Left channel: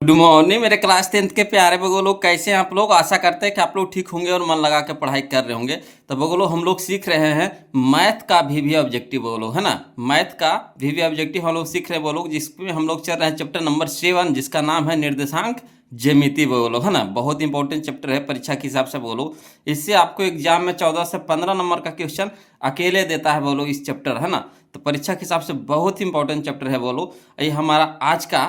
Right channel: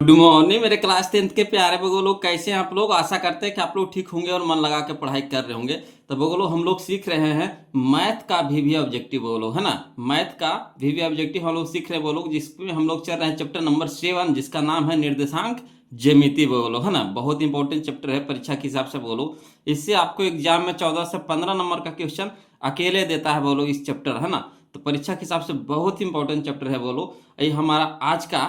Good morning मेरे class 10th के प्यारे बगो लोग, कैसे हैं आप लोग। आशा करते हैं कि आप लोग ठीक होंगे और मन लगा के पढ़ाई कर रहे होंगे। तो बगो लोग हम लोग सीख रहे हैं मैथ का वीवी ऑब्जेक्टिव बगो लोग, है ना। मैथ का वीवी ऑब्जेक्टिव हम लोग सीख रहे हैं बगो लोग, जिसमें हम लोग चल रहे हैं चैप्टर नंबर 7, जिसका नाम है निर्देशांक ज्यामिति बगो लोग, है ना। बहुत इंपॉर्टेंट चैप्टर है परीक्षा के हिसाब से बगो लोग। इससे आपको एग्जाम में 14 से 15 नंबर का क्वेश्चन अकेले देता है बगो लोग इस चैप्टर, है ना। तो परीक्षा के हिसाब से बहुत इंपॉर्टेंट चैप्टर है बोलो। ये हमारा आज का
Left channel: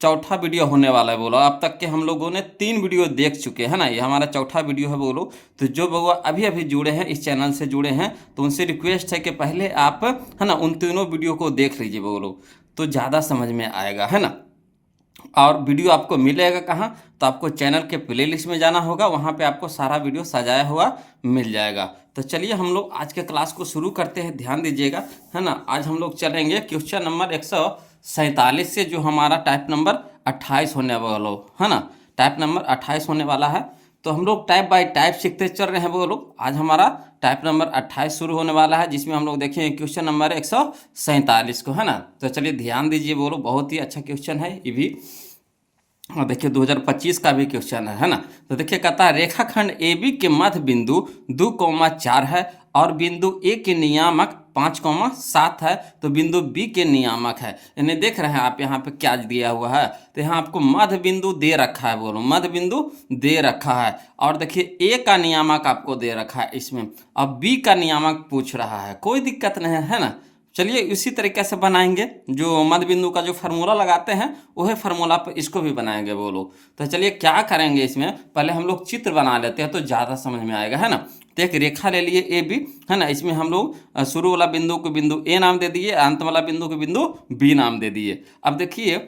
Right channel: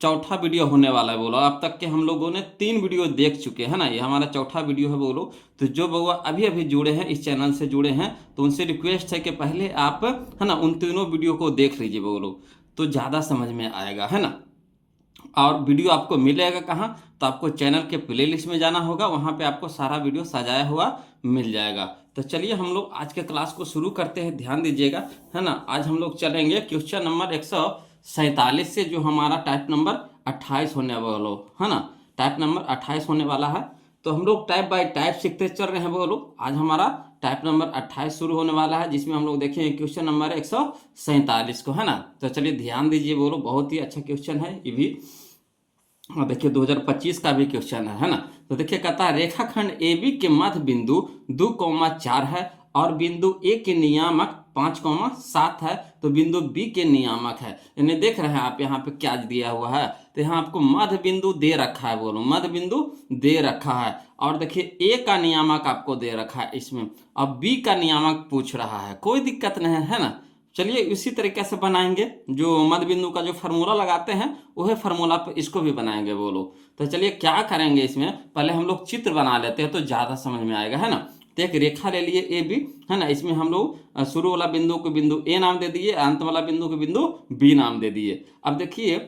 चौथा वीडियो होने वाला है बोलो। अब तक के हम लोगों ने 3 वीडियो देख चुके हैं ना, ये हमारा चौथा वीडियो है बोलो। तो जो बउआ अभी अभी जुड़े हैं, इस चैनल से जुड़े हैं, तो उनसे रिक्वेस्ट है कि पहले आप, है ना, उन तीनों वीडियो को देख लीजिए बोलो, तो ज़्यादा समझ में आएगा, है ना। और वीडियो आपको मिलेगा कहाँ, तो आपको चैनल के प्लेलिस्ट में जाना होगा, वहाँ पे आपको सारा वीडियो सजाया हुआ मिल जाएगा। तो चलिए हम लोग आज के क्लास को शुरू करते हैं, ध्यान दीजिएगा, है ना। आज हम लोग चलेंगे क्वेश्चन नंबर 147 से, जो हमारा टाइप नंबर 28 होने वाला, है ना। टाइप नंबर 28 होने वाला है। तो हम लोग टाइप बाय टाइप सीखते चल रहे हैं वो लोग। आज हमारा टाइप नंबर 28 शुरू होने वाला है, जिसमें हम लोग देखेंगे क्वेश्चन नंबर 147 को, है ना। तो चलिए ध्यान दीजिए बोलो, बहुत ही अच्छा क्वेश्चन है ये भी। और देखिए 2025 का भी क्वेश्चन है ना। तो देखिए कहता है रेखाखंड ए बी के मध्य बिंदु 2,4 है और बिंदु ए के नियामक 5,7 है, तो बिंदु बी के नियामक है। इन्हें देख रहे हैं आप, यहाँ पे क्या दिया हुआ है। तो यहाँ आपको मध्य बिंदु दे रखा है, बोलो मध्य बिंदु दे रखा है। और देखिए ए का नियामक आपको दे रखा है इसमें, अब बी का नियामक पूछ रहा है, कोई दिक्कत नहीं है ना। चलिए इसी तरीके से बनाएंगे, जो मध्य बिंदु का जो फार्मूला लगाते हैं वही फार्मूला पर इसको भी बनाएंगे बोलो। तो चलिए क्या करेंगे, इसमें पहले हम लोग चित्र बना लेते हैं तो ज़्यादा समझ में आएगा, है ना। तो एक रेखा ले लिए ए बी, है ना। इसमें हम लोग शुरू वाला बिंदु को बिंदु ए नाम दे दिए, अंत वाला बिंदु को बिंदु बी नाम दे दिए। अब देखिए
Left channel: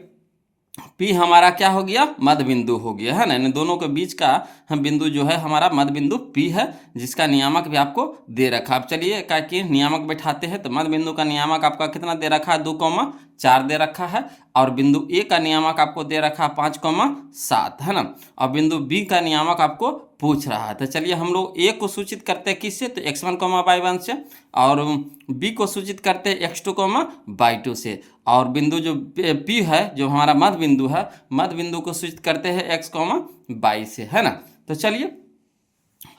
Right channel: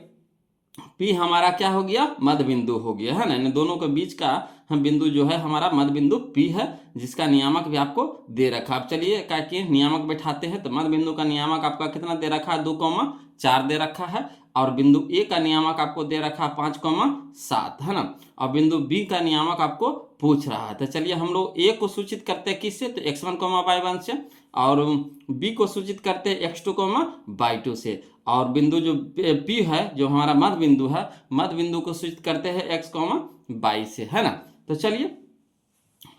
पी हमारा क्या हो गया, मध्य बिंदु हो गया, है ना। इन दोनों के बीच का हम बिंदु जो है हमारा मध्य बिंदु पी है, जिसका नियामक भी आपको दे रखा। अब चलिए का कि नियामक बैठाते हैं। तो मध्य बिंदु का नियामक आपका कितना दे रखा है, 2,4 दे रखा है। और बिंदु ए का नियामक आपको दे रखा है 5,7, है ना। और बिंदु बी का नियामक आपको पूछ रहा है। तो चलिए हम लोग ए को सूचित करते हैं किससे, तो x1, y1 से, और बी को सूचित करते हैं x2, y2 से। और बिंदु जो पी है, जो हमारा मध्य बिंदु है, मध्य बिंदु को सूचित करते हैं x, y से, है ना। तो चलिए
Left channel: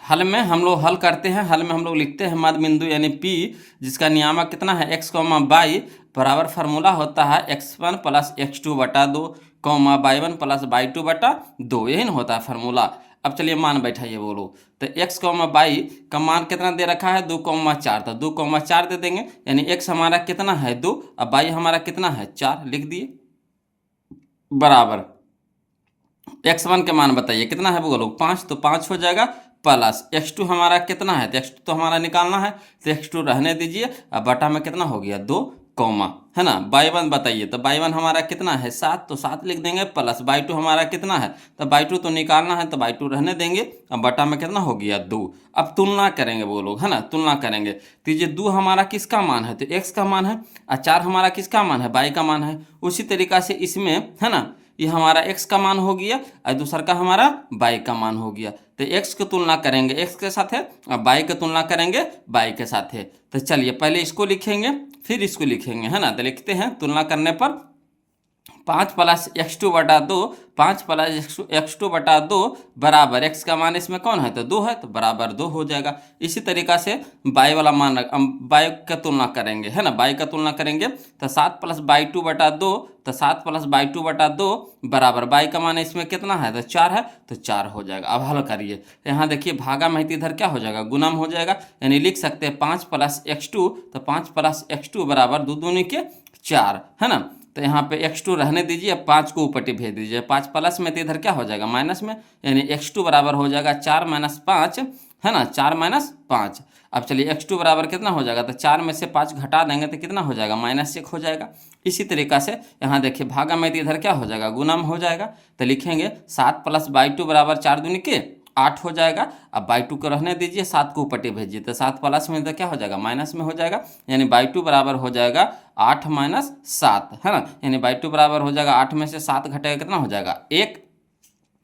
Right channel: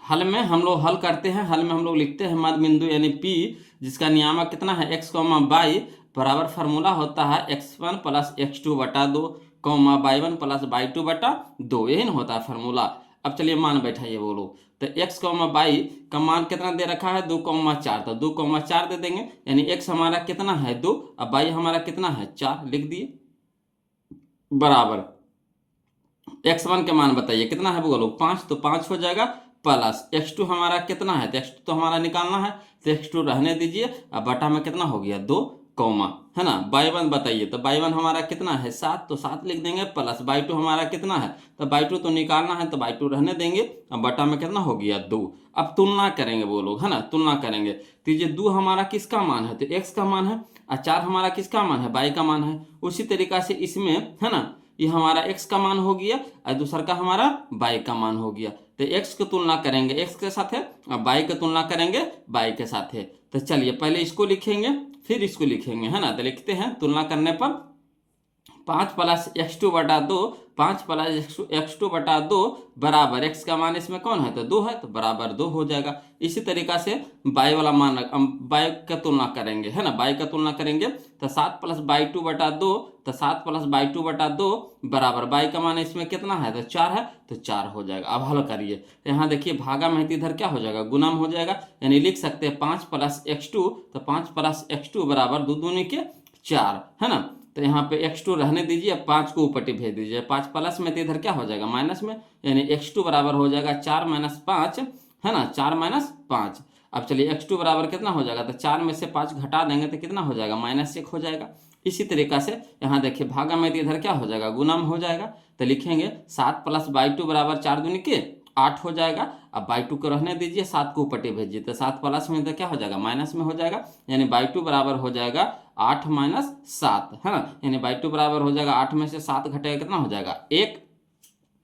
हल में हम लोग हल करते हैं। हल में हम लोग लिखते हैं मध्य बिंदु यानी P, जिसका नियामक कितना है x, y, बराबर फार्मूला होता है x1 प्लस x2 बटा 2, y1 प्लस y2 बटा 2, यही ना होता है फार्मूला। अब चलिए मान बैठाइए बोलो। तो x, y का मान कितना दे रखा है, 2,4, तो 2,4 दे देंगे, यानी x हमारा कितना है 2, और y हमारा कितना है 4, लिख दिए बराबर x1 के मान बताइए कितना है बोलो, 5, तो 5 हो जाएगा, प्लस x2 हमारा कितना है, तो x2 तो हमारा निकालना है, तो x2 रहने दीजिए। अब बटा में कितना हो गया 2, है ना। y1 बताइए, तो y1 हमारा कितना है 7, तो 7 लिख देंगे, प्लस y2 हमारा कितना है, तो y2 तो निकालना है, तो y2 रहने देंगे। अब बटा में कितना हो गया 2। अब तुलना करेंगे वो लोग, है ना, तुलना करेंगे। तो ये 2 हमारा किसका मान है, तो x का मान है, और 4 हमारा किसका मान है, y का मान है। उसी तरीका से इसमें, है ना, ये हमारा x का मान हो गया और दूसरा का हमारा y का मान हो गया। तो x की तुलना करेंगे x के साथ है, और y की तुलना करेंगे y के साथ है। तो चलिए पहले इसको लिखेंगे फिर इसको लिखेंगे, है ना। तो लिखते हैं तुलना करने पर 5 प्लस x2 बटा 2, 5 प्लस x2 बटा 2 बराबर x का मान इसमें कौन है, तो 2 है, तो बराबर 2 हो जाएगा। इसी तरीका से y वाला मान y का तुलना करेंगे, है ना, y का तुलना करेंगे। तो 7 प्लस y2 बटा 2, तो 7 प्लस y2 बटा 2 बराबर y का मान इसमें कितना है, तो 4 है, तो 4 हो जाएगा। अब हल करिए, यहाँ देखिए भागा में इधर क्या हो जाएगा, गुणम हो जाएगा, यानी लिख सकते हैं 5 प्लस x2, तो 5 प्लस x2 बराबर 2 दूनी के 4, है ना। तो यहाँ पे x2 रहने दीजिए, 5 को ऊपर भेज दीजिए, 5 प्लस में तो इधर क्या हो जाएगा माइनस में, यानी x2 बराबर हो जाएगा 4 माइनस 5, है ना, 4 माइनस 5। अब चलिए x2 बराबर कितना हो जाएगा, तो 4 में से 5 घटा देंगे तो कितना हो जाएगा, -1 हो जाएगा। इसी तरीका से यहाँ देखिए भागा में तो इधर क्या हो जाएगा, गुणम हो जाएगा। तो लिखेंगे 7 प्लस y2 बराबर 4 दूनी के 8 हो जाएगा। अब y2 को रहने दीजिए, 7 को ऊपर भेजिए, तो 7 प्लस में तो क्या हो जाएगा, माइनस में हो जाएगा, यानी y2 बराबर हो जाएगा 8 माइनस 7, है ना। यानी y2 बराबर हो जाएगा 8 में से 7 घटेगा कितना हो जाएगा 1,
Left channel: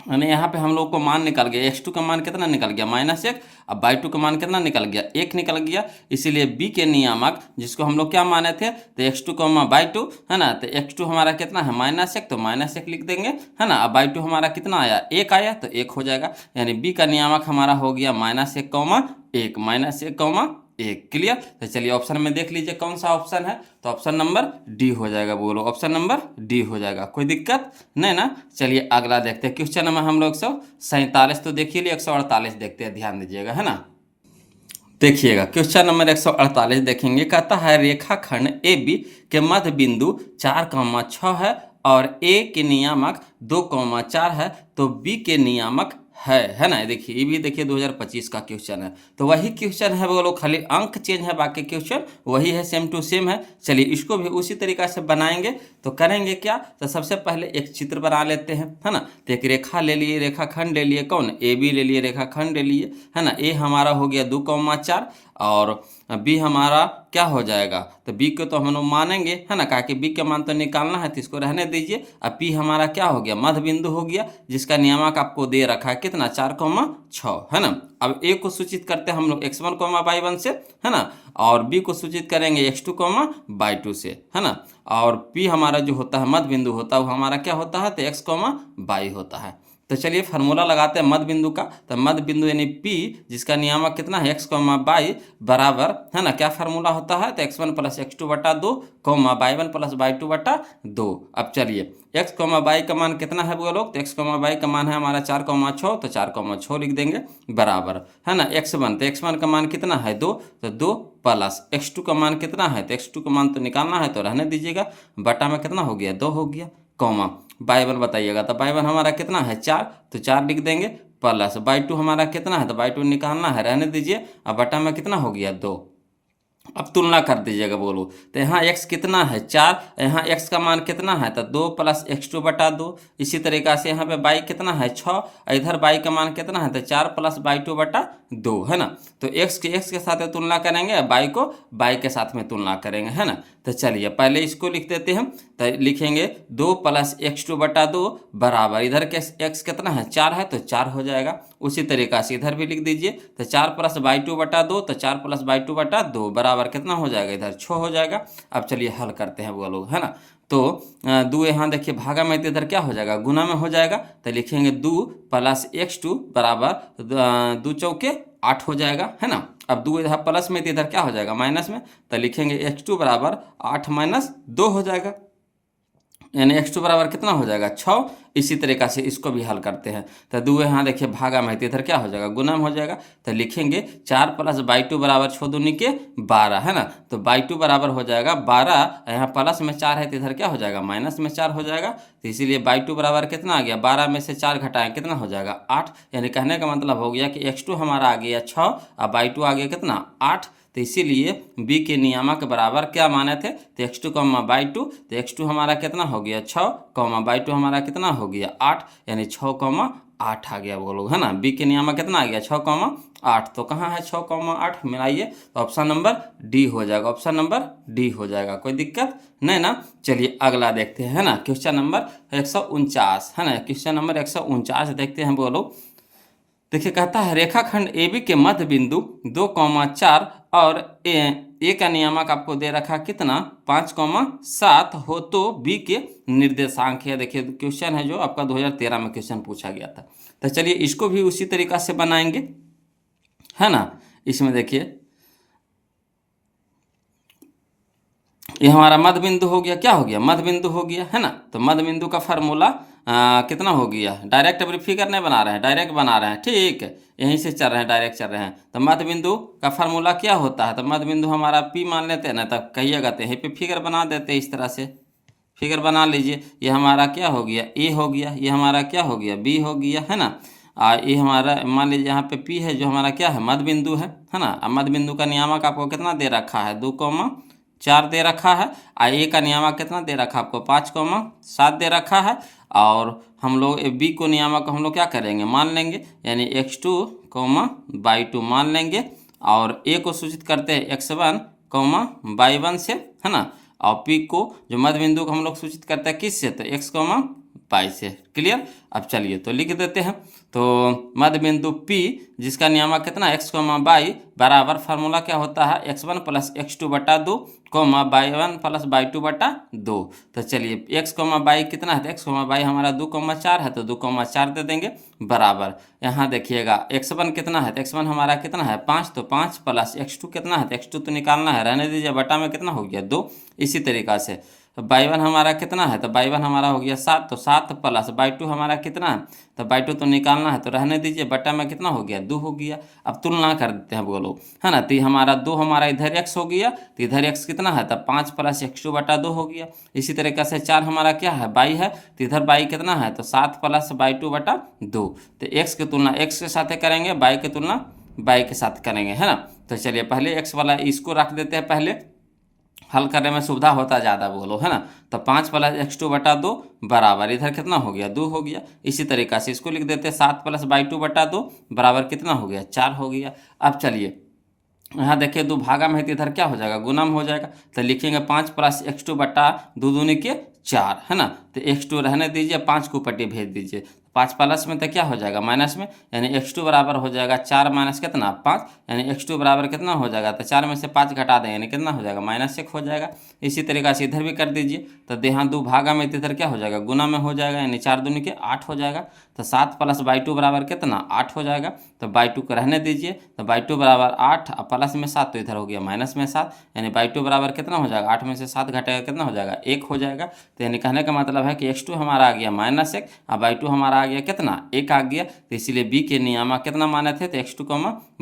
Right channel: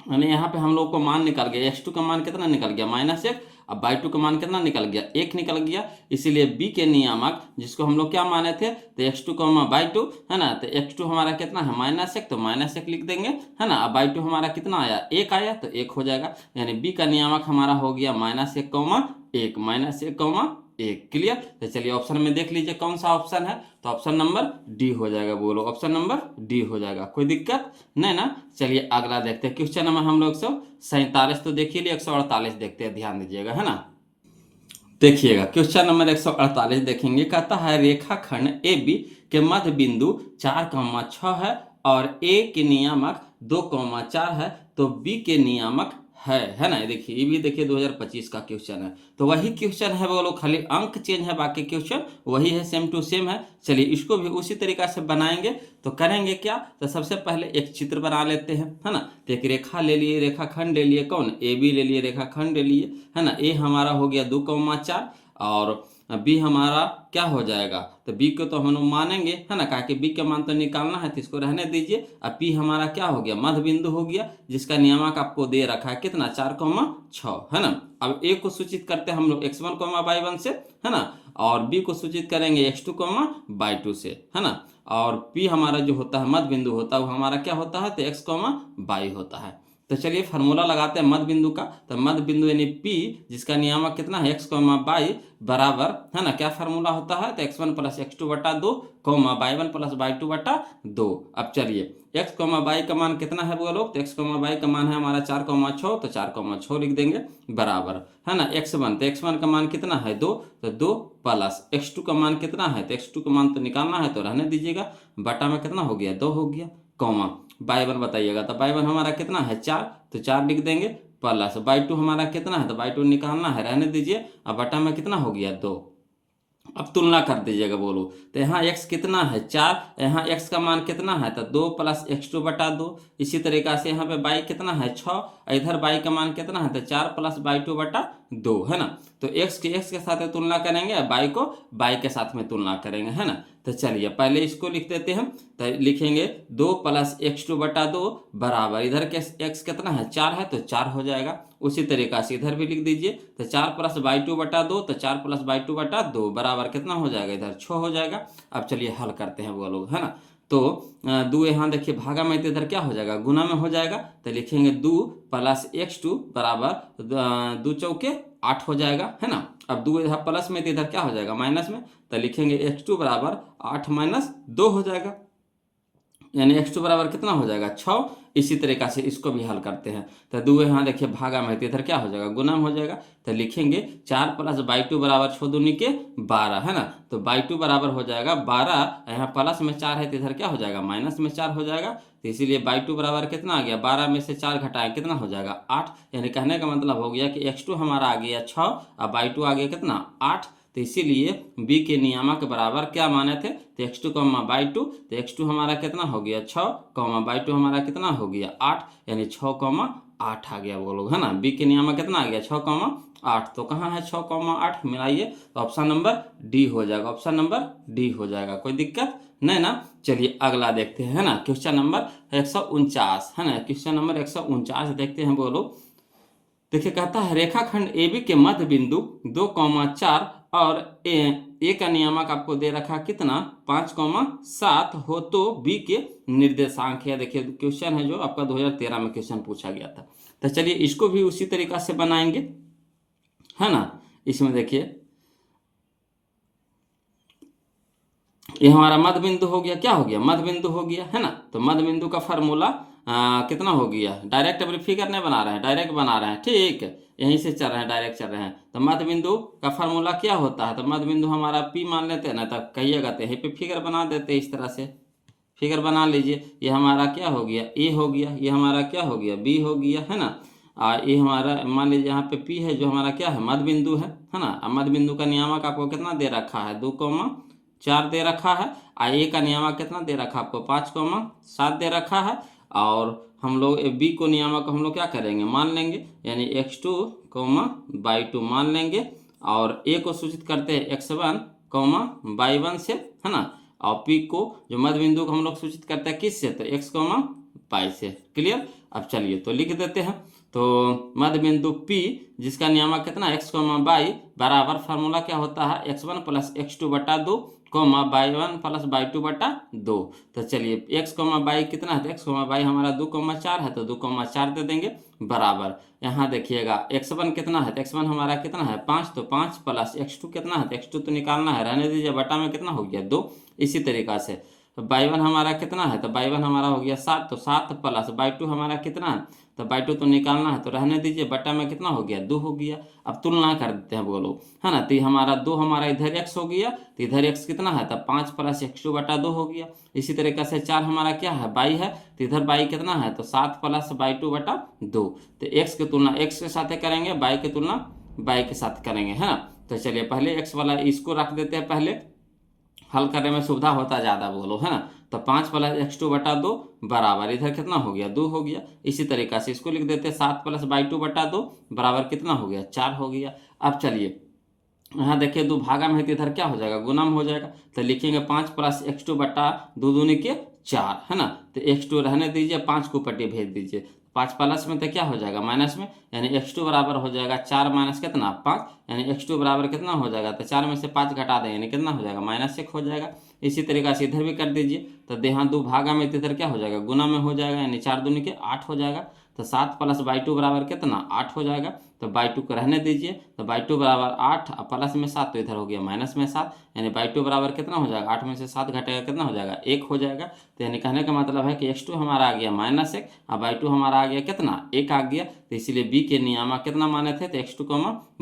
यानी यहाँ पे हम लोग को मान निकल गया, x2 का मान कितना निकल गया -1। अब y2 का मान कितना निकल गया, 1 निकल गया। इसीलिए b के नियामक जिसको हम लोग क्या माने थे, तो x2 y2 है ना। तो x2 हमारा कितना है -1, तो -1 लिख देंगे है ना। अब y2 हमारा कितना आया, 1 आया, तो 1 हो जाएगा। यानी b का नियामक हमारा हो गया -1, -1, -1। क्लियर। तो चलिए ऑप्शन में देख लीजिए कौन सा ऑप्शन है, तो ऑप्शन नंबर डी हो जाएगा। बोलो ऑप्शन नंबर डी हो जाएगा, कोई दिक्कत नहीं ना। चलिए अगला देखते हैं क्वेश्चन नंबर हम लोग 147 तो देखिए, 148 देखते हैं, ध्यान दीजिएगा है ना। देखिएगा क्वेश्चन नंबर 148 देखेंगे, कहता है रेखाखंड ए बी के मध्य बिंदु 4,6 है और ए के नियामक 2,4 है, तो बी के नियामक है ना। देखिए ये भी देखिए 2025 का क्वेश्चन है, तो वही क्वेश्चन है बोलो, खाली अंक चेंज है, बाकी क्वेश्चन वही है, सेम टू सेम है। चलिए इसको भी उसी तरीका से बनाएंगे। तो करेंगे क्या, तो सबसे पहले एक चित्र बना लेते हैं है ना। तो एक रेखा ले लिए, रेखाखंड ले लिए, कौन, ए बी ले लिए, रेखाखंड ले लिए है ना। ए हमारा हो गया 2,4 और बी हमारा क्या हो जाएगा, तो बी को तो हम लोग मानेंगे है ना, कहा कि बी का मान तो निकालना है, तो इसको रहने दीजिए। अब पी हमारा क्या हो गया, मध्य बिंदु हो गया, जिसका नियामक आपको दे रखा है कितना, 4,6 है ना। अब ए को सूचित करते हैं हम लोग x1, y1 से है ना, और बी को सूचित करेंगे x2, y2 से है ना। और पी हमारा जो होता है मध्य बिंदु होता है वो हमारा क्या होता है, तो x, y होता है। तो चलिए फार्मूला लगाते हैं मध्य बिंदु का। तो मध्य बिंदु यानी P जिसका नियामक कितना है, x, y बराबर है ना, क्या फार्मूला होता है, तो x1 + x2 बटा 2, y1 + y2 बटा 2। अब चलिए x, y का मान कितना है वो लोग, तो x, y का मान है हमारा 4,6, तो 4,6 लिख देंगे बराबर है ना। x1, तो x1 का मान कितना है 2, तो 2 प्लस x2 का मान कितना है, तो x2 का मान तो निकालना है, तो रहने दीजिएगा, बटा में कितना हो गया, 2 हो गया, कॉमा y1 बताइएगा, तो y1 हमारा कितना है 4, तो 4 लिख देंगे, प्लस y2 हमारा कितना है, तो y2 निकालना है, रहने दीजिए। अब बटा में कितना हो गया 2। अब तुलना कर दीजिएगा बोलो, तो यहाँ x कितना है 4, यहाँ x का मान कितना है, तो 2 + x2 बटा 2। इसी तरीक़ा से यहाँ पे y कितना है 6, इधर y का मान कितना है, तो 4 + y2 बटा 2 है ना। तो x के साथ तुलना करेंगे, y को y के साथ में तुलना करेंगे है ना। तो चलिए पहले इसको लिख देते हैं, तो लिखेंगे 2 + x2 बटा 2 बराबर, इधर के x कितना है 4 है, तो 4 हो जाएगा। उसी तरीक़ा से इधर भी लिख दीजिए, तो 4 + y2 बटा 2, तो 4 + y2 बटा 2 बराबर कितना हो जाएगा, इधर 6 हो जाएगा। अब चलिए हल करते हैं वो लोग है ना। तो 2 यहाँ देखिए भागा में, तो इधर क्या हो जाएगा, गुना में हो जाएगा। तो लिखेंगे 2 + x2 बराबर 2 चौके 8 हो जाएगा है ना। अब 2 इधर प्लस में, तो इधर क्या हो जाएगा माइनस में, तो लिखेंगे x2 बराबर 8 - 2 हो जाएगा, यानी x2 बराबर कितना हो जाएगा 6। इसी तरीक़ा से इसको भी हल करते हैं, तो 2 यहाँ देखिए भागा में, तो इधर क्या हो जाएगा गुना में हो जाएगा। तो लिखेंगे 4 + y2 बराबर 6 दूनी के 12 है ना। तो y2 बराबर हो जाएगा 12, यहाँ प्लस में 4 है, तो इधर क्या हो जाएगा माइनस में 4 हो जाएगा। तो इसीलिए y2 बराबर कितना आ गया, 12 में से 4 घटाएं कितना हो जाएगा 8। यानी कहने का मतलब हो गया कि x2 हमारा आ गया 6 और y2 आ गया कितना 8। तो इसीलिए b के नियामक बराबर क्या माने थे, तो x2, y2, तो x2 हमारा कितना हो गया 6, y2 हमारा कितना हो गया 8, यानी 6, 8 आ गया वो लोग है ना। b के नियामक कितना आ गया 6, 8, तो कहाँ है 6, 8 मिलाइए, तो ऑप्शन नंबर डी हो जाएगा, ऑप्शन नंबर डी हो जाएगा, कोई दिक्कत नहीं ना। चलिए अगला देखते हैं है ना, क्वेश्चन नंबर 149 है ना। क्वेश्चन नंबर 149 देखते हैं बोलो। देखिए कहता है रेखाखंड ए बी के मध्य बिंदु 2,4 और ए का नियामक आपको दे रखा कितना 5,7 हो, तो बी के निर्देशांक है। देखिए क्वेश्चन है जो आपका 2013 में क्वेश्चन पूछा गया था। तो चलिए इसको भी उसी तरीका से बनाएंगे है ना। इसमें देखिए ये हमारा मध्य बिंदु हो गया, क्या हो गया मध्य बिंदु हो गया है ना। तो मध्य बिंदु का फार्मूला कितना हो गया, डायरेक्ट अभी फिगर नहीं बना रहे हैं, डायरेक्ट बना रहे हैं, ठीक है यहीं से चल रहे हैं, डायरेक्ट चल रहे हैं। तो मध्य बिंदु का फार्मूला क्या होता है, तो मध्य बिंदु हमारा पी मान लेते हैं ना, तब कहिएगा तो यहीं पे फिगर बना देते हैं, इस तरह से फिगर बना लीजिए। ये हमारा क्या हो गया ए हो गया, ये हमारा क्या हो गया बी हो गया है ना। ये हमारा मान लीजिए यहाँ पे पी है जो हमारा क्या है मध्य बिंदु है ना। अब मध्य बिंदु का नियामक आपको कितना दे रखा है 2,4 दे रखा है, और ए का नियामक कितना दे रखा है आपको 5,7 दे रखा है। और हम लोग बी को नियामक हम लोग क्या करेंगे मान लेंगे, यानी x2, y2 मान लेंगे, और ए को सूचित करते हैं x1, y1 से है ना। और पी को जो मध्य बिंदु को हम लोग सूचित करते हैं किससे, तो x, बाई से। क्लियर। अब चलिए तो लिख देते हैं। तो मध्य बिंदु P जिसका नियामक कितना x, बाई बराबर फार्मूला क्या होता है x1 प्लस x2 बटा 2 y1 प्लस y2 बटा 2। तो चलिए x, बाई कितना है, तो x, बाई हमारा 2,4 है, तो 2,4 दे देंगे बराबर। यहाँ देखिएगा x1 कितना है, तो x1 हमारा कितना है 5, तो 5 प्लस x2 कितना है, तो x2 तो निकालना है, रहने दीजिए, बटा में कितना हो गया 2। इसी तरीक़ा से y1 हमारा कितना है, तो y1 हमारा हो गया 7, तो 7 प्लस y2 हमारा कितना है, तो y2 तो निकालना है, तो रहने दीजिए, बटा में कितना हो गया 2 हो गया। अब तुलना कर देते हैं बोलो, है ना। तो हमारा 2 हमारा इधर x हो गया, तो इधर x कितना है, तो 5 प्लस x2 बटा 2 हो गया। इसी तरीके से 4 हमारा क्या है y है, तो इधर y कितना है, तो 7 प्लस y2 बटा 2। तो x की तुलना x के साथ करेंगे, y की तुलना y के साथ करेंगे, है ना। तो चलिए पहले x वाला इसको रख देते हैं, पहले हल करने में सुविधा होता ज़्यादा बोलो, है ना। तो 5 प्लस x2 बटा 2 बराबर इधर कितना हो गया 2 हो गया। इसी तरीक़ा से इसको लिख देते हैं 7 प्लस y2 बटा 2 बराबर कितना हो गया 4 हो गया। अब चलिए यहाँ देखिए 2 भागा में है, तो इधर क्या हो जाएगा गुना में हो जाएगा, तो लिखेंगे 5 प्लस x2 बटा 2 दूनी के 4, है ना। तो x2 रहने दीजिए, 5 को पट्टी भेज दीजिए, 5 प्लस में तो क्या हो जाएगा माइनस में, यानी x2 बराबर हो जाएगा 4 माइनस कितना 5, यानी x2 बराबर कितना हो जाएगा, तो 4 में से 5 घटा दें, यानी कितना हो जाएगा -1 हो जाएगा। इसी तरीक़ा से इधर भी कर दीजिए, तो यहाँ 2 भागा में, तो इधर क्या हो जाएगा गुना में हो जाएगा, यानी 4 दूनी के 8 हो जाएगा। तो 7 प्लस y2 बराबर कितना 8 हो जाएगा, तो y2 को रहने दीजिए, तो y2 बराबर 8 और प्लस में 7, तो इधर हो गया माइनस में 7, यानी y2 बराबर कितना हो जाएगा 8 में से 7 घटेगा कितना हो जाएगा 1 हो जाएगा। तो यानी कहने का मतलब है कि x2 हमारा आ गया -1 और y2 हमारा आ गया कितना 1 आ गया। तो इसीलिए b के नियामक कितना माने थे, तो x2,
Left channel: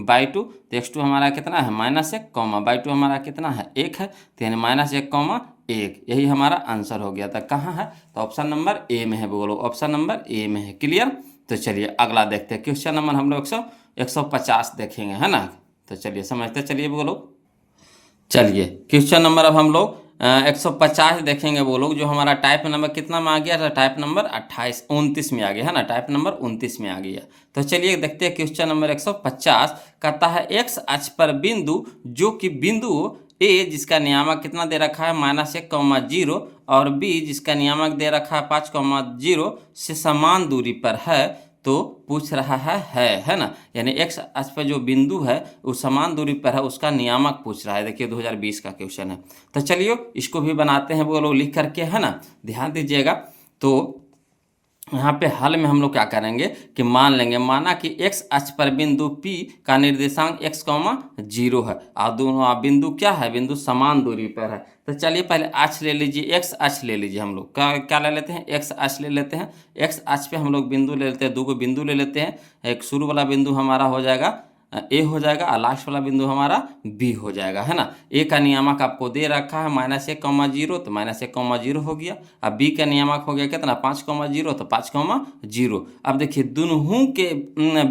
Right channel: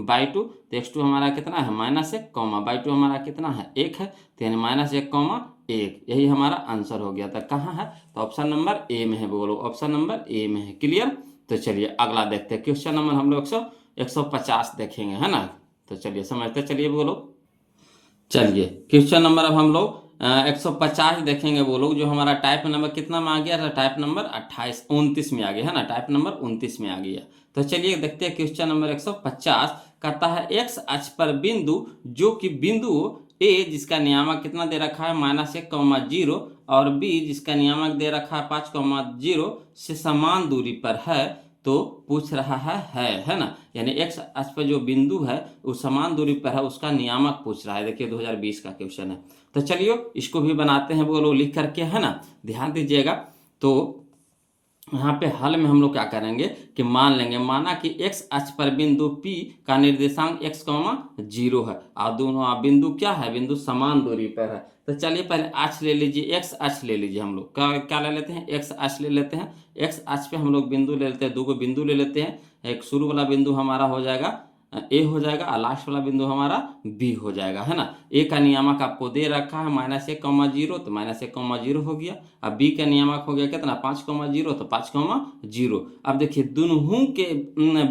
y2, तो x2 हमारा कितना है -1, y2 हमारा कितना है 1 है, तो यानी -1, 1, यही हमारा आंसर हो गया था। कहाँ है, तो ऑप्शन नंबर ए में है बोलो, ऑप्शन नंबर ए में है। क्लियर। तो चलिए अगला देखते हैं, क्वेश्चन नंबर हम लोग 150 देखेंगे, है ना। तो चलिए समझते चलिए बोलो। चलिए क्वेश्चन नंबर अब हम लोग 150 देखेंगे वो लोग, जो हमारा टाइप नंबर कितना में आ गया था, टाइप नंबर 29 में आ गया, है ना, टाइप नंबर 29 में आ गया। तो चलिए देखते हैं क्वेश्चन नंबर 150 कहता है x अक्ष पर बिंदु जो कि बिंदु a जिसका नियामक कितना दे रखा है -1, 0 और b जिसका नियामक दे रखा है 5, 0 से समान दूरी पर है, तो पूछ रहा है ना। यानी x अक्ष पर जो बिंदु है वो समान दूरी पर है, उसका नियामक पूछ रहा है। देखिए 2020 का क्वेश्चन है। तो चलिए इसको भी बनाते हैं वो लोग लिख करके, है ना, ध्यान दीजिएगा। तो यहाँ पे हल में हम लोग क्या करेंगे कि मान लेंगे, माना कि x अक्ष पर बिंदु P का निर्देशांक x, 0 है और दोनों बिंदु क्या है, बिंदु समान दूरी पर है। तो चलिए पहले अक्ष ले लीजिए, x अक्ष ले लीजिए, हम लोग क्या ले लेते हैं x अक्ष ले लेते हैं। x अक्ष पे हम लोग बिंदु ले लेते हैं, 2 को बिंदु ले लेते हैं। एक शुरू वाला बिंदु हमारा हो जाएगा ए हो जाएगा और लास्ट वाला बिंदु हमारा बी हो जाएगा, है ना। ए का नियामक आपको दे रखा है -1, 0, तो -1, 0 हो गया। अब बी का नियामक हो गया कितना 5, 0, तो 5, 0। अब देखिए दोनों के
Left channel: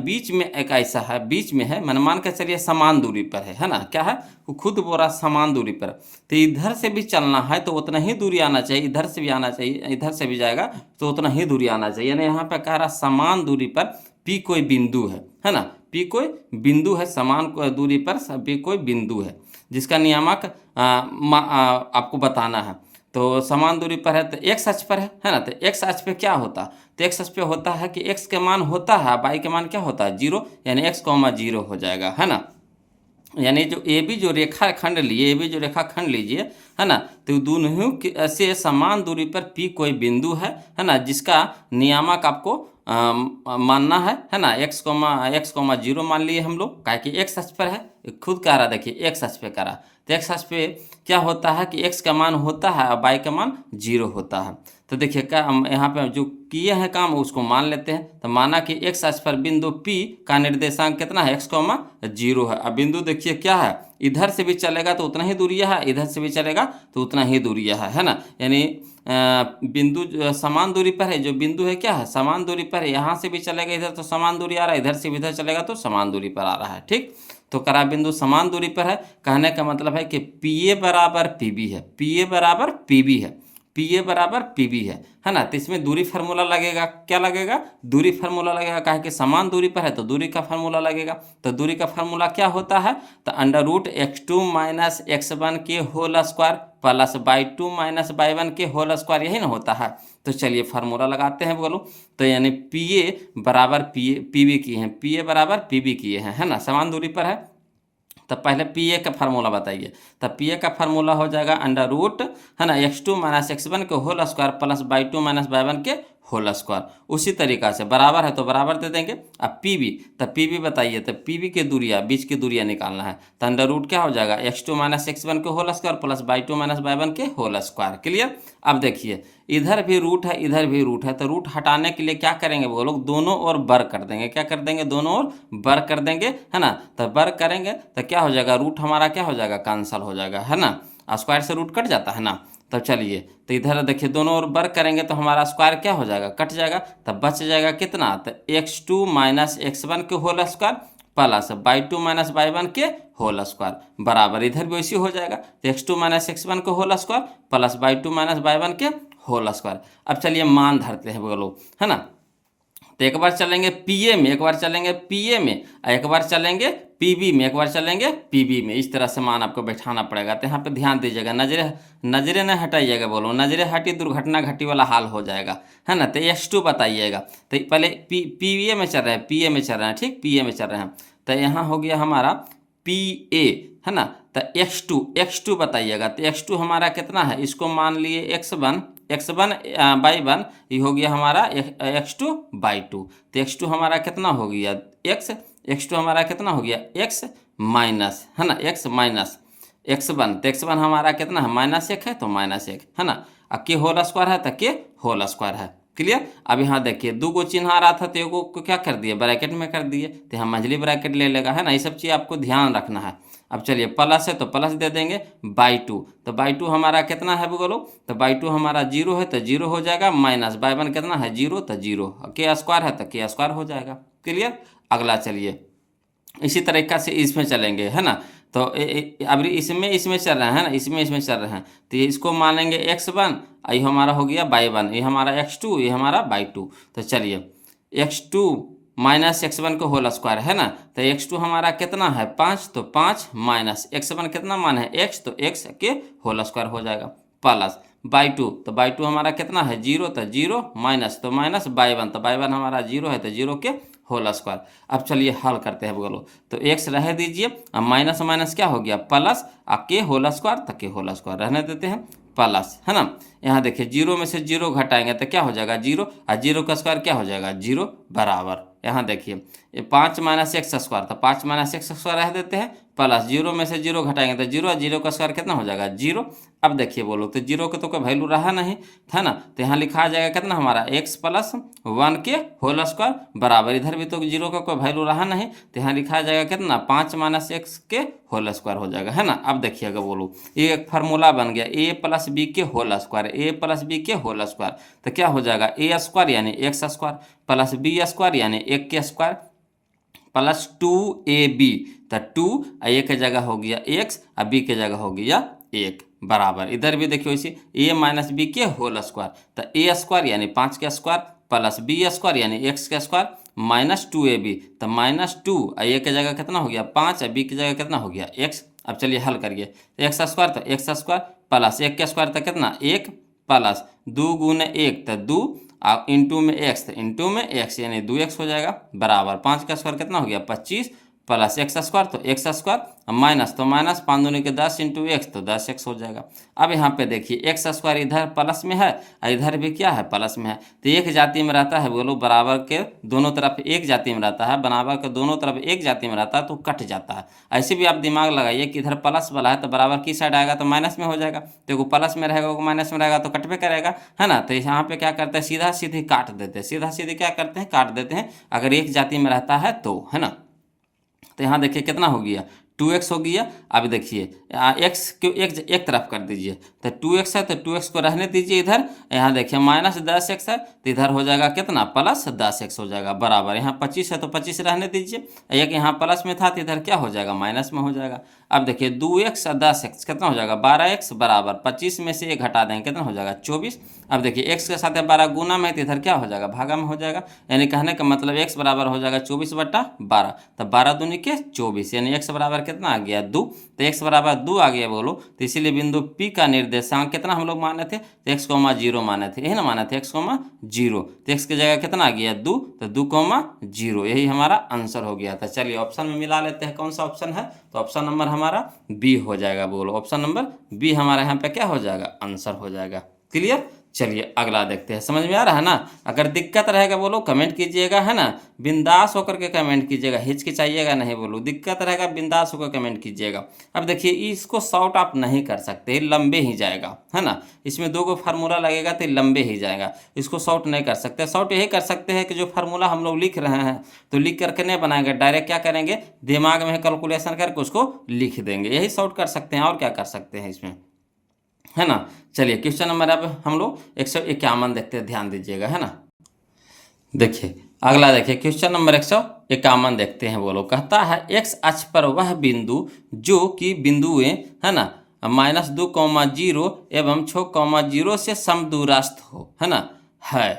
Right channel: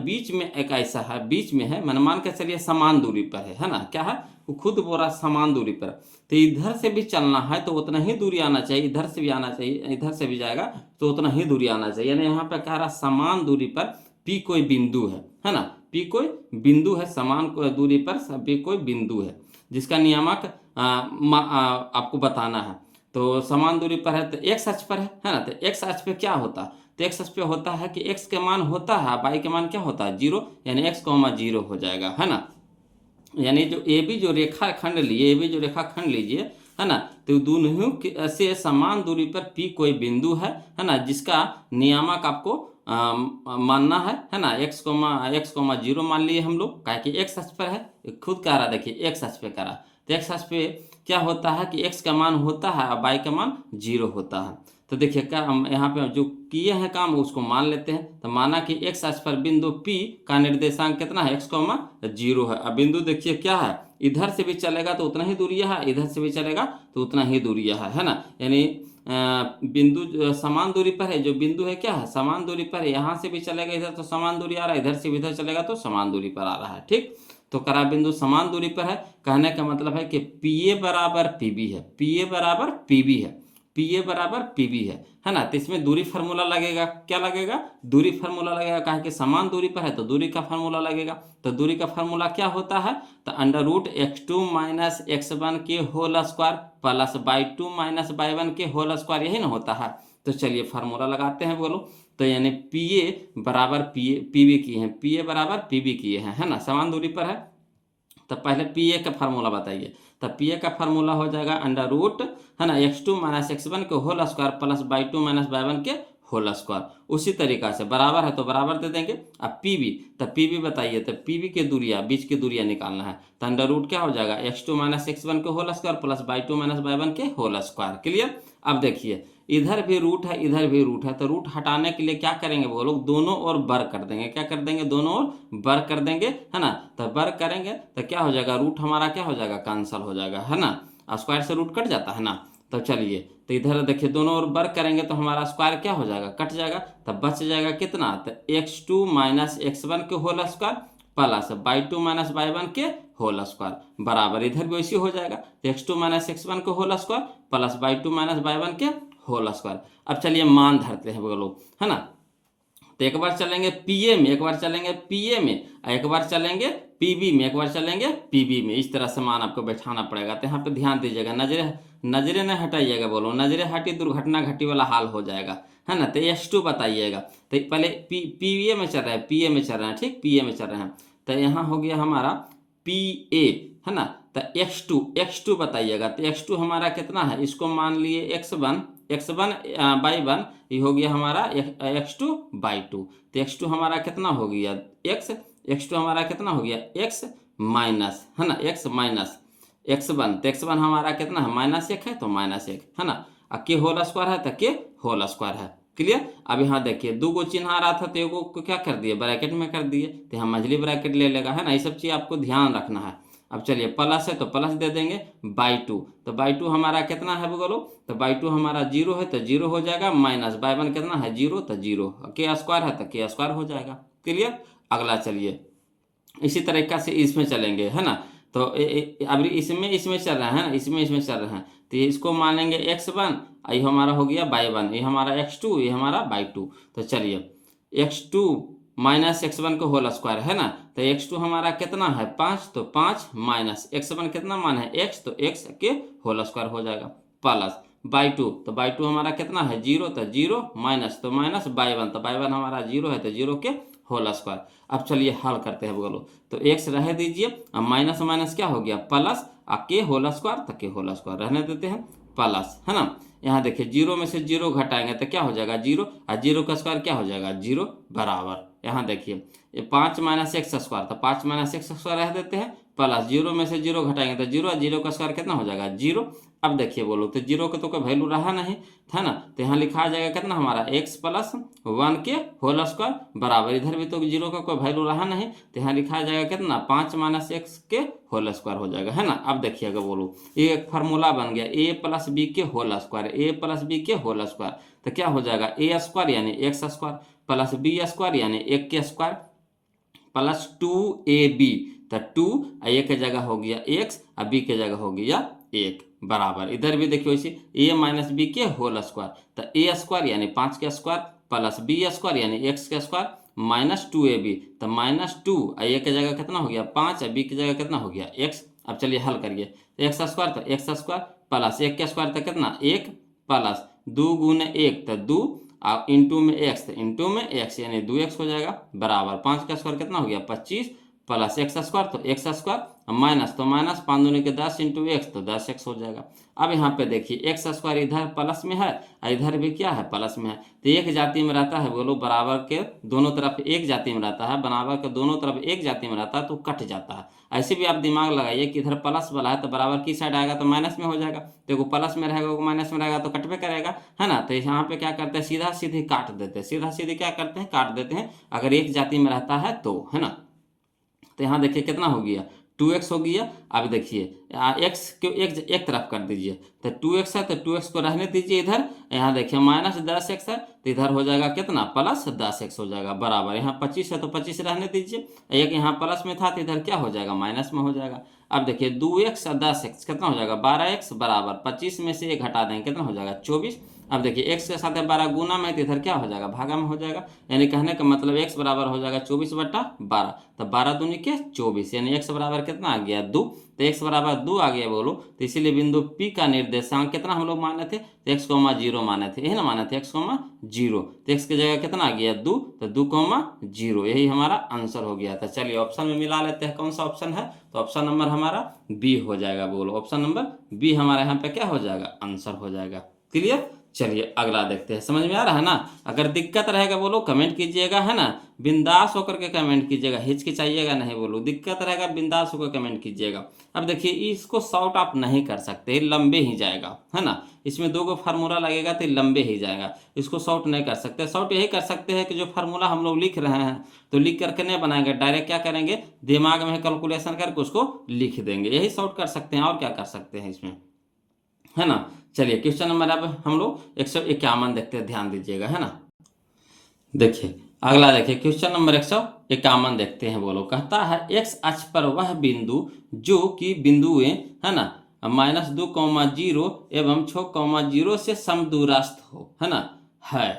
बीच में एक ऐसा है, बीच में है, मान के चलिए समान दूरी पर है ना, क्या है वो खुद बोला समान दूरी पर। तो इधर से भी चलना है तो उतना ही दूरी आना चाहिए, इधर से भी आना चाहिए, इधर से भी जाएगा तो उतना ही दूरी आना चाहिए। यानी यहाँ पे कह रहा समान दूरी पर पी कोई बिंदु है ना, पी कोई बिंदु है, समान दूरी पर पी कोई बिंदु है जिसका नियामक आपको बताना है। तो समान दूरी पर है तो एक्स अक्ष पर है ना। तो एक्स अक्ष पे क्या होता है, तो एक्स अक्ष पे होता है कि एक्स के मान होता है, वाई के मान क्या होता है 0, यानी x, 0 हो जाएगा, है ना। यानी जो ए बी जो रेखा खंड लिए, ए बी जो रेखा खंड लीजिए, है ना, तो दोनों से समान दूरी पर पी कोई बिंदु है ना, जिसका नियामक आपको मानना है ना। x, 0 मान लिए हम लोग, क्या कि x अक्ष पर है, खुद कह रहा, देखिए x अक्ष पे कह रहा। तो x अक्ष पे क्या होता है कि x का मान होता है और y का मान 0 होता है। तो देखिए क्या हम यहाँ पे जो किए हैं काम उसको मान लेते हैं। तो माना कि x अक्ष पर बिंदु P का निर्देशांक कितना है x, 0 है। अब बिंदु देखिए क्या है, इधर से भी चलेगा तो उतना ही दूरिया है, इधर से भी चलेगा तो उतना ही दूरिया है ना। यानी बिंदु समान दूरी पर है, जो बिंदु है क्या है समान दूरी पर है, यहाँ से भी चलेगा इधर तो समान दूरी आ रहा है, इधर से भी इधर चलेगा तो समान दूरी पर आ रहा है, ठीक। तो करा बिंदु समान दूरी पर है, कहने का मतलब है कि PA बराबर PB है, PA बराबर PB है, PA बराबर PB है ना। तो इसमें दूरी फार्मूला लगेगा, क्या लगेगा दूरी फार्मूला लगेगा, कहा कि समान दूरी पर है तो दूरी का फार्मूला लगेगा। तो दूरी का फार्मूला क्या होता है, तो √x2 - x1 के whole square plus y2 - y1 के होल स्क्वायर, यही ना होता है। तो चलिए फार्मूला लगाते हैं बोलो। तो यानी पी ए बराबर पी बी किए हैं, पी ए बराबर पी बी किए हैं, है ना, समान दूरी पर है। तो पहले पी ए का फार्मूला बताइए। तो पी ए का फार्मूला हो जाएगा अंडर रूट, है ना, x2 माइनस x1 के whole square plus by 2 minus by 1 के होल स्क्वायर। उसी तरीका से बराबर है तो बराबर दे देंगे। अब पी बी, तो पी बी बताइए। तो पी बी की दूरिया, बीच की दूरिया निकालना है। तो अंडर रूट क्या हो जाएगा, x2 माइनस x1 के whole square plus by 2 minus by 1 के होल स्क्वायर। क्लियर। अब देखिए इधर भी रूट है, इधर भी रूट है, तो रूट हटाने के लिए क्या करेंगे वो लोग, दोनों ओर बर कर देंगे। क्या कर देंगे, दोनों ओर बर कर देंगे, है ना। तो बर करेंगे तो क्या हो जाएगा, रूट हमारा क्या हो जाएगा, कैंसल हो जाएगा, है ना। स्क्वायर से रूट कट जाता है ना। तो चलिए, तो इधर देखिए दोनों ओर बर करेंगे तो हमारा स्क्वायर क्या हो जाएगा, कट जाएगा। तब बच जाएगा कितना, तो x2 माइनस x1 के whole square plus by 2 minus by 1 के होल स्क्वायर बराबर, इधर भी वैसे हो जाएगा। तो x2 माइनस x1 के whole square plus by 2 minus by 1 के होल स्क्वायर। अब चलिए मान धरते हैं बोलो, है ना। तो एक बार चलेंगे पीए में, एक बार चलेंगे पीए में, एक बार चलेंगे पीबी में, एक बार चलेंगे पीबी में। इस तरह से मान आपको बैठाना पड़ेगा। तो यहाँ पे ध्यान दीजिएगा, नजरें न हटाइएगा बोलो, नजरें हटी दुर्घटना घटी वाला हाल हो जाएगा, है ना। तो x2 बताइएगा। तो पहले पीए में चल रहे हैं, पीए में चल रहे हैं, ठीक, पीए में चल रहे हैं। तो यहाँ हो गया हमारा पी ए, है ना। तो x2 बताइएगा। तो x2 हमारा कितना है, इसको मान लिए x1 बाई 1, ये हो गया हमारा x2 बाई 2। तो x2 हमारा कितना हो गया, x2 हमारा कितना हो गया, x माइनस, है ना, x माइनस x1। तो x1 हमारा कितना है, -1 है, तो -1, है ना। अब के होल स्क्वायर है तो के होल स्क्वायर है। क्लियर। अब यहाँ देखिए दो गो चिन्ह आ रहा था तो एगो को क्या कर दिए, ब्रैकेट में कर दिए। तो यहाँ मंझली ब्रैकेट ले लेगा, है ना। ये सब चीज़ आपको ध्यान रखना है। अब चलिए प्लस है तो प्लस दे देंगे, बाई 2। तो बाई 2 हमारा कितना है बोलो, तो बाई 2 हमारा 0 है तो 0 हो जाएगा, माइनस बाई 1 कितना है, 0, तो 0, के स्क्वायर है तो के स्क्वायर हो जाएगा। क्लियर। अगला चलिए इसी तरीका से इसमें चलेंगे, है ना। तो अभी इसमें चल रहे हैं ना, इसमें चल रहे हैं। तो ये इसको मान लेंगे x1, ये हमारा हो गया बाई 1, ये हमारा x2, ये हमारा बाई 2। तो चलिए x2 माइनस x1 को होल स्क्वायर, है ना। तो x2 हमारा कितना है, 5, तो 5 माइनस x1 कितना मान है, x, तो x के होल स्क्वायर हो जाएगा प्लस बाई 2। तो बाई 2 हमारा कितना है, 0, तो 0 माइनस, तो माइनस बाई 1, तो बाई 1 हमारा 0 है तो 0 के होल स्क्वायर। अब चलिए हल करते हैं बोलो। तो x रह दीजिए, अब माइनस माइनस क्या हो गया, प्लस, अब के होल स्क्वायर, तो के होल स्क्वायर रहने देते हैं प्लस, है ना। यहाँ देखिए 0 में से 0 घटाएंगे तो क्या हो जाएगा, 0, और 0 का स्क्वायर क्या हो जाएगा, 0 बराबर। यहाँ देखिए ये 5 माइनस एक्स स्क्वायर, तो 5 माइनस एक्स स्क्वायर रह देते हैं प्लस 0 में से 0 घटाएंगे तो 0, और 0 का स्क्वायर कितना हो जाएगा, 0। अब देखिए बोलो, तो 0 का तो कोई वैल्यू रहा नहीं था ना। तो यहाँ लिखा जाएगा कितना हमारा, x प्लस 1 के होल स्क्वायर बराबर, इधर भी तो 0 का कोई वैल्यू रहा नहीं। तो यहाँ लिखा जाएगा कितना, 5 माइनस एक्स के होल स्क्वायर हो जाएगा, है ना। अब देखिएगा बोलो, ये एक फार्मूला बन गया, a प्लस बी के whole square, a plus B के होल स्क्वायर। तो क्या हो जाएगा, a स्क्वायर यानी x square plus B square यानी 1 के स्क्वायर प्लस 2ab। तो 2 a की जगह हो गया x, और b की जगह हो गया 1 बराबर। इधर भी देखिए इसी a माइनस बी के होल स्क्वायर, तो a स्क्वायर यानी 5 के स्क्वायर प्लस b स्क्वायर यानी x के स्क्वायर माइनस 2ab। तो -2, a की जगह कितना हो गया 5, और b की जगह कितना हो गया x। अब चलिए हल करिए, एक्स स्क्वायर तो एक्स स्क्वायर प्लस 1 के स्क्वायर तो कितना 1 प्लस 2 गुने 1 तो 2, और इंटू में x, तो इंटू में x यानी 2x हो जाएगा बराबर। 5 का स्क्वायर कितना हो गया 25 प्लस एक्स स्क्वायर, तो एक्स स्क्वायर माइनस, तो माइनस 5 दूनी के 10 इंटू एक्स, तो 10x हो जाएगा। अब यहाँ पे देखिए एक्स स्क्वायर इधर प्लस में है और इधर भी क्या है, प्लस में है। तो एक जाति में रहता है बोलो, बराबर के दोनों तरफ एक जाति में रहता है, बराबर के दोनों तरफ एक जाति में रहता है तो कट जाता है। ऐसे भी आप दिमाग लगाइए कि इधर प्लस वाला है तो बराबर की साइड आएगा तो माइनस में हो जाएगा, तो वो प्लस में रहेगा वो माइनस में रहेगा तो कटवे करेगा, है ना। तो यहाँ पे क्या करते हैं, सीधा सीधी काट देते हैं, सीधा सीधी क्या करते हैं, काट देते हैं, अगर एक जाति में रहता है तो, है ना। तो यहाँ देखिए कितना हो गया 2x हो गया। अब देखिए x को एक तरफ कर दीजिए, तो 2x है तो 2x को रहने दीजिए इधर। यहाँ देखिए -10x है तो इधर हो जाएगा कितना, +10x हो जाएगा बराबर। यहाँ 25 है तो 25 रहने दीजिए, एक यहाँ प्लस में था तो इधर क्या हो जाएगा, माइनस में हो जाएगा। अब देखिए 2x और 10x कितना हो जाएगा 12x बराबर 25 में से 1 घटा देंगे कितना हो जाएगा 24। अब देखिए x के साथ 12 गुना में तो इधर क्या हो जाएगा भागा में हो जाएगा, यानी कहने का मतलब x बराबर हो जाएगा 24/12, तब 12 दूनी के 24, यानी x बराबर कितना आ गया 2। तो x बराबर 2 आ गया बोलो, तो इसीलिए बिंदु P का निर्देशांक कितना हम लोग माने थे, तो x, 0 माने थे, यही ना माने थे x, 0, तो x की जगह कितना आ गया 2, तो 2, 0, यही हमारा आंसर हो गया था। चलिए ऑप्शन में मिला लेते हैं कौन सा ऑप्शन है, तो ऑप्शन नंबर हमारा बी हो जाएगा। बोलो ऑप्शन नंबर बी हमारा यहाँ पे क्या हो जाएगा आंसर हो जाएगा। क्लियर। चलिए अगला देखते हैं, समझ में आ रहा है ना। अगर दिक्कत रहेगा बोलो कमेंट कीजिएगा, है ना, बिंदास होकर के कमेंट कीजिएगा, हिचकिचाइएगा नहीं, बोलो दिक्कत रहेगा बिंदास होकर कमेंट कीजिएगा। अब देखिए इसको शॉर्ट आप नहीं कर सकते, लंबे ही जाएगा, है ना, इसमें 2 फार्मूला लगेगा तो लंबे ही जाएगा, इसको शॉर्ट नहीं कर सकते। शॉर्ट यही कर सकते हैं कि जो फार्मूला हम लोग लिख रहे हैं तो लिख करके नहीं बनाएंगे, डायरेक्ट क्या करेंगे दिमाग में कैलकुलेशन करके उसको लिख देंगे, यही शॉर्ट कर सकते हैं, और क्या कर सकते हैं इसमें, है ना। चलिए क्वेश्चन नंबर अब हम लोग 151 देखते हैं, ध्यान दीजिएगा, है ना। देखिए अगला देखिए क्वेश्चन नंबर 151 देखते हैं। बोलो कहता है x अक्ष पर वह बिंदु जो कि बिंदुएं, है ना, -2, 0 एवं 6, 0 से समदूरस्थ हो, है ना, है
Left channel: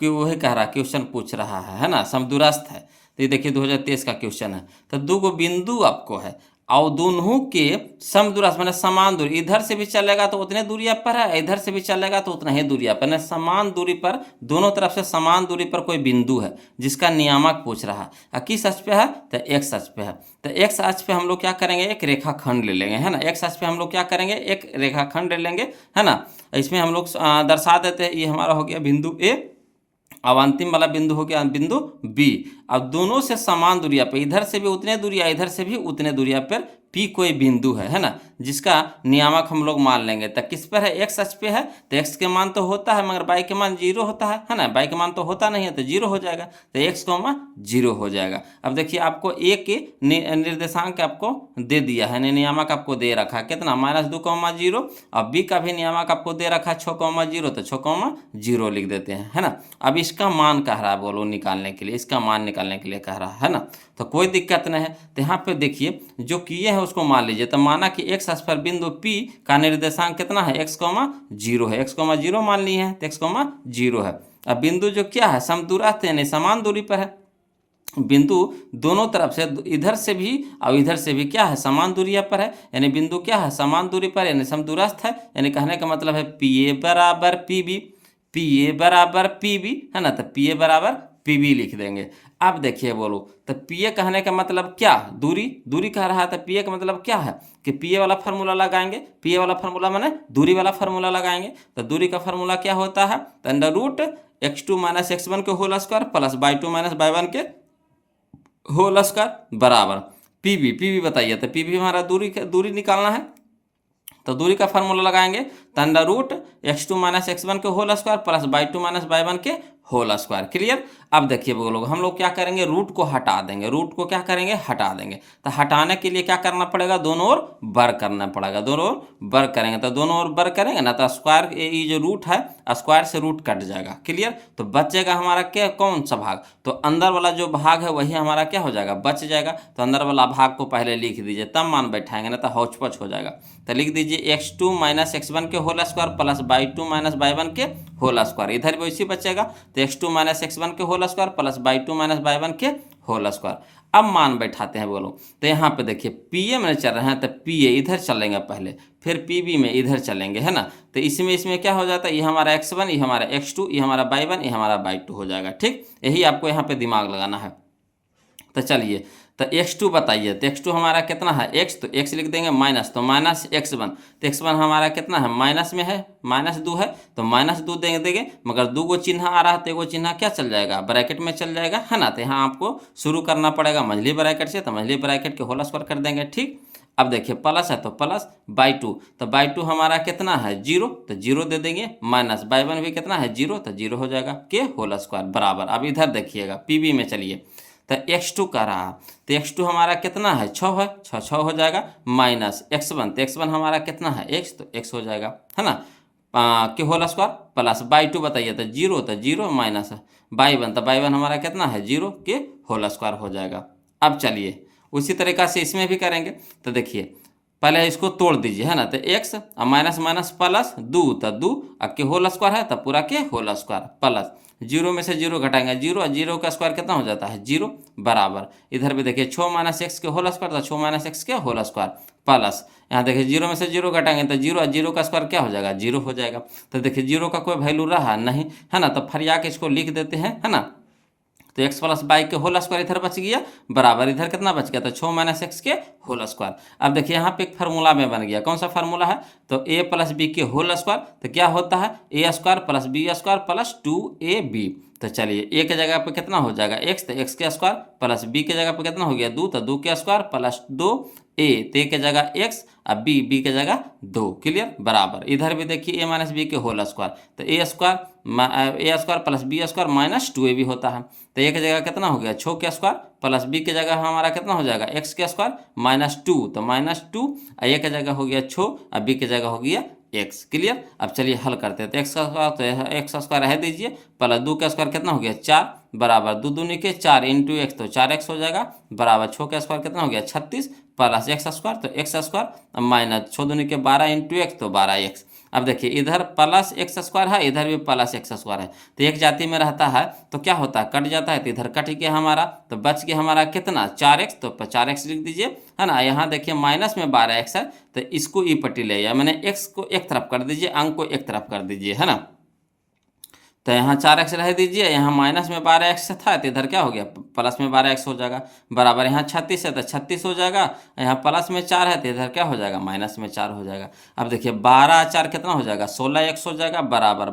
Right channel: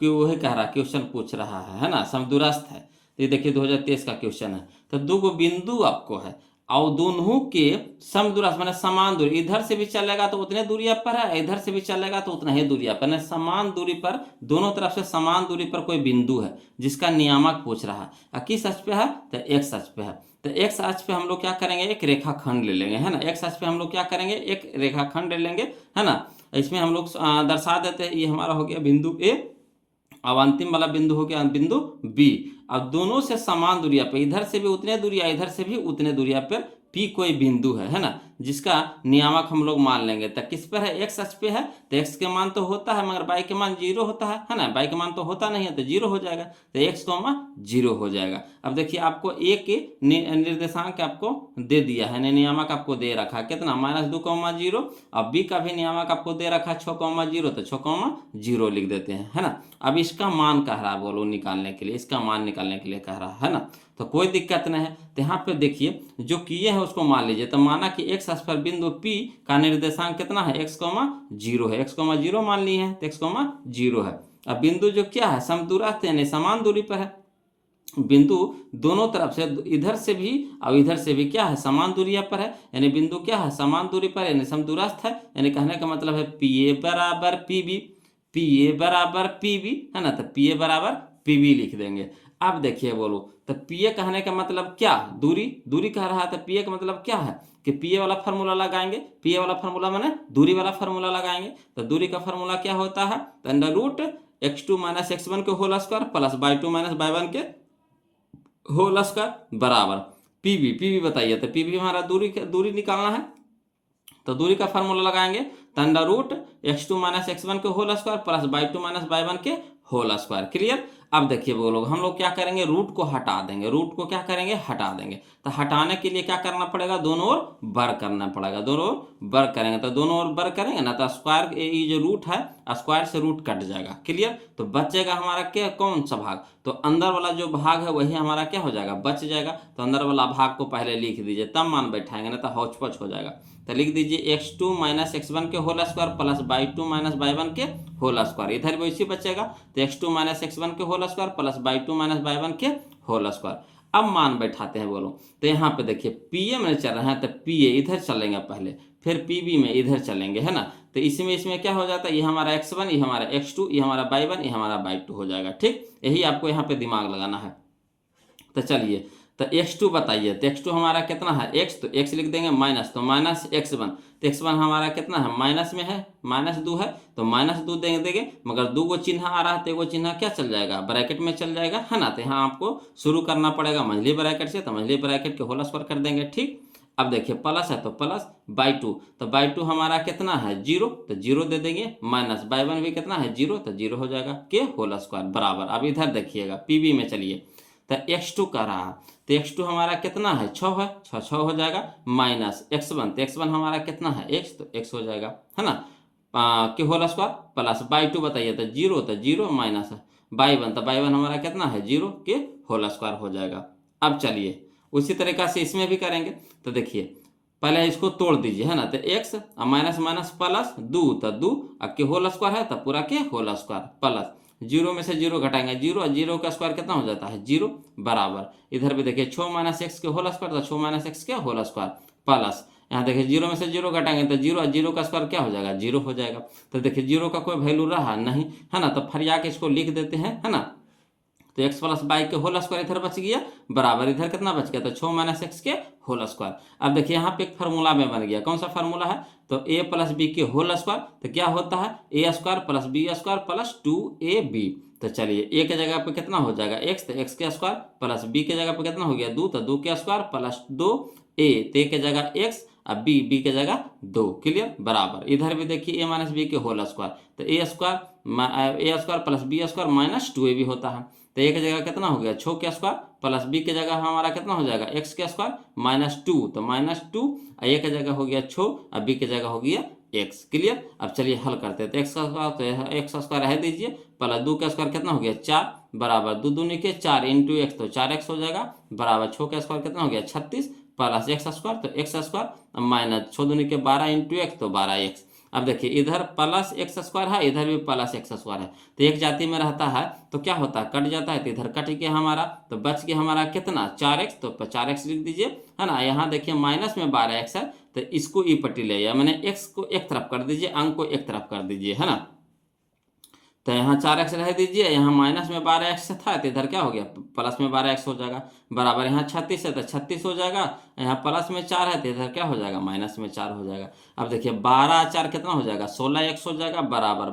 कि वही कह रहा क्वेश्चन पूछ रहा है ना, समदूरस्थ है। तो ये देखिए 2023 का क्वेश्चन है। तो 2 बिंदु आपको है और दोनों के समदूरस्थ माने समान दूरी, इधर से भी चलेगा तो उतने दूरिया पर है, इधर से भी चलेगा तो उतना ही दूरिया पर, समान दूरी पर, दोनों तरफ से समान दूरी पर कोई बिंदु है जिसका नियामक पूछ रहा है। किस अक्ष पे है, तो x अक्ष पे है। तो x अक्ष पे हम लोग क्या करेंगे एक रेखाखंड ले लेंगे, है ना, x अक्ष पे हम लोग क्या करेंगे एक रेखाखंड ले लेंगे, है ना। इसमें हम लोग दर्शा देते हैं, ये हमारा हो गया बिंदु ए, अब अंतिम वाला बिंदु हो गया बिंदु बी। अब दोनों से समान दूरिया पे, इधर से भी उतने दूरिया, इधर से भी उतने दूरिया पर पी कोई बिंदु है ना, जिसका नियामक हम लोग मान लेंगे। तो किस पर है एक्स अक्ष पे है, तो एक्स के मान तो होता है मगर बाई के मान 0 होता है ना, बाई के मान तो होता नहीं है तो 0 हो जाएगा, तो एक्स, 0 हो जाएगा। अब देखिए आपको ए के निर्देशांक आपको दे दिया है, नियामक आपको दे रखा है कितना -2, 0, और बी का भी नियामक आपको दे रखा है 6, 0, तो 6, 0 लिख देते हैं, है ना। अब इसका मान कह रहा है बोलो निकालने के लिए, इसका मान निकालने के लिए कह रहा है ना, तो कोई दिक्कत नहीं है। तो यहाँ पे देखिए जो किए हैं उसको मान लीजिए। तो माना कि एक्स अक्ष पर बिंदु P का निर्देशांक कितना है x, 0 है, x, 0 मान लिए हैं तो x, 0 है। अब बिंदु जो क्या है समदूरस्थ यानी समान दूरी पर है, बिंदु दोनों तरफ से इधर से भी और इधर से भी क्या है समान दूरिया पर है, यानी बिंदु क्या है समान दूरी पर यानी समदूरस्थ है, यानी कहने का मतलब है PA बराबर PB, PA बराबर PB, है ना, तो PA बराबर PB लिख देंगे। अब देखिए बोलो तो PA कहने का मतलब क्या, दूरी, दूरी कह रहा है, तो PA का मतलब क्या है कि PA वाला फार्मूला लगाएंगे, PA वाला फार्मूला माने दूरी वाला फार्मूला लगाएंगे। तो दूरी का फार्मूला क्या होता है, तो √(x2 - x1) के whole square plus y2 - y1 के होल स्क्वायर बराबर PB बताइए। तो PB हमारा दूरी निकालना है, तो दूरी का फार्मूला लगाएंगे तो √(x2 - x1) के whole square plus y2 - y1 के होल स्क्वायर। क्लियर। अब देखिए वो लोग हम लोग क्या करेंगे रूट को हटा देंगे, रूट को क्या करेंगे हटा देंगे। तो हटाने के लिए क्या करना पड़ेगा दोनों ओर वर्ग करना पड़ेगा, दोनों ओर वर्ग करेंगे, तो दोनों ओर वर्ग करेंगे ना तो स्क्वायर, ये जो रूट है स्क्वायर से रूट कट जाएगा। क्लियर। तो बचेगा हमारा क्या कौन सा भाग, तो अंदर वाला जो भाग है वही हमारा क्या हो जाएगा बच जाएगा। तो अंदर वाला भाग को पहले लिख दीजिए तब मान बैठाएंगे ना तो हौच-पच हो जाएगा। तो लिख दीजिए x2 - x1 के whole square plus y2 - y1 के होल स्क्वायर, इधर भी वैसे बचेगा तो x2 - x1 के whole square plus y2 - y1 के होल स्क्वायर। अब मान बैठाते हैं बोलो, तो यहाँ पे देखिए PA में चल रहे हैं तो PA इधर चलेंगे पहले, फिर PB में इधर चलेंगे, है ना। तो इसमें क्या हो जाता है, ये हमारा x1, ये हमारा x2, ये हमारा y1, ये हमारा y2 हो जाएगा। ठीक, यही आपको यहाँ पे दिमाग लगाना है। तो चलिए तो x2 बताइए, तो x2 हमारा कितना है x, तो x लिख देंगे माइनस, तो -x1, तो x1 हमारा कितना है माइनस में है, -2 है तो -2 देंगे, मगर 2 गो चिन्ह आ रहा है तो एगो चिन्ह क्या चल जाएगा ब्रैकेट में चल जाएगा, है ना। तो यहाँ आपको शुरू करना पड़ेगा मंझली ब्रैकेट से, तो मंझली ब्रैकेट के होल स्क्वायर कर देंगे। ठीक। अब देखिए प्लस है तो प्लस y2, तो y2 हमारा कितना है 0, तो 0 दे देंगे, माइनस y1 भी कितना है 0, तो 0 हो जाएगा के होल स्क्वायर बराबर। अब इधर देखिएगा PB में चलिए, तो x2 का रहा, तो x2 हमारा कितना है 6 है, 6 हो जाएगा, माइनस x1, तो x1 हमारा कितना है x, तो x हो जाएगा, है ना, के होल स्क्वायर प्लस y2 बताइए, तो 0, तो 0 माइनस y1, तो y1 हमारा कितना है 0 के होल स्क्वायर हो जाएगा। अब चलिए उसी तरीका से इसमें भी करेंगे। तो देखिए पहले इसको तोड़ दीजिए, है ना। तो एक्स माइनस माइनस प्लस दो, तो दो अब के होल स्क्वायर है तो पूरा के होल स्क्वायर प्लस जीरो में से जीरो घटाएंगे जीरो, और जीरो का स्क्वायर कितना हो जाता है जीरो, बराबर इधर भी देखिए 6 माइनस एक्स के होल स्क्वायर, तो 6 माइनस एक्स के होल स्क्वायर प्लस यहाँ देखिए जीरो में से जीरो घटाएंगे तो जीरो, और जीरो का स्क्वायर क्या हो जाएगा जीरो हो जाएगा। तो देखिए जीरो का कोई वैल्यू रहा नहीं, है ना। तो फरिया के इसको लिख देते हैं, है ना। तो एक्स प्लस बाई के होल स्क्वायर इधर बच गया, बराबर इधर कितना बच गया, तो 6 माइनस एक्स के होल स्क्वायर। अब देखिए यहाँ पे एक फार्मूला में बन गया, कौन सा फार्मूला है, तो ए प्लस बी के होल स्क्वायर, तो क्या होता है A square plus B square plus 2ab। तो चलिए ए के जगह पे कितना हो जाएगा एक्स, तो एक्स के स्क्वायर प्लस बी के जगह पे कितना हो गया दो, तो दो के स्क्वायर प्लस दो ए, तो ए के जगह एक्स, अब बी के जगह दो, क्लियर, बराबर इधर भी देखिए ए माइनस बी के होल स्क्वायर, तो A square plus B square minus 2ab होता है। तो ए की जगह कितना हो गया 6 के स्क्वायर, प्लस बी की जगह हमारा कितना हो जाएगा एक्स के स्क्वायर माइनस 2, तो माइनस 2, ए की जगह हो गया 6, और बी की जगह हो गया एक्स, क्लियर। अब चलिए हल करते हैं। तो एक्स का स्क्वायर, तो एक्स स्क्वायर रह दीजिए, प्लस दो का स्क्वायर कितना हो गया 4, बराबर दो दूनी के 4 इंटू एक्स, तो 4x हो जाएगा, बराबर 6 का स्क्वायर कितना हो गया 36, प्लस एक्स स्क्वायर, तो एक्स स्क्वायर माइनस 6 दूनी के 12 इंटू एक्स, तो 12x। अब देखिए इधर प्लस एक्स स्क्वायर है, इधर भी प्लस एक्स स्क्वायर है, तो एक जाति में रहता है तो क्या होता है कट जाता है, तो इधर कट गया हमारा, तो बच गया हमारा कितना 4x, तो 4x लिख दीजिए, है ना। यहाँ देखिए माइनस में 12x है, तो इसको ई पट्टी ले जाए, मैंने x को एक तरफ कर दीजिए, अंक को एक तरफ कर दीजिए, है ना। तो यहाँ 4x रह दीजिए, यहाँ माइनस में 12x था, तो इधर क्या हो गया प्लस में 12x हो जाएगा, बराबर यहाँ 36 है तो 36 हो जाएगा, यहाँ प्लस में 4 है तो इधर क्या हो जाएगा माइनस में 4 हो जाएगा। अब देखिए 12 4 कितना हो जाएगा 16x हो जाएगा, बराबर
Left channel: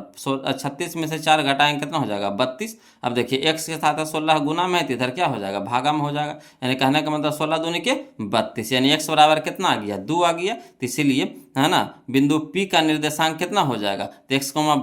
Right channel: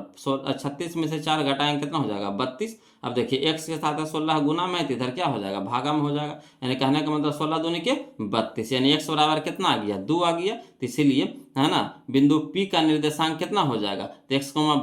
36 में से 4 घटाएंगे कितना हो जाएगा 32। अब देखिए x के साथ 16 गुना में है, तो इधर क्या हो जाएगा भागा में हो जाएगा, यानी कहने का मतलब 16 दूनी के 32, यानी x बराबर कितना आ गया 2 आ गया। तो इसीलिए है ना बिंदु P का निर्देशांक कितना हो जाएगा, तो x कोमा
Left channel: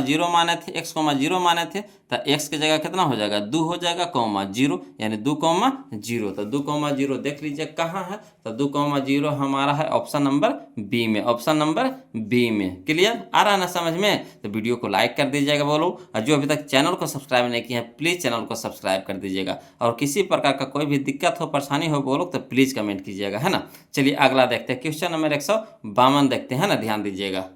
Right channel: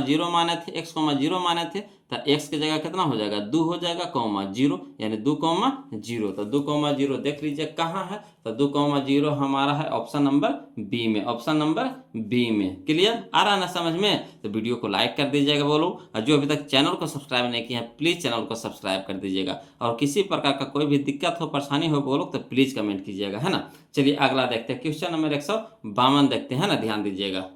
0 माने थे, x कोमा 0 माने थे, तो x की जगह कितना हो जाएगा 2 हो जाएगा, कोमा 0, यानी 2 कोमा 0। तो 2 कोमा 0 देख लीजिए कहाँ है, तो 2 कोमा 0 हमारा है ऑप्शन नंबर बी में, ऑप्शन नंबर बी में, क्लियर आ रहा ना समझ में। तो वीडियो को लाइक कर दीजिएगा बोलो, और जो अभी तक चैनल को सब्सक्राइब नहीं किया है प्लीज़ चैनल को सब्सक्राइब कर दीजिएगा, और किसी प्रकार का कोई भी दिक्कत हो परेशानी हो बोलो तो प्लीज़ कमेंट कीजिएगा, है ना। चलिए अगला देखते हैं, क्वेश्चन नंबर 152 देखते हैं ना, ध्यान दीजिएगा।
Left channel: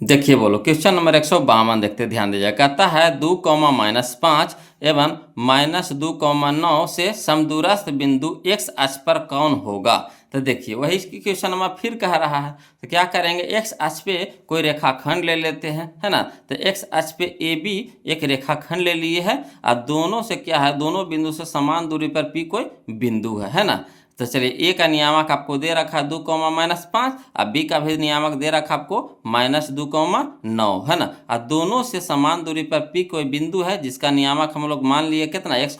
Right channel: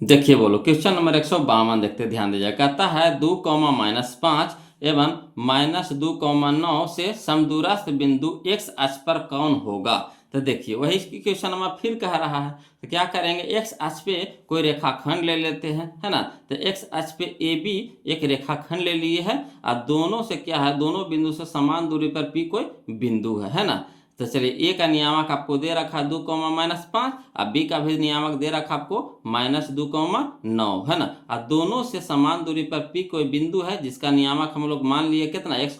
देखिए बोलो क्वेश्चन नंबर 152 देखते ध्यान दीजिएगा, कहता है 2 -5 एवं -2,9 से समदूरस्थ बिंदु x अक्ष पर कौन होगा। तो देखिए वही क्वेश्चन नंबर फिर कह रहा है, तो क्या करेंगे x अक्ष पे कोई रेखाखंड ले लेते हैं, है ना। तो x अक्ष पे AB एक रेखाखंड ले लिए है, और दोनों से क्या है दोनों बिंदु से समान दूरी पर P कोई बिंदु है ना। तो चलिए ए का नियामक आपको दे रखा है 2, -5, और बी का भी नियामक दे रखा आपको -2,9, है ना। और दोनों से समान दूरी पर पी कोई बिंदु है जिसका नियामक हम लोग मान लिए कितना x,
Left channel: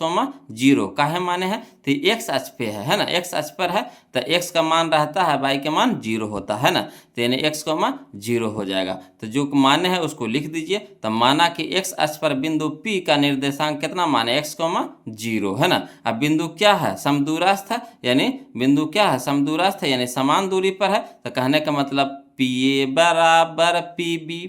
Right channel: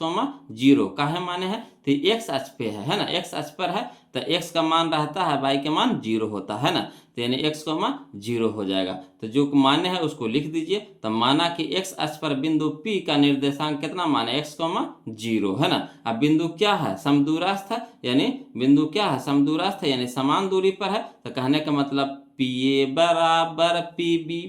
0 काहे माने हैं, तो x अक्ष पे है ना, x अक्ष पर है, तो x का मान रहता है y का मान 0 होता है ना, तो यानी x, 0 हो जाएगा। तो जो मान्य है उसको लिख दीजिए। तो माना कि x अक्ष पर बिंदु P का निर्देशांक कितना माने x, 0 है ना। अब बिंदु क्या है समदूरस्थ है, यानी बिंदु क्या है समदूरस्थ है, यानी समान दूरी पर है, तो कहने का मतलब PA बराबर PB,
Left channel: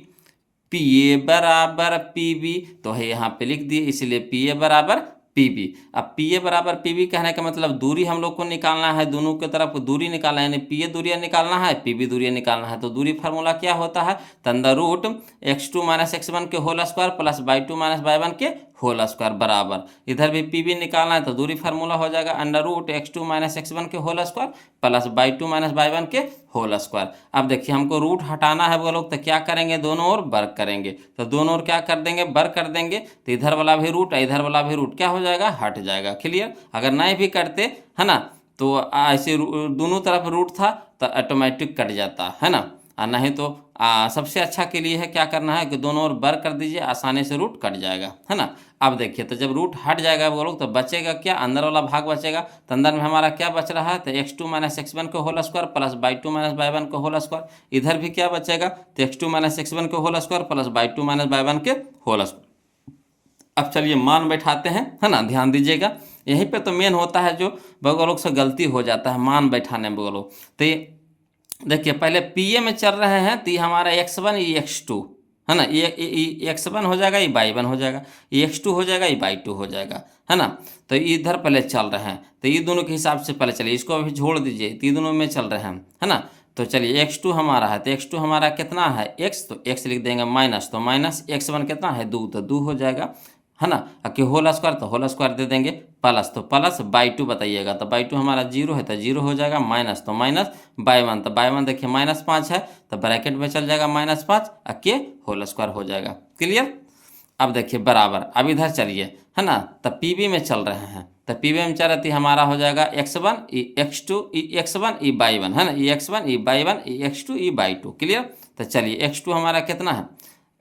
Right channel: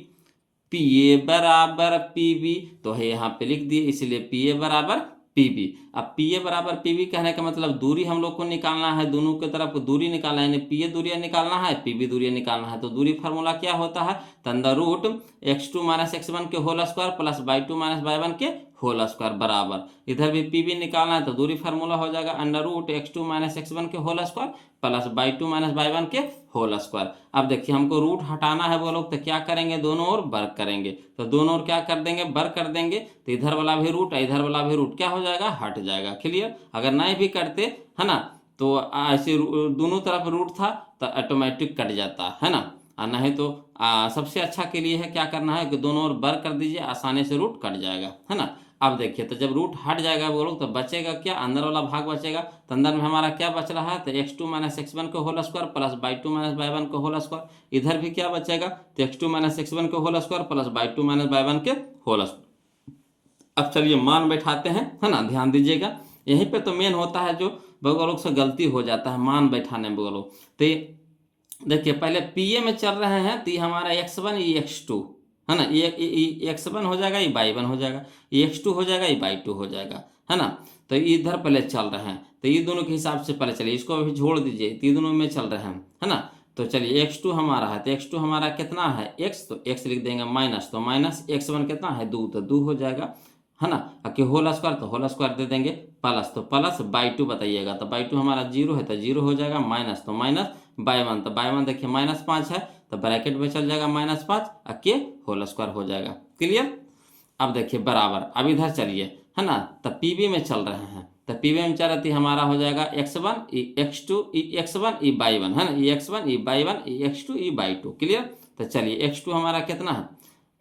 PA बराबर PB, तो है यहाँ पे लिख दिए, इसलिए PA बराबर PB। अब PA बराबर PB कहने का मतलब दूरी हम लोग को निकालना है, दोनों की तरफ दूरी निकालना है, यानी PA दूरियां निकालना है, PB दूरियां निकालना है। तो दूरी फार्मूला क्या होता है, अंडर रूट x2 - x1 के whole square plus y2 - y1 के होल स्क्वायर, बराबर इधर भी PB निकालना है, तो दूरी फार्मूला हो जाएगा अंडर रूट x2 - x1 के whole square plus y2 - y1 के होल स्क्वायर। अब देखिए हमको रूट हटाना है बोलो, तो क्या करेंगे दोनों ओर वर्ग करेंगे, तो दोनों ओर क्या कर देंगे वर्ग कर देंगे, तो इधर वाला भी रूट इधर वाला भी रूट क्या हो जाएगा हट जाएगा, क्लियर। अगर नहीं भी करते है ना तो ऐसे दोनों तरफ रूट था तो ऑटोमेटिक कट जाता है ना, और नहीं तो सबसे अच्छा के लिए है क्या करना है कि दोनों ओर वर्ग कर दीजिए, आसानी से रूट कट जाएगा, है ना। अब देखिए तो जब रूट हट जाएगा वो लोग तो बचेगा क्या, अंदर वाला भाग बचेगा, तो अंदर में हमारा क्या बच रहा है, तो x2 - x1 के whole square plus y2 - y1 के होल स्क्वायर। इधर भी क्या बचेगा, तो x2 - x1 के whole square plus y2 - y1 के होल स्क्वायर। अब चलिए मान बैठाते हैं, है ना, ध्यान दीजिएगा। यहीं पे तो मेन होता है जो लोग से गलती हो जाता है मान बैठाने में बोलो। तो देखिए पहले PA में चल रहे हैं, तो ये हमारा x1 ये x2, है ना। ये x1 हो जाएगा, ये y1 हो जाएगा, ये x2 हो जाएगा, ये y2 हो जाएगा, है ना। तो इधर पहले चल रहे हैं, तो ये दोनों के हिसाब से पहले चलिए, इसको अभी छोड़ दीजिए, तो ये दोनों में चल रहे हैं, है ना। तो चलिए x2 हमारा है, तो x2 हमारा कितना है x, तो x लिख देंगे माइनस, तो माइनस x1 कितना है 2, तो 2 हो जाएगा, है ना। कि होल स्क्वायर, तो होल स्क्वायर दे देंगे, प्लस, तो प्लस बाई 2 बताइएगा, तो बाई 2 हमारा 0 है, तो 0 हो जाएगा, माइनस, तो माइनस बाई 1, तो बाई 1 देखिए -5 है, तो ब्रैकेट में चल जाएगा -5, के होल स्क्वायर हो जाएगा। क्लियर। अब देखिए बराबर, अब इधर चलिए, है ना, तो पीबी में चल रहे हैं, तो पीबी में चल रही हमारा हो जाएगा x1 ई x2 ई x1 ई y1, है ना, ई x1 ई y1 ई x2 ई y2। क्लियर। तो चलिए x2 हमारा कितना है,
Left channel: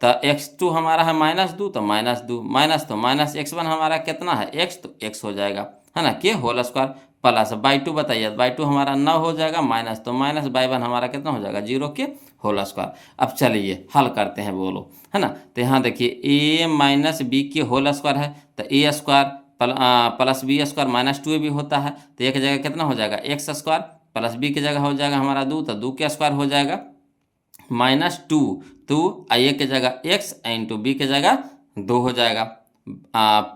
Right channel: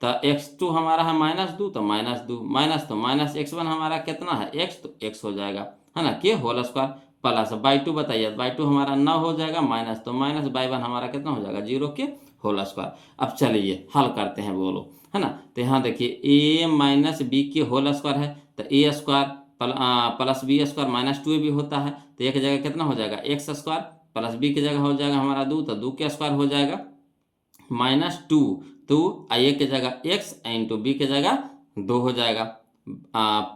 तो x2 हमारा है -2, तो -2 माइनस, तो माइनस x1 हमारा कितना है x, तो x हो जाएगा, है ना, के होल स्क्वायर, प्लस बाई 2 बताइए, बाई 2 हमारा 9 हो जाएगा, माइनस, तो माइनस बाई 1 हमारा कितना हो जाएगा 0 के होल स्क्वायर। अब चलिए हल करते हैं बोलो, है ना। तो यहाँ देखिए a माइनस बी के होल स्क्वायर है, तो A square plus B square -2 भी होता है, तो एक जगह कितना हो जाएगा एक्स स्क्वायर, प्लस बी की जगह हो जाएगा हमारा 2, तो 2 के स्क्वायर हो जाएगा -2, तो ए के जगह x इंटू बी के जगह 2 हो जाएगा,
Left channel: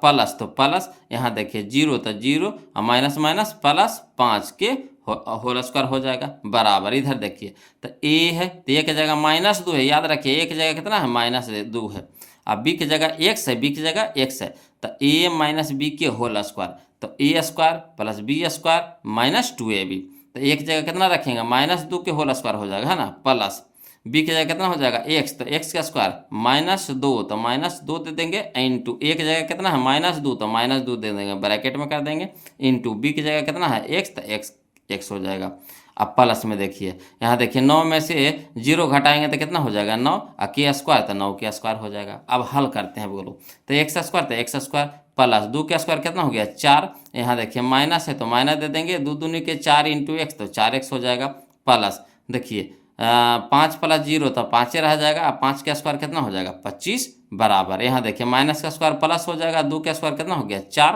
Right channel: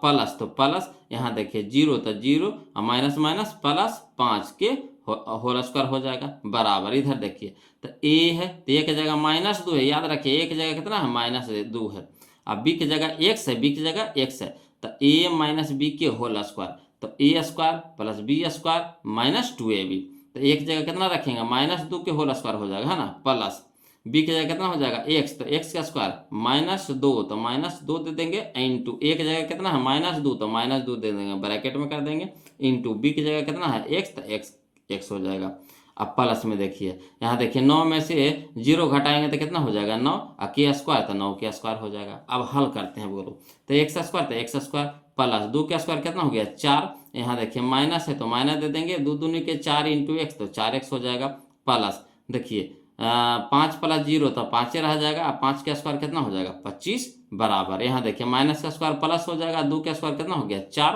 प्लस, तो प्लस यहाँ देखिए 0, तो 0 माइनस माइनस प्लस 5 के होल स्क्वायर हो जाएगा, बराबर। इधर देखिए तो a है, तो a की जगह -2 है, याद रखिए a की जगह कितना है -2 है, अब b की जगह x है, b की जगह x है, तो a माइनस बी के होल स्क्वायर, तो a square plus B square -2ab, तो a की जगह कितना रखेंगे -2 के होल स्क्वायर हो जाएगा, है ना, प्लस बी की जगह कितना हो जाएगा x, तो x का स्क्वायर -2, तो -2 दे देंगे, इंटू ए की जगह कितना है -2, तो -2 दे देंगे, ब्रैकेट में कर देंगे, इंटू बी की जगह कितना है x, तो x हो जाएगा। अब प्लस में देखिए, यहाँ देखिए 9 में से 0 घटाएंगे तो कितना हो जाएगा 9, और के स्क्वायर, तो 9 के स्क्वायर हो जाएगा। अब हल करते हैं बोलो, तो एक्स स्क्वायर, तो एक्स स्क्वायर प्लस 2 के स्क्वायर कितना हो गया 4, यहाँ देखिए माइनस है तो माइनस दे देंगे, 2 दूनी के 4 इंटू एक्स, तो 4x हो जाएगा, प्लस देखिए 5 प्लस 0 तो 5 रह जाएगा, अब 5 का स्क्वायर कितना हो जाएगा 25, बराबर। यहाँ देखिए माइनस का स्क्वायर प्लस हो जाएगा, 2 का स्क्वायर कितना हो गया 4,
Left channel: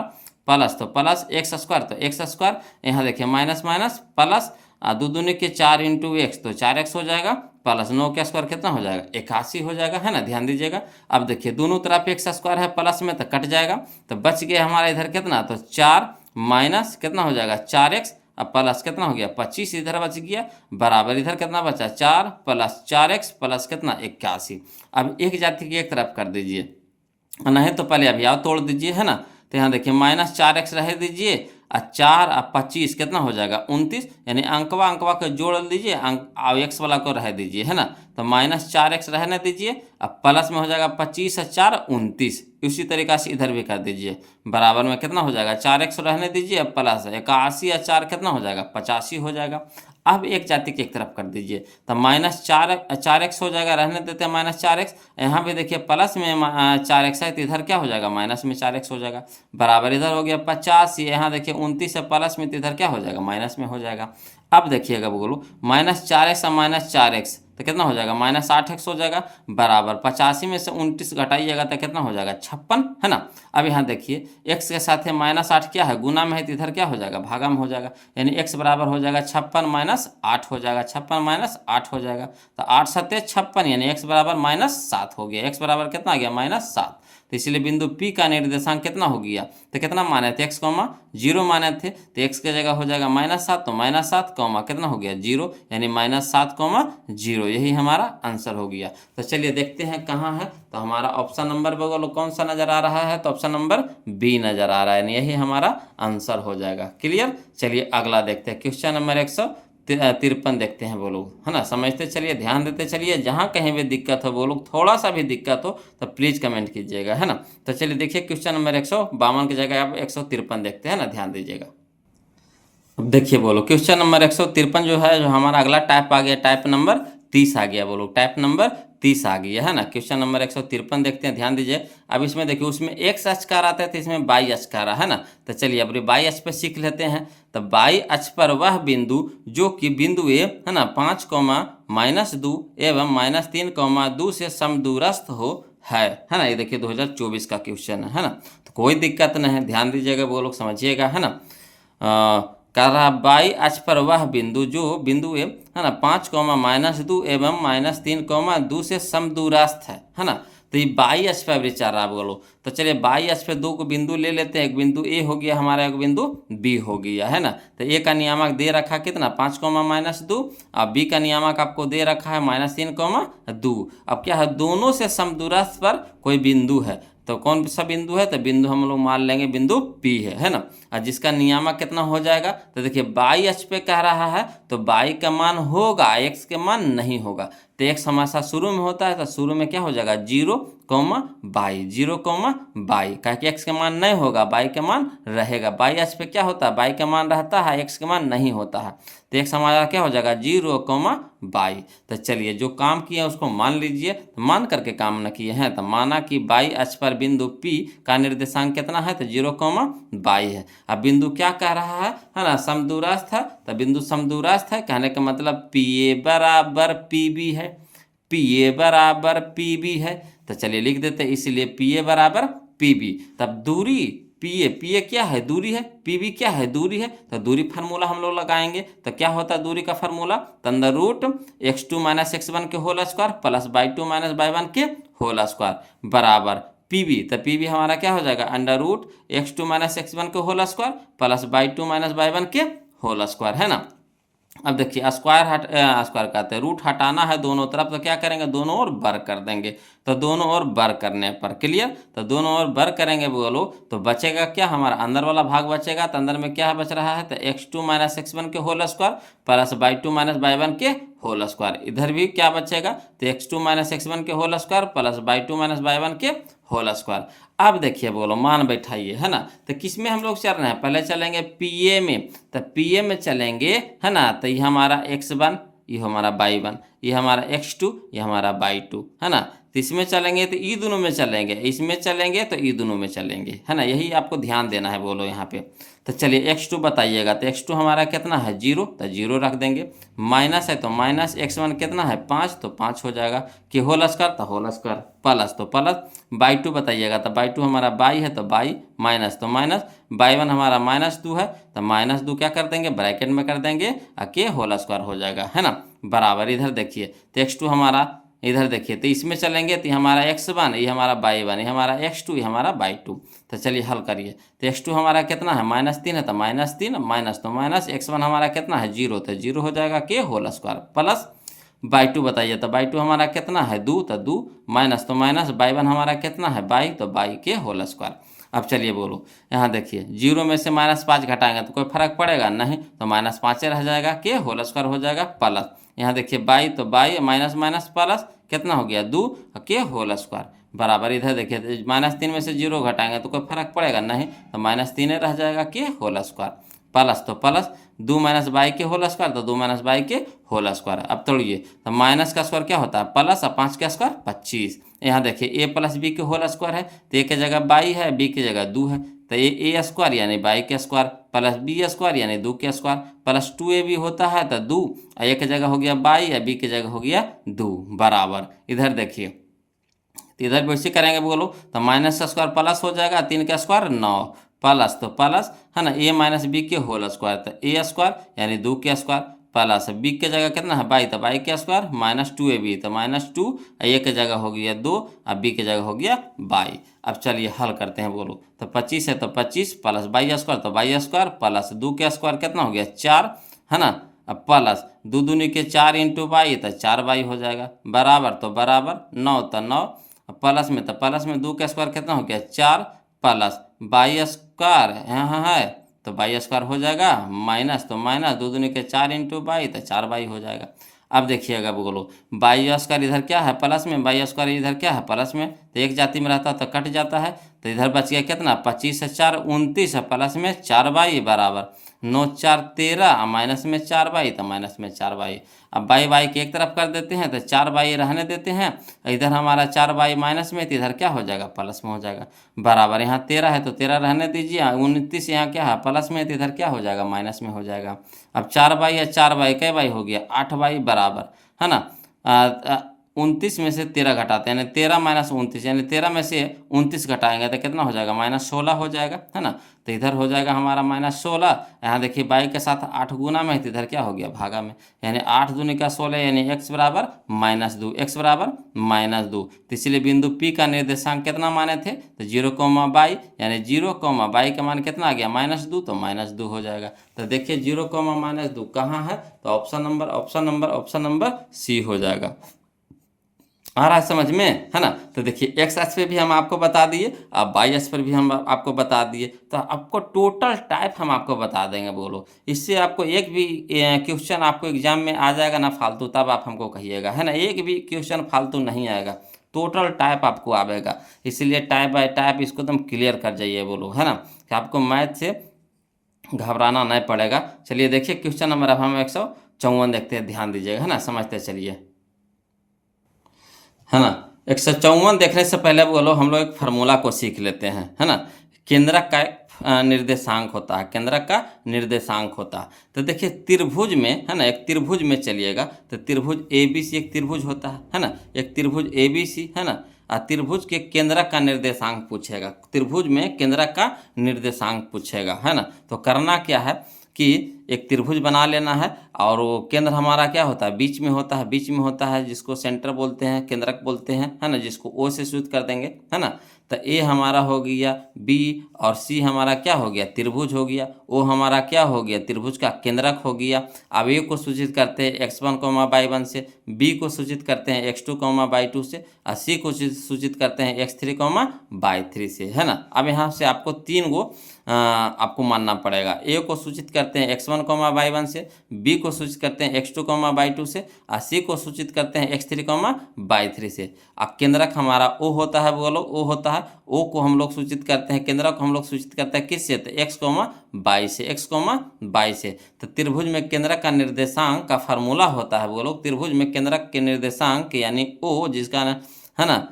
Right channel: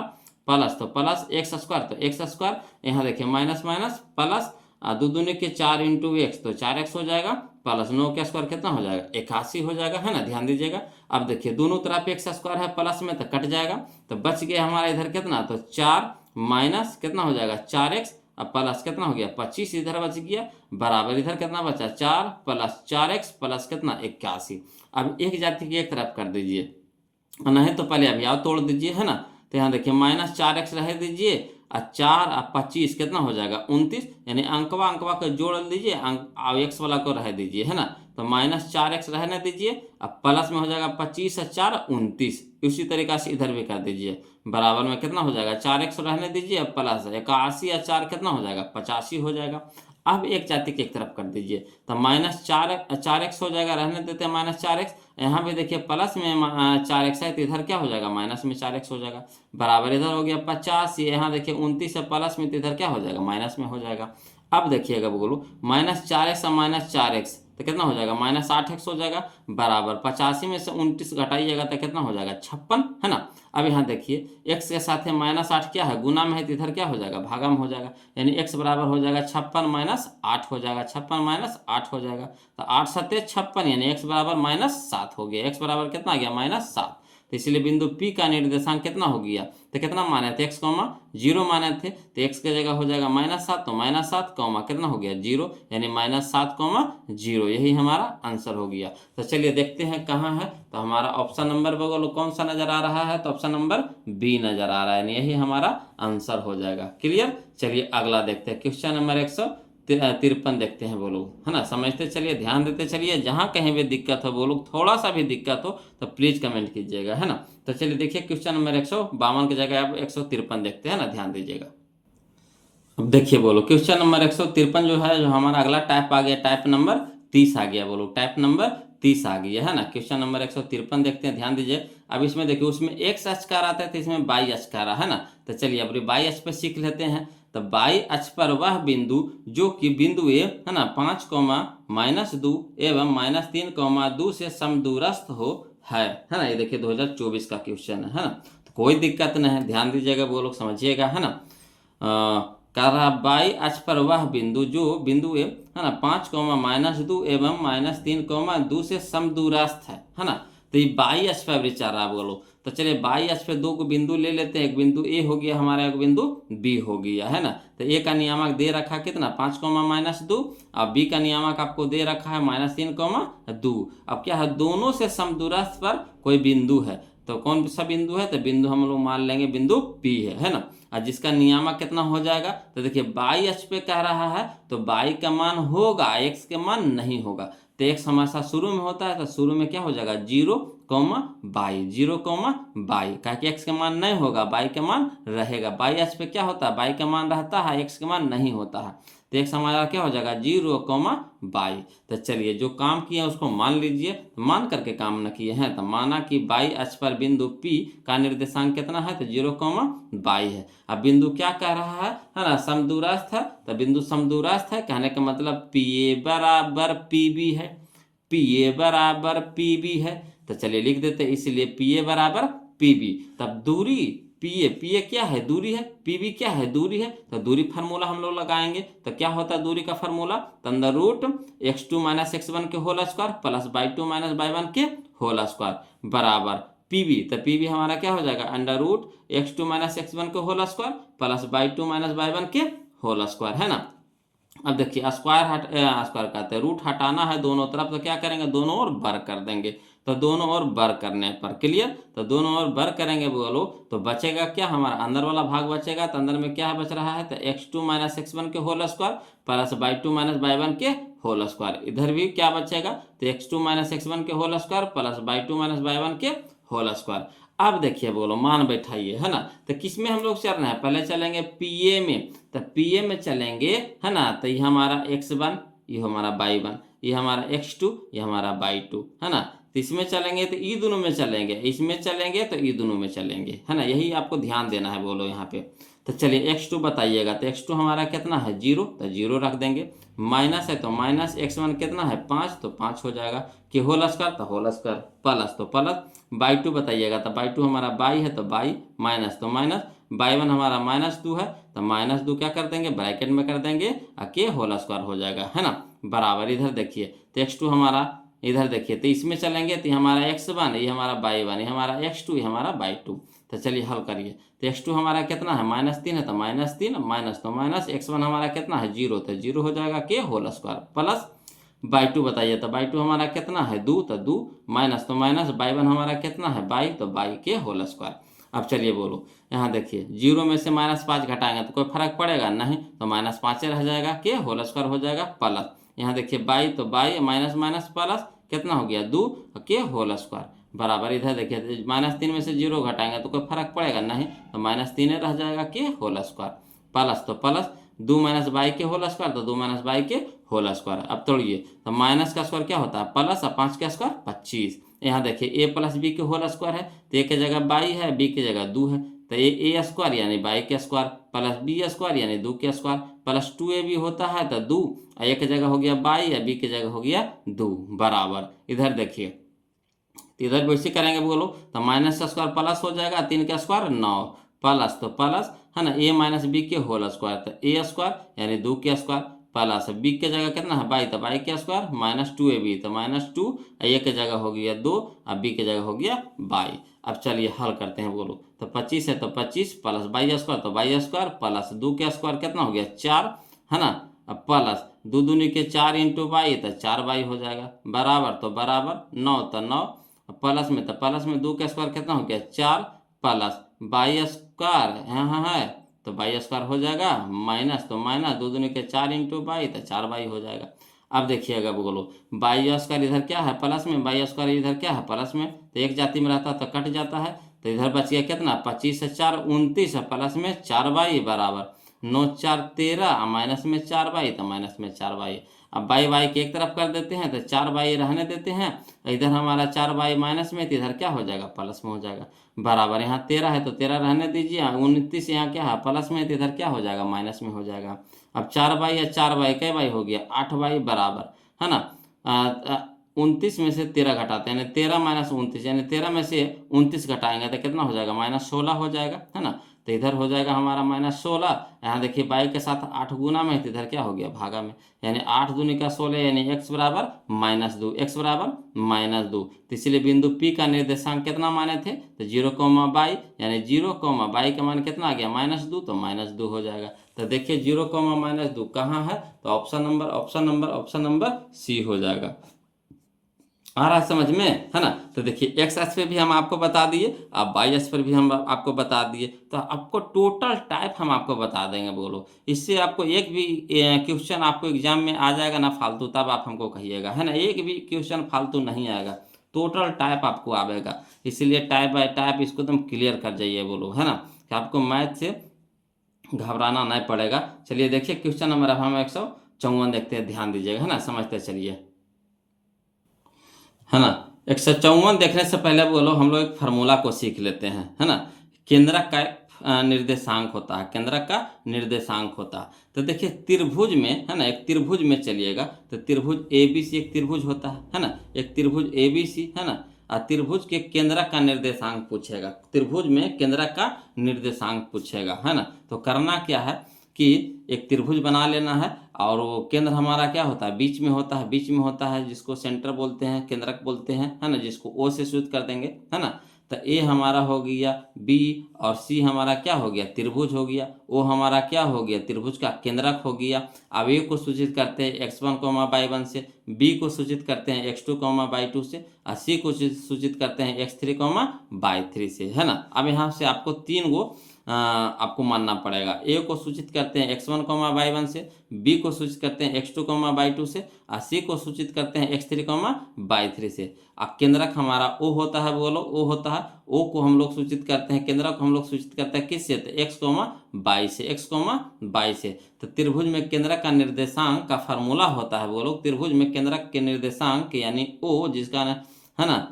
प्लस, तो प्लस एक्स स्क्वायर, तो एक्स स्क्वायर, यहाँ देखिए माइनस माइनस प्लस 2 दूनी के 4 इंटू एक्स, तो 4x हो जाएगा, प्लस 9 का स्क्वायर कितना हो जाएगा 81 हो जाएगा, है ना, ध्यान दीजिएगा। अब देखिए दोनों तरफ एक्स स्क्वायर है प्लस में, तो कट जाएगा, तो बच गया हमारा इधर कितना, तो 4 माइनस कितना हो जाएगा 4x, अब प्लस कितना हो गया 25 इधर बच गया, बराबर इधर कितना बचा 4 प्लस 4x प्लस कितना 81। अब एक जाति की एक तरफ कर दीजिए, नहीं तो पहले अभी आओ तोड़ दीजिए, है ना। तो यहाँ देखिए -4x रह दीजिए, और 4 और 25 कितना हो जाएगा 29, यानी अंकवा अंकवा को जोड़ लीजिए, अंक और एक्स वाला को रह दीजिए, है ना। तो -4x रहने दीजिए, अब प्लस में हो जाएगा 25 और 4 29, उसी तरीका से इधर भी कर दीजिए, बराबर में कितना हो जाएगा 4x रहने दीजिए, अब प्लस 81 और 4 कितना हो जाएगा 85 हो जाएगा। अब एक जाति की एक तरफ कर दीजिए, तो -4x हो जाएगा, रहने देते हैं -4x, यहाँ भी देखिए प्लस में 4x है, तो इधर क्या हो जाएगा माइनस में 4x हो जाएगा, बराबर। इधर हो गया 50, यहाँ देखिए 29 है प्लस में, तो इधर क्या हो जाएगा माइनस में हो जाएगा। अब देखिएगा बोलो -4x और -4x, तो कितना हो जाएगा -8x हो जाएगा, बराबर। 85 में से 29 घटाइएगा तो कितना हो जाएगा 56, है ना। अब यहाँ देखिए x के साथ है -8 क्या है गुना में है, तो इधर क्या हो जाएगा भागा में हो जाएगा, यानी x बराबर हो जाएगा 56 -8 हो जाएगा, 56 -8 हो जाएगा, तो 8 7 56, यानी x बराबर -7 हो गया, x बराबर कितना आ गया -7। तो इसलिए बिंदु P का निर्देशांक कितना हो गया, तो कितना माने थे x, 0 माने थे, तो x की जगह हो जाएगा -7, तो -7 कितना हो गया 0, यानी -7 0, यही हमारा आंसर हो गया। तो चलिए देखते हैं कहाँ है, तो हमारा ऑप्शन नंबर बगल कौन सा नजर आ रहा है, तो ऑप्शन नंबर बी नजर आ रहा है, यानी यही हमारा आंसर हो जाएगा। क्लियर। चलिए अगला देखते हैं, क्वेश्चन नंबर 153 देखते हैं वो लोग, है ना, समझते चलिए, ध्यान देते चलिए, जहाँ कहीं भी दिक्कत हो वो लोग, थोड़ा सा भी दिक्कत हो तो प्लीज कमेंट कीजिएगा, है ना। तो चलिए देखिए क्वेश्चन नंबर 152 की जगह आप 153 देखते हैं ना, ध्यान दीजिएगा। अब देखिए बोलो क्वेश्चन नंबर 153 जो है, जो हमारा अगला टाइप आ गया, टाइप नंबर 30 आ गया, बोलो टाइप नंबर 30 आ गया, है ना। क्वेश्चन नंबर 153 देखते हैं, ध्यान दीजिए। अब इसमें देखिए उसमें x अक्ष का आता है, तो इसमें y अक्ष का रहा है ना, तो चलिए अब y अक्ष पर सीख लेते हैं। तो y अक्ष पर वह बिंदु जो कि बिंदु ए, है ना, 5, -2 एवं -3, 2 से समदूरस्थ हो है ना। ये देखिए 2024 का क्वेश्चन है ना, तो कोई दिक्कत नहीं है, ध्यान दीजिएगा वो लोग, समझिएगा, है ना। कह रहा बाई अक्ष पर वह बिंदु जो बिंदु है ना 5, -2 एवं -3, 2 से समदूरस्थ है ना। तो ये बाई अक्ष पर विचार रहा बोलो। तो चलिए बाई अक्ष पे दो को बिंदु ले लेते हैं। एक बिंदु ए हो गया हमारा, एक बिंदु बी हो गया है ना। तो ए का नियामक दे रखा कितना 5, -2। अब बी का नियामक आपको दे रखा है -3, 2। अब क्या है, दोनों से समदूरस्थ पर कोई बिंदु है। तो कौन सा बिंदु है, तो बिंदु हम लोग मान लेंगे बिंदु पी है ना। और जिसका नियामक कितना हो जाएगा, तो देखिए बाई अक्ष पे कह रहा है तो बाई का मान होगा, एक्स के मान नहीं होगा। तो एक्स हमेशा शुरू में होता है, तो शुरू में क्या हो जाएगा 0, बाई 0, बाई। कह के एक्स का मान नहीं होगा, बाई का मान रहेगा। बाई अक्ष पे क्या होता है, बाई का मान रहता है, एक्स का मान नहीं होता है। तो एक्स हमारा क्या हो जाएगा 0, बाई। तो चलिए जो काम किया उसको मान लीजिए। तो मान करके काम न किए हैं, तो माना कि बाई अक्ष पर बिंदु P का निर्देशांक कितना है, तो 0, बाई है। अब बिंदु क्या कह रहा है ना, समदूरस्थ है। तो बिंदु समदूरस्थ है कहने का मतलब PA बराबर PB है, PA बराबर PB है। तो चलिए लिख देते हैं, इसलिए PA बराबर PB। तब दूरी PA क्या है, दूरी है, PB क्या है, दूरी है। तो दूरी फार्मूला हम लोग लगाएंगे। तो क्या होता है दूरी का formula, under root x2 - x1 के whole square plus y2 - y1 के होल स्क्वायर बराबर PB। तो PB हमारा क्या हो जाएगा, अंडर रूट x2 - x1 के whole square plus y2 - y1 के होल स्क्वायर है ना। अब देखिए स्क्वायर कहते हैं, रूट हटाना है दोनों तरफ, तो क्या करेंगे, दोनों ओर बर कर देंगे। तो दोनों ओर बर करने पर क्लियर। तो दोनों ओर बर करेंगे बोलो, तो बचेगा क्या, हमारा अंदर वाला भाग बचेगा। तो अंदर में क्या बच रहा है, तो x2 - x1 के whole square plus y2 - y1 के होल स्क्वायर। इधर भी क्या बचेगा, तो x2 - x1 के whole square plus y2 - y1 के होल स्क्वायर। अब देखिए बोलो मान बैठाइए है ना। तो किस में हम लोग चल रहे हैं, पहले चलेंगे PA में। तो PA में चलेंगे है ना। तो ये हमारा x1, ये हमारा y1, ये हमारा x2, ये हमारा y2 है ना। तो इसमें चलेंगे तो ई दोनों में चलेंगे, इसमें चलेंगे तो ई दोनों में चलेंगे है ना। यही आपको ध्यान देना है बोलो यहाँ पे। तो चलिए x2 बताइएगा। तो x2 हमारा कितना है 0, तो 0 रख देंगे। माइनस है तो माइनस x1 कितना है 5, तो 5 हो जाएगा। कि होल स्क्वायर तो होल स्क्वायर, प्लस तो प्लस। y2 बताइएगा। तो y2 हमारा बाई है तो बाई, माइनस तो माइनस। y1 हमारा -2 है, तो -2 क्या कर देंगे, ब्रैकेट में कर देंगे, के होल स्क्वायर हो जाएगा है ना बराबर। इधर देखिए तो x2 हमारा, इधर देखिए तो इसमें चलेंगे तो हमारा x1, ये हमारा y1, ये हमारा x2, ये हमारा y2। तो चलिए हल करिए। तो x2 हमारा कितना है -3 है, तो -3 माइनस तो माइनस। x1 हमारा कितना है 0, तो 0 हो जाएगा के होल स्क्वायर प्लस। y2 बताइए। तो y2 हमारा कितना है 2, तो 2 माइनस तो माइनस। y1 हमारा कितना है बाई, तो बाई के होल स्क्वायर। अब चलिए बोलो यहाँ देखिए 0 में से -5 घटाएंगे तो कोई फर्क पड़ेगा नहीं, तो -5 रह जाएगा के होल स्क्वायर हो जाएगा प्लस। यहाँ देखिए बाई, तो बाई माइनस माइनस प्लस कितना हो गया 2 के होल स्क्वायर बराबर। इधर देखिए -3 में से 0 घटाएंगे तो कोई फर्क पड़ेगा नहीं, तो -3 रह जाएगा के होल स्क्वायर प्लस तो प्लस। 2 - बाई के होल स्क्वायर, तो 2 - बाई के होल स्क्वायर। अब तोड़िए तो माइनस का स्क्वायर क्या होता है प्लस, और 5 का स्क्वायर 25। यहाँ देखिए ए प्लस बी के होल स्क्वायर है, तो ए की जगह बाई है, बी की जगह 2 है। तो ए स्क्वायर यानी बाई के स्क्वायर प्लस बी स्क्वायर यानी 2 के स्क्वायर प्लस 2ab होता है, तो 2, ए की जगह हो गया बाई, या बी की जगह हो गया 2 बराबर। इधर देखिए तो इधर वैसे करेंगे बोलो, तो माइनस का स्क्वायर प्लस हो जाएगा, 3 का स्क्वायर 9 प्लस तो प्लस है ना। a - b के होल स्क्वायर, तो ए स्क्वायर यानी 2 के स्क्वायर प्लस बी के जगह कितना है बाई, तो बाई के स्क्वायर -2ab, तो -2, ए के जगह हो गया 2, और बी के जगह हो गया बाई। अब चलिए हल करते हैं बोलो। तो 25 है तो 25 प्लस बाई स्क्वायर, तो बाई स्क्वायर प्लस 2 के स्क्वायर कितना हो गया 4 है ना। अब प्लस 2 दूनी के 4 इंटू बाई, तो 4 बाई हो जाएगा बराबर। तो बराबर 9 तो 9 प्लस में, तो प्लस में 2 का स्क्वायर कितना हो गया 4 प्लस बाई स्क्वायर यहाँ है, तो बाई स्क्वायर हो जाएगा माइनस तो माइनस। 2 दूनी के 4 इंटू बाई, तो 4 बाई हो जाएगा। अब देखिएगा बोलो बाई स्क्वायर इधर क्या है प्लस में, बाई स्क्वायर इधर क्या है प्लस में, तो एक जाति में रहता तो कट जाता है। तो इधर बच गया कितना 25 से 4 29 है, प्लस में 4 बाई बराबर 9 4 13, माइनस में 4 बाई, तो माइनस में 4 बाई। अब बाई बाई के एक तरफ कर देते हैं, तो 4 बाई रहने देते हैं। इधर हमारा 4 बाई माइनस में, तो इधर क्या हो जाएगा प्लस में हो जाएगा बराबर। यहाँ 13 है तो 13 रहने दीजिए, 29 यहाँ क्या है प्लस में, तो इधर क्या हो जाएगा माइनस में हो जाएगा। अब 4 बाई है, 4 बाई कै बाई हो गया 8 बाई बराबर है ना। 29 में से 13 घटाते हैं, यानी 13 माइनस 29, यानी 13 में से 29 घटाएंगे तो कितना हो जाएगा, -16 हो जाएगा, है ना। तो इधर हो जाएगा हमारा -16। यहाँ देखिए बाई के साथ 8 गुना में है, तो इधर क्या हो गया, भागा में, यानी 8 दूनी का 16, यानी x बराबर -2, x बराबर -2। तो इसलिए बिंदु P का निर्देशांक कितना माने थे, तो 0, यानी 0, का मान कितना आ गया, -2, तो -2 हो जाएगा। तो देखिए 0, -2 कहाँ है, तो ऑप्शन नंबर सी हो जाएगा। आ रहा है समझ में, है ना। तो देखिए एक्स अक्ष पे भी हम आपको बता दिए, अब वाई अक्ष पर भी हम आपको बता दिए, तो आपको टोटल टाइप हम आपको बता देंगे। बोलो, इससे आपको एक भी क्वेश्चन आपको एग्जाम में आ जाएगा ना फालतू, तब आप हमको कहिएगा, है ना। एक भी क्वेश्चन फालतू नहीं आएगा, टोटल टाइप आपको आएगा। इसलिए टाइप बाय टाइप इसको एकदम क्लियर कर जाइए, बोलो, है ना, कि आपको मैथ से घबराना नहीं पड़ेगा। चलिए देखिए क्वेश्चन नंबर अब हम 154 देखते हैं, ध्यान दीजिएगा, है ना, समझते चलिए, है ना। 154 देखने से पहले बोलो हम लोग एक फार्मूला को सीख लेते हैं, है ना। केंद्रक का निर्देशांक होता है, केंद्रक का निर्देशांक होता है। तो देखिए त्रिभुज में, है ना, एक त्रिभुज में चलिएगा, तो त्रिभुज ABC एक त्रिभुज होता है ना, एक त्रिभुज ABC, है ना। त्रिभुज के केंद्रक का निर्देशांक पूछेगा, त्रिभुज में केंद्रक का निर्देशांक पूछेगा, है ना। तो करना क्या है कि एक त्रिभुज बना लेना है, और वो केंद्र हमारा क्या होता है, बीच में होता है, बीच में होता है, जिसको सेंटर बोलते हैं, केंद्रक बोलते हैं, है ना, जिसको ओ से सूचित कर देंगे, है ना। तो ए हमारा हो गया बी, और सी हमारा क्या हो गया, त्रिभुज हो गया, ओ हमारा क्या हो गया, त्रिभुज का केंद्रक हो गया। अब ए को सूचित करते हैं x1, y1 से, बी को सूचित करते हैं x2, y2 से, और सी को सूचित करते हैं x3, y3 से, है ना। अब यहाँ से आपको 3 गो आपको मानना पड़ेगा। ए को सूचित करते हैं x1, y1 से, बी को सूचित करते हैं x2, y2 से, और सी को सूचित करते हैं x3, y3 से। अब केंद्रक हमारा ओ होता है, बोलो ओ होता है, ओ को हम लोग सूचित करते हैं, केंद्रक को हम लोग सूचित करते हैं किससे, तो x, y से, x, y से। तो त्रिभुज में केंद्रक का निर्देशांक का फार्मूला होता है, बोलो त्रिभुज में केंद्रक के निर्देशांक यानी ओ, जिसका है ना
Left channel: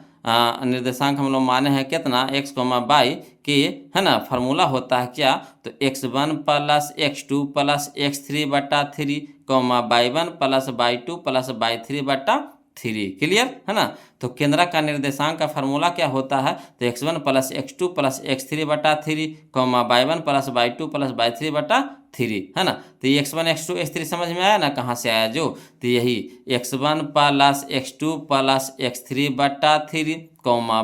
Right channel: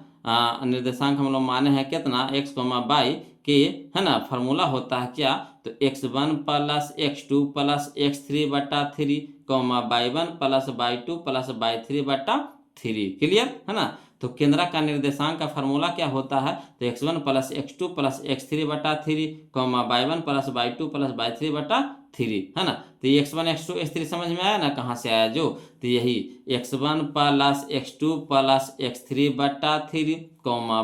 निर्देशांक हम लोग माने हैं कितना, x, y के, है ना। फार्मूला होता है क्या, तो x1 + x2 + x3 बटा 3, y1 + y2 + y3/3। क्लियर, है ना। तो केंद्रक का निर्देशांक का फार्मूला क्या होता है, तो x1 + x2 + x3/3, y1 + y2 + y3/3, है ना। तो ये x1 x2 x3 समझ में आया ना, कहाँ से आया जो, तो यही x1 + x2 + x3/3,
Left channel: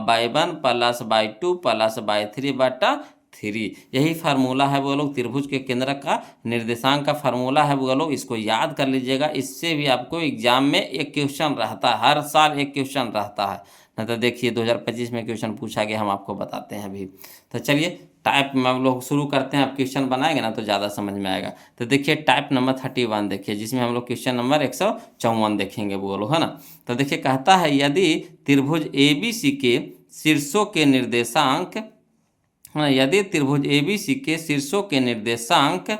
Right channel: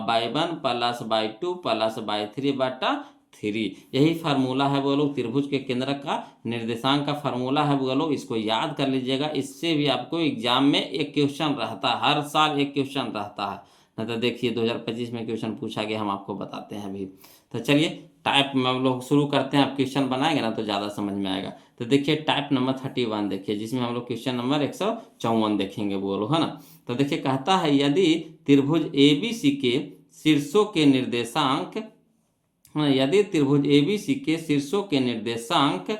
y1 + y2 + y3/3, यही फार्मूला है बोलो त्रिभुज के केंद्रक का निर्देशांक का फार्मूला है बोलो। इसको याद कर लीजिएगा, इससे भी आपको एग्जाम में एक क्वेश्चन रहता है, हर साल एक क्वेश्चन रहता है ना। तो देखिए 2025 में क्वेश्चन पूछा गया, हम आपको बताते हैं अभी। तो चलिए टाइप में हम लोग शुरू करते हैं, आप क्वेश्चन बनाएंगे ना तो ज़्यादा समझ में आएगा। तो देखिए टाइप नंबर 31 देखिए, जिसमें हम लोग क्वेश्चन नंबर 154 देखेंगे, बोलो, है ना। तो देखिए कहता है यदि त्रिभुज ABC के शीर्षों के निर्देशांक, यदि त्रिभुज ABC के शीर्षों के निर्देशांक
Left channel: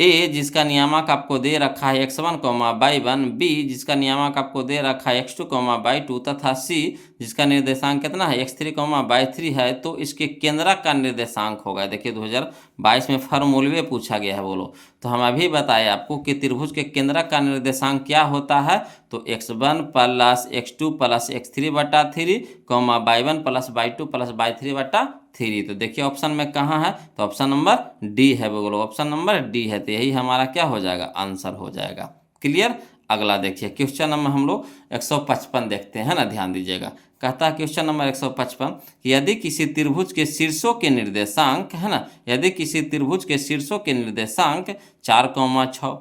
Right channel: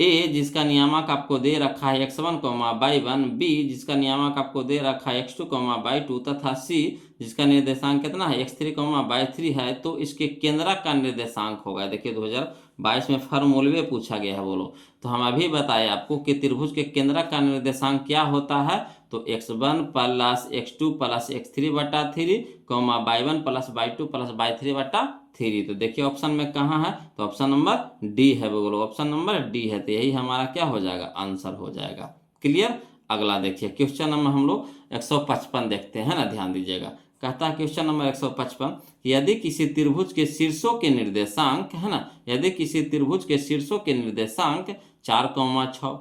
ए जिसका नियामक आपको दे रखा है x1, y1, बी जिसका नियामक आपको दे रखा है x2, y2, तथा सी जिसका निर्देशांक कितना है x3, y3 है, तो इसके केंद्रक का निर्देशांक होगा। देखिए 2022 में फार्मूले पूछा गया है, बोलो। तो हम अभी बताए आपको कि त्रिभुज के केंद्रक का निर्देशांक क्या होता है, तो x1 + x2 + x3/3, y1 + y2 + y3/3। तो देखिए ऑप्शन में कहाँ है, तो ऑप्शन नंबर डी है, बोलो ऑप्शन नंबर डी है। तो यही हमारा क्या हो जाएगा, आंसर हो जाएगा। क्लियर। अगला देखिए क्वेश्चन नंबर हम लोग 155 देखते हैं ना, ध्यान दीजिएगा। कहता है क्वेश्चन नंबर 155, यदि किसी त्रिभुज के शीर्षों के निर्देशांक, है ना, यदि किसी त्रिभुज के शीर्षों के निर्देशांक 4, 6,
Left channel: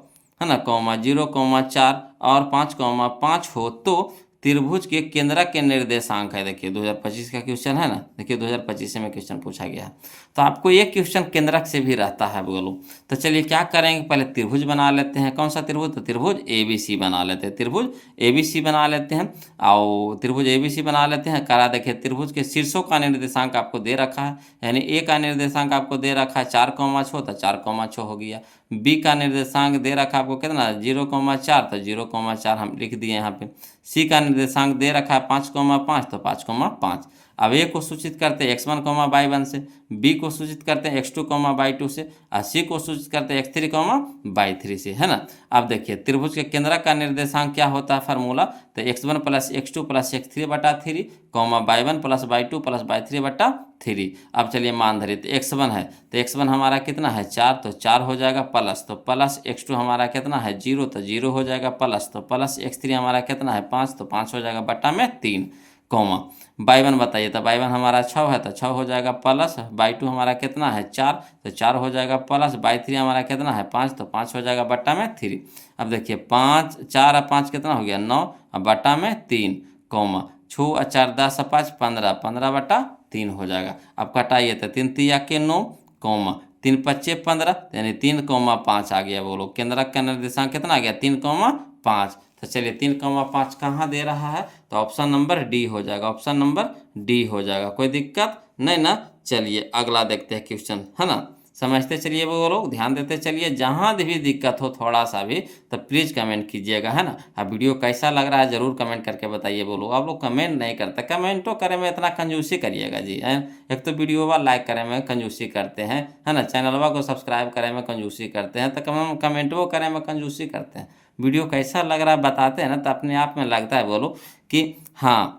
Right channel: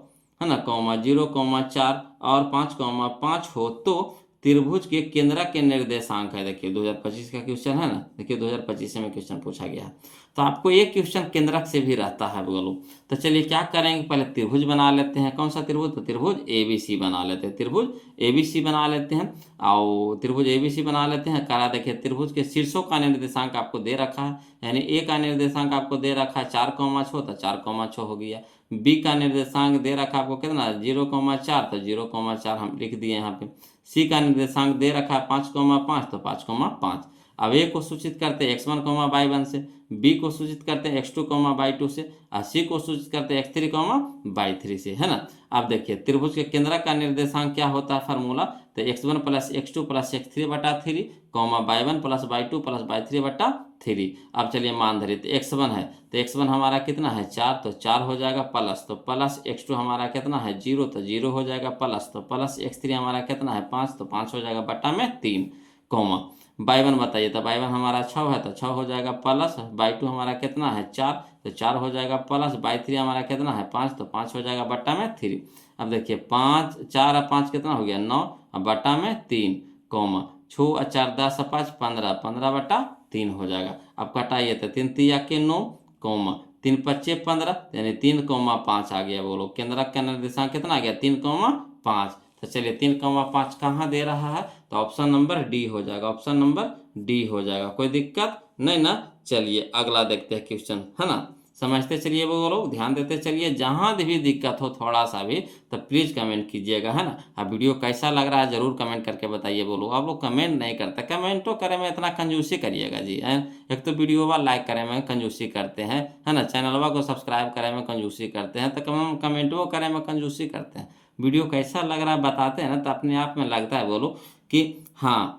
है ना, 0, 4 और 5, 5 हो, तो त्रिभुज के केंद्रक के निर्देशांक है। देखिए 2025 का क्वेश्चन है ना, देखिए 2025 में क्वेश्चन पूछा गया है। तो आपको ये क्वेश्चन केंद्रक से भी रहता है, बोलो। तो चलिए क्या करेंगे, पहले त्रिभुज बना लेते हैं। कौन सा त्रिभुज, तो त्रिभुज ABC बना लेते हैं, त्रिभुज ABC बना लेते हैं। और त्रिभुज ABC बना लेते हैं, करा देखिए त्रिभुज के शीर्षों का निर्देशांक आपको दे रखा है, यानी ए का निर्देशांक आपको दे रखा है 4, 6, तो 4, 6 हो गया। बी का निर्देशांक दे रखा आपको कितना 0, 4, तो 0, 4 हम लिख दिए यहाँ पे। सी का निर्देशांक दे रखा है 5, 5, तो 5, 5। अब ए को सूचित करते हैं x1 कॉमा y1 से, बी को सूचित करते हैं x2 कॉमा y2 से, और सी को सूचित करते हैं x3 कॉमा y3 से, है ना। अब देखिए त्रिभुज के केंद्रक का निर्देशांक क्या होता है फार्मूला, तो x1 plus x2 plus x3 बटा 3 comma y1 plus y2 plus y3 बटा 3। अब चलिए मान धरिए तो x1 है, तो x1 हमारा कितना है 4, तो 4 हो जाएगा प्लस, तो प्लस x2 हमारा कितना है 0, तो 0 हो जाएगा प्लस, तो प्लस x3 हमारा कितना है 5, तो 5 हो जाएगा बटा में 3 कॉमा y1 बताइए, तो y1 हमारा 6 है, तो 6 हो जाएगा प्लस, y2 हमारा कितना है 4, तो 4 हो जाएगा प्लस, y3 हमारा कितना है 5, तो 5 हो जाएगा बट्टा में 3। अब देखिए 5 4 और 5 कितना हो गया 9, अब बट्टा में 3 कॉमा 6 और 4 10 और 5 15, 15 बट्टा 3 हो जाएगा। अब कटाइए तो 3 तिया के 9 कॉमा 3 पच्चे 15, यानी 3 कॉमा 5 आ गया। बोलो केंद्रक का निर्देशांक कितना आ गया 3 कॉमा 5। तो चलिए 3 कॉमा 5 कहाँ दे रहा है, तो ऑप्शन नंबर डी हो जाएगा, ऑप्शन नंबर डी हो जाएगा, कोई दिक्कत नहीं ना। चलिए अगला देखते हैं क्वेश्चन, है ना, समझते चलिए वो लोग, ध्यान देते चलिए। जहाँ भी दिक्कत हो थोड़ा सा भी तो प्लीज़ कमेंट कीजिएगा, है ना। अब वीडियो कैसा लग रहा है ज़रूर कमेंट करके बताइए। बोलो आप लोग कमेंट नहीं करते, कमेंटो करे में इतना कंजूसी करिएगा जी, हैं। एक तो वीडियो वा लाइक करे में कंजूसी करते हैं, है ना, चैनलवा को सब्सक्राइब करे में कंजूसी करते हैं, तो कम कमेंटो करे में कंजूसी करते हैं। वीडियो कैसा लग रहा है बताते हैं ना, तो अपने आप में लगता है बोलो कि हाँ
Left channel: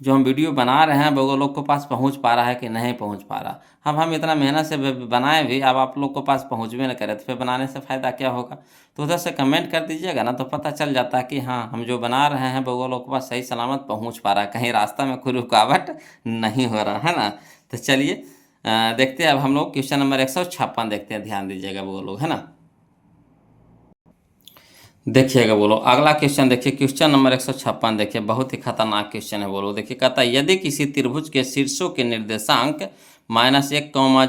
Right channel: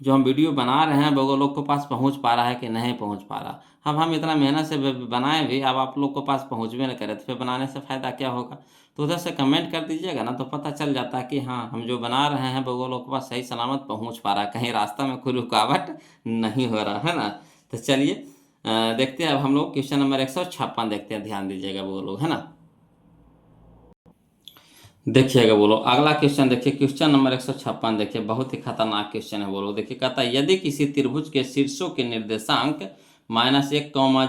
जो हम वीडियो बना रहे हैं वो लोग के पास पहुंच पा रहा है कि नहीं पहुंच पा रहा। अब हम इतना मेहनत से बनाए भी, अब आप लोग के पास पहुंचबे न करे तो फिर बनाने से फ़ायदा क्या होगा। तो उधर से कमेंट कर दीजिएगा ना, तो पता चल जाता है कि हाँ हम जो बना रहे हैं वो लोग के पास सही सलामत पहुंच पा रहा है, कहीं रास्ता में कोई रुकावट नहीं हो रहा, है ना। तो चलिए देखते हैं अब हम लोग क्वेश्चन नंबर 156 देखते हैं, ध्यान दीजिएगा वो लोग, है ना। देखिएगा बोलो अगला क्वेश्चन, देखिए क्वेश्चन नंबर 156 देखिए, बहुत ही खतरनाक क्वेश्चन है। बोलो देखिए कहता है यदि किसी त्रिभुज के शीर्षों के निर्देशांक -1,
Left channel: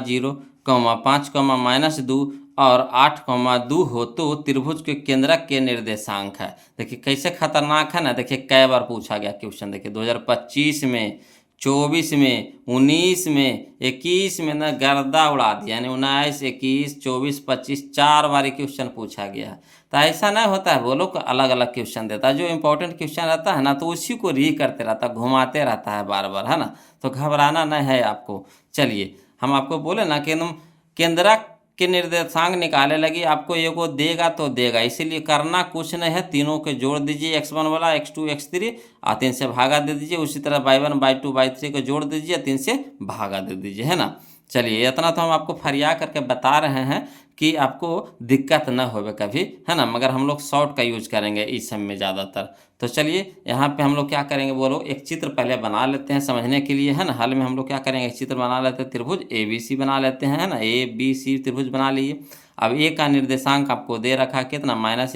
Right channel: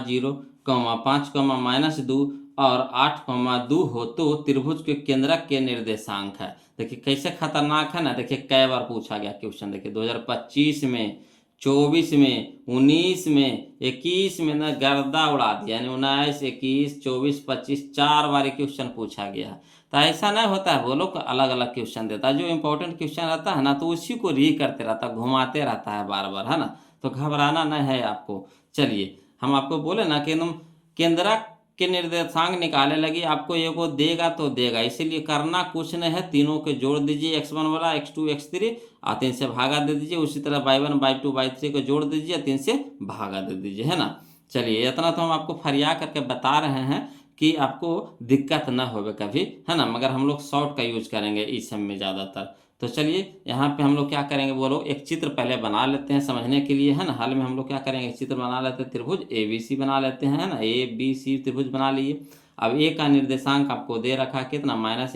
0, 5, -2 और 8, 2 हो तो त्रिभुज के केंद्रक के निर्देशांक है। देखिए कैसे खतरनाक है ना, देखिए कई बार पूछा गया क्वेश्चन, देखिए 2025 में, 24 में, 19 में, 21 में ना गर्दा उड़ा दिया, यानी 19, 21, 24, 25 4 बार क्वेश्चन पूछा गया है। तो ऐसा नहीं होता है, वो लोग अलग अलग क्वेश्चन देता है, जो इंपॉर्टेंट क्वेश्चन रहता है ना तो उसी को री करते रहता है, घुमाते रहता है बार बार, है ना। तो घबराना नहीं है आपको। चलिए हम आपको बोले ना कि तुम केंद्रक के निर्देशांक निकाले लगी, आपको ये को देगा तो देगा, इसीलिए करना कुछ नहीं है, तीनों के जोड़ दीजिए, x1 वाला x2 x3 और 3 से भागा दे दीजिए। उसी तरह y1 y2 y3 को जोड़ दीजिए, 3 से भागा दे दीजिए, है ना। चलिए इतना तो हम आपको फरिया करके बता रहे हैं कि आपको दिक्कत न होवे कभी, है ना, मगर हम लोग शॉर्ट का यूज करेंगे इस सब में ज़्यादातर। तो चलिए यहाँ पे हम लोग क्या करेंगे बोलो, एक चित्र पहले बना लेते हैं समझने के लिए, है ना। हाल में हम लोग क्या करेंगे, एक चित्र बना लेते हैं, त्रिभुज ABC बना लेते हैं, है ना, ABC त्रिभुज बना लिए। अब ए का निर्देशांक आपको दे रखा है कितना -1,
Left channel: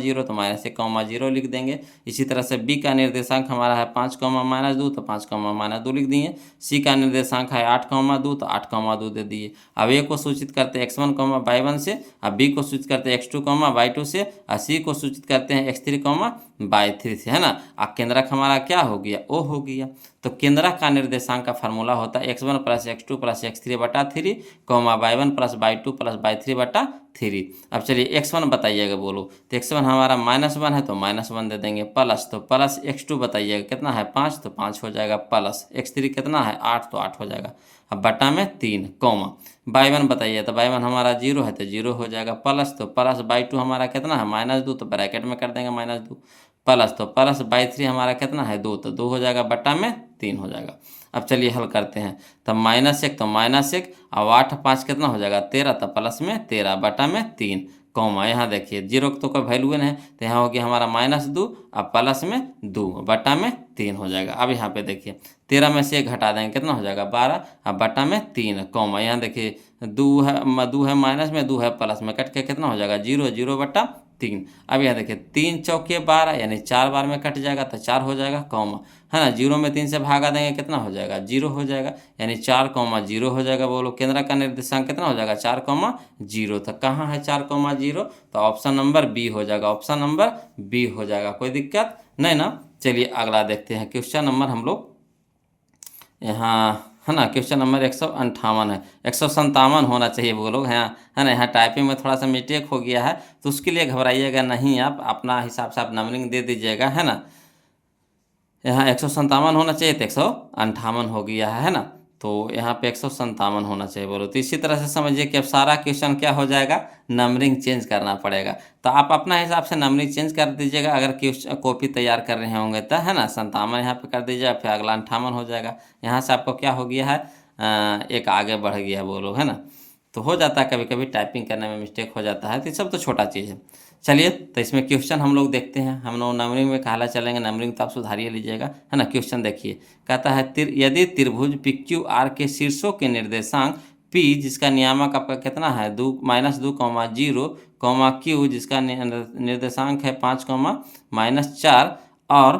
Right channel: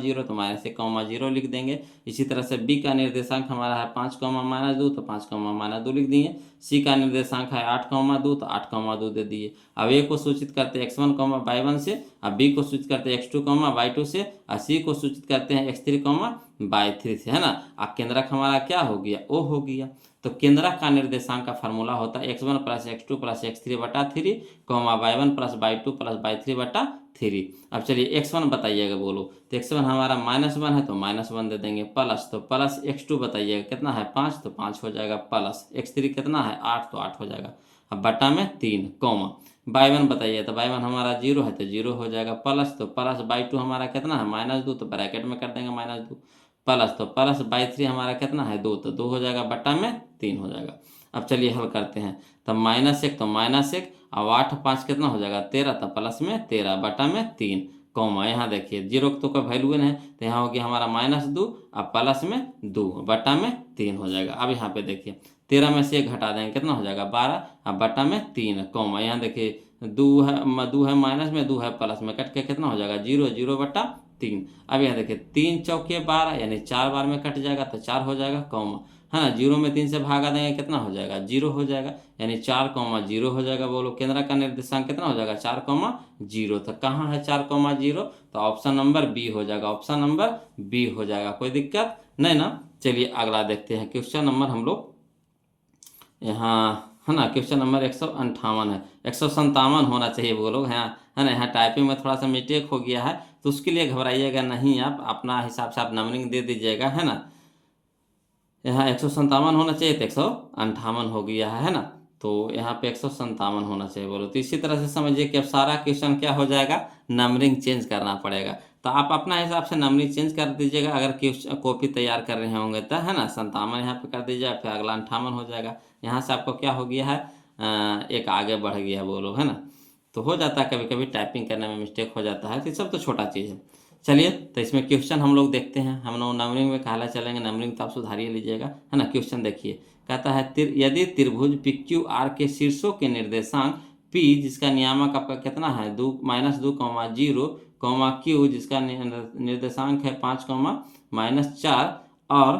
0, तो -1, 0 लिख देंगे। इसी तरह से बी का निर्देशांक हमारा है 5, -2, तो 5, -2 लिख दिए। सी का निर्देशांक है 8, 2, तो 8, 2 दे दिए। अब ए को सूचित करते हैं x1, y1 से, अब बी को सूचित करते हैं x2, y2 से, और सी को सूचित करते हैं x3, y3 से, है ना। अब केंद्रक हमारा क्या हो गया, ओ हो गया। तो केंद्रक का निर्देशांक का फार्मूला होता है x1 + x2 + x3 बटा 3, y1 + y2 + y3 बटा 3। अब चलिए x1 बताइएगा बोलो, तो x1 हमारा -1 है तो -1 दे देंगे, प्लस तो प्लस x2 बताइएगा कितना है 5, तो 5 हो जाएगा, प्लस x3 कितना है 8, तो 8 हो जाएगा। अब बटा में 3 y1 बताइए, तो y1 हमारा 0 है तो 0 हो जाएगा, प्लस तो प्लस y2 हमारा कितना है -2, तो ब्रैकेट में कर देंगे -2, प्लस तो प्लस y3 हमारा कितना है 2, तो 2 हो जाएगा, बटा में 3 हो जाएगा। अब चलिए हल करते हैं, तो -1 तो -1, अब 8 5 कितना हो जाएगा 13, तो प्लस में 13 बटा में 3 यहाँ देखिए 0 तो कोई वैल्यू नहीं है, तो यहाँ हो गया हमारा -2, अब प्लस में 2 बटा में 3 हो जाएगा। अब यहाँ पे देखिए 13 में से 1 घटा देंगे कितना हो जाएगा 12, अब बटा में 3 यहाँ देखिए 2 है माइनस में, 2 है प्लस में, कट के कितना हो जाएगा 0, 0 बटा 3। अब यहाँ देखिए 3 चौके 12, यानी 4 बार में कट जाएगा तो 4 हो जाएगा, है ना। 0 में 3 से भागा देंगे कितना हो जाएगा 0 हो जाएगा, यानी 4, 0 हो जाएगा। बोलो केंद्र का निर्देशांक कितना हो जाएगा 4, 0। तो कहाँ है 4, 0, तो ऑप्शन नंबर बी हो जाएगा, ऑप्शन नंबर बी हो जाएगा, कोई दिक्कत नहीं ना। चलिए अगला देखते हैं क्वेश्चन नंबर हम लोग यहाँ, है ना, क्वेश्चन नंबर 158 है, 157 होना चाहिए वो लोग, हैं, है ना। यहाँ टाइपिंग में थोड़ा सा मिस्टेक हो गया है, तो उसके लिए घबराइएगा नहीं, आप अपना हिसाब से आप नंबरिंग दे दीजिएगा, है ना। यहाँ 157 होना चाहिए तो 158 हो गया है ना। तो यहाँ पे 157 होना चाहिए बोलो। तो इसी तरह से समझिए कि अब सारा क्वेश्चन क्या हो जाएगा, नंबरिंग चेंज करना पड़ेगा। तो आप अपना हिसाब से नंबरिंग चेंज कर दीजिएगा अगर क्वेश्चन कॉपी तैयार कर रहे होंगे तो, है ना। 57 यहाँ पे कर दीजिएगा, फिर अगला 58 हो जाएगा। यहाँ से आपको क्या हो गया है, एक आगे बढ़ गया बोलो, है ना। तो हो जाता है कभी कभी टाइपिंग करने में मिस्टेक हो जाता है, तो ये सब तो छोटा चीज़ है। चलिए तो इसमें क्वेश्चन हम लोग देखते हैं। हम लोग नंबरिंग में कहला चलेंगे, नंबरिंग तो आप सुधारिए लीजिएगा, है ना। क्वेश्चन देखिए, कहता है यदि त्रिभुज पी क्यू आर के शीर्षों के निर्देशांक पी जिसका नियामक आपका कितना है -2, 0, क्यू जिसका निर्देशांक है 5, -4 और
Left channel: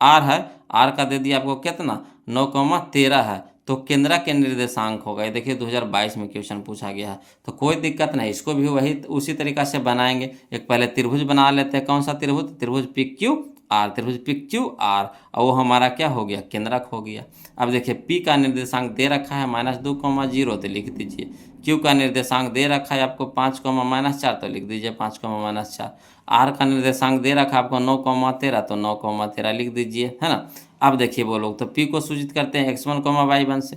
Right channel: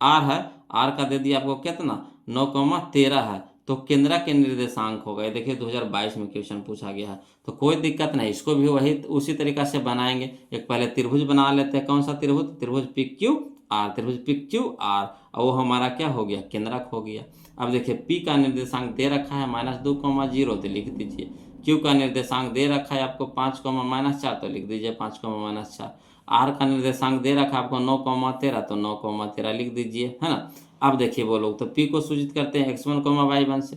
आर है, आर का दे दिया आपको कितना 9, 13 है, तो केंद्र के निर्देशांक होगा। ये देखिए 2022 में क्वेश्चन पूछा गया है। तो कोई दिक्कत नहीं, इसको भी वही उसी तरीका से बनाएंगे। एक पहले त्रिभुज बना लेते हैं। कौन सा त्रिभुज, त्रिभुज पी क्यू आर, त्रिभुज पी क्यू आर, और वो हमारा क्या हो गया, केंद्रक हो गया। अब देखिए पी का निर्देशांक दे रखा है -2, 0, तो लिख दीजिए। क्यू का निर्देशांक दे रखा है आपको 5, -4, तो लिख दीजिए 5, -4। आर का निर्देशांक दे रखा है आपको 9, 13, तो 9, 13 लिख दीजिए, है ना। अब देखिए वो लोग तो पी को सूचित करते हैं x1, y1 से,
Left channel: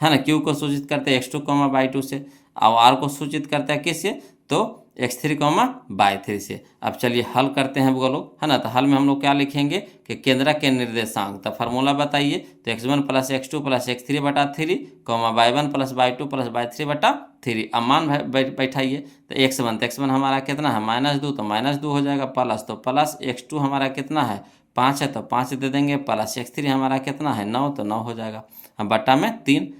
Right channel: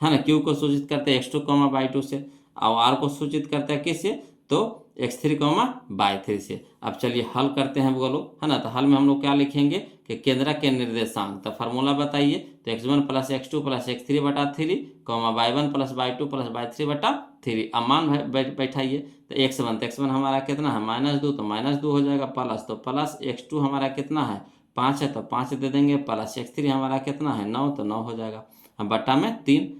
है ना। क्यू को सूचित करते हैं x2, y2 से, और आर को सूचित करते हैं किससे, तो x3, y3 से। अब चलिए हल करते हैं वो लोग, है ना। तो हल में हम लोग क्या लिखेंगे कि केंद्र के निर्देशांक, तो फार्मूला बताइए। तो x1 + x2 + x3/3, y1 + y2 + y3/3। अब मान बैठाइए। तो x1 हमारा कितना है -2, तो -2 हो जाएगा, प्लस तो प्लस x2 हमारा कितना है 5 है, तो 5 दे देंगे, प्लस x3 हमारा कितना है 9, तो 9 हो जाएगा। अब बट्टा में 3,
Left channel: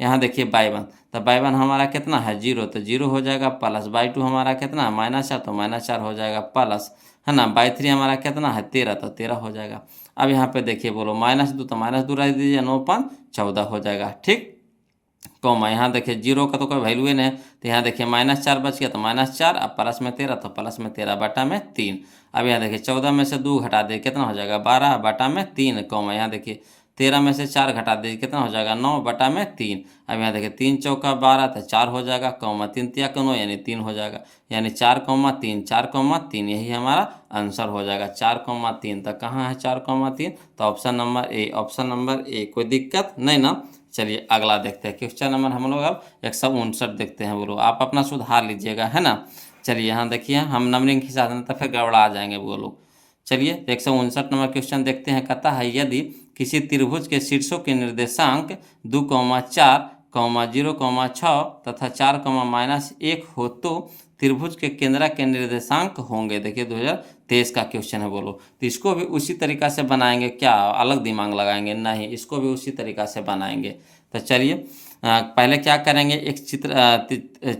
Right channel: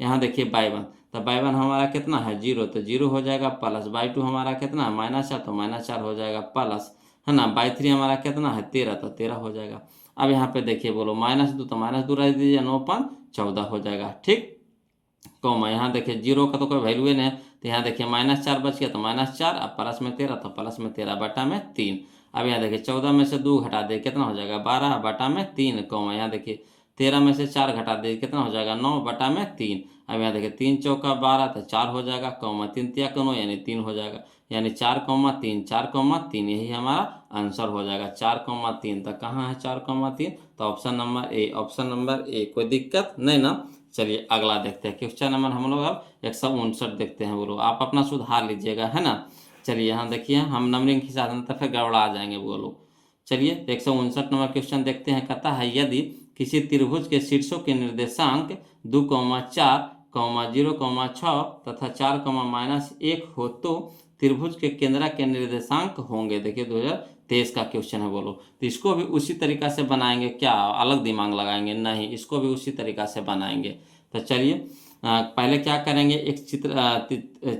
यहाँ देखिए y1, तो y1 हमारा कितना है 0, तो 0 हो जाएगा, प्लस y2 हमारा कितना है -4, तो -4 हो जाएगा, प्लस, है ना। y3 हमारा कितना है 13, तो 13 हो जाएगा। अब यहाँ पे देखिए बोलो -2, तो -2 रख दीजिए, 9, 14 हो जाएगा, ठीक। यहाँ देखिए 0 का तो कोई वैल्यू ही नहीं है, तो यहाँ देखिए -4 बच गया, तो -4, अब प्लस में 13, तो प्लस में 13 बटा में 3। अब यहाँ देखिए 14 में से 2 घटा दे कितना हो जाएगा 12 बटा में 3, यहाँ देखिए 13 में से 4 घटा दे कितना हो जाएगा 9 बटा में 3। अब यहाँ देखिए 3 चौका 12, तो 4 हो जाएगा, 3 तिया 9 यानी 3 हो जाएगा, यानी 4, 3, 4, 3, यही हमारा आंसर हो जाएगा 4, 3। तो कहाँ है 4, 3, तो option number A, option number A. कोई दिक्कत नहीं ना। चलिए अगला देखते हैं। क्वेश्चन नंबर हम लोग अब 159 देखते हैं। बोलो आप अपना सुधार लीजिएगा, है ना। चलिए यहाँ देखिए हम नंबरिंग के हिसाब से तो फिर गड़बड़ा जाएंगे वो लोग। चलिए 159 नंबर क्वेश्चन देखते हैं। कहता है यदि किसी त्रिभुज के शीर्षों के निर्देशांक 2, 4, 0, 6 तथा 4, -1 हो तो त्रिभुज के केंद्र के निर्देशांक होंगे। देखिए 2023 का क्वेश्चन है। बोलो तो इसको भी उसी तरीका से बनाएंगे क्या, अलग दिमाग लगाएंगे नहीं, इसको भी उसी तरीका से बनाएंगे। तो चलिए पहले क्या करेंगे, एक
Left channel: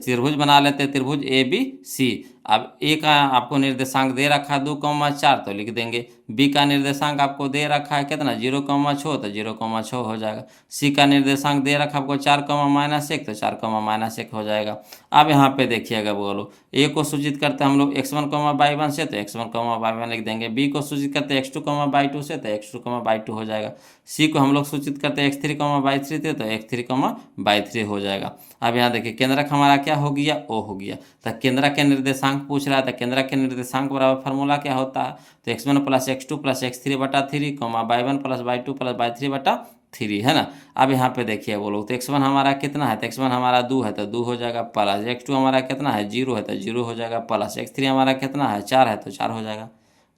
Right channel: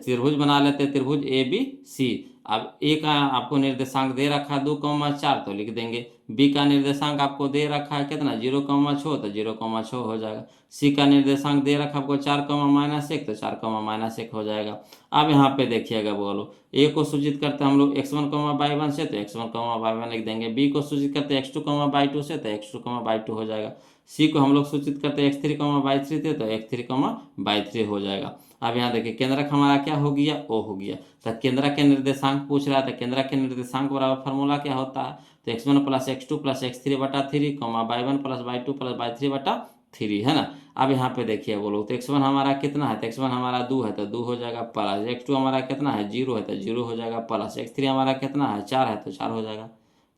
त्रिभुज बना लेते हैं, त्रिभुज ABC। अब ए का आपको निर्देशांक दे रखा है 2, 4, तो लिख देंगे। बी का निर्देशांक आपको दे रखा है कितना 0, 6, तो 0, 6 हो जाएगा। सी का निर्देशांक दे रखा आपको 4, -1, तो 4, -1 हो जाएगा। अब यहाँ पे देखिएगा बोलो ए को सूचित करते हैं हम लोग x1, y1 से, तो x1, y1 लिख देंगे। बी को सूचित करते हैं x2, y2 से, तो x2, y2 हो जाएगा। सी को हम लोग सूचित करते हैं x3, y3 से, तो x3, y3 हो जाएगा। अब यहाँ देखिए केंद्रक हमारा क्या हो गया, ओ हो गया। तो केंद्रक के निर्देशांक पूछ रहा था, केंद्रक के निर्देशांक बराबर फार्मूला क्या होता है, तो x1 + x2 + x3/3, y1 + y2 + y3/3, है ना। अब यहाँ पे देखिए वो लोग तो x1 हमारा कितना है, तो x1 हमारा 2 है, तो 2 हो जाएगा, प्लस x2 हमारा कितना है 0 है, तो 0 हो जाएगा, प्लस x3 हमारा कितना है 4 है, तो 4 हो जाएगा,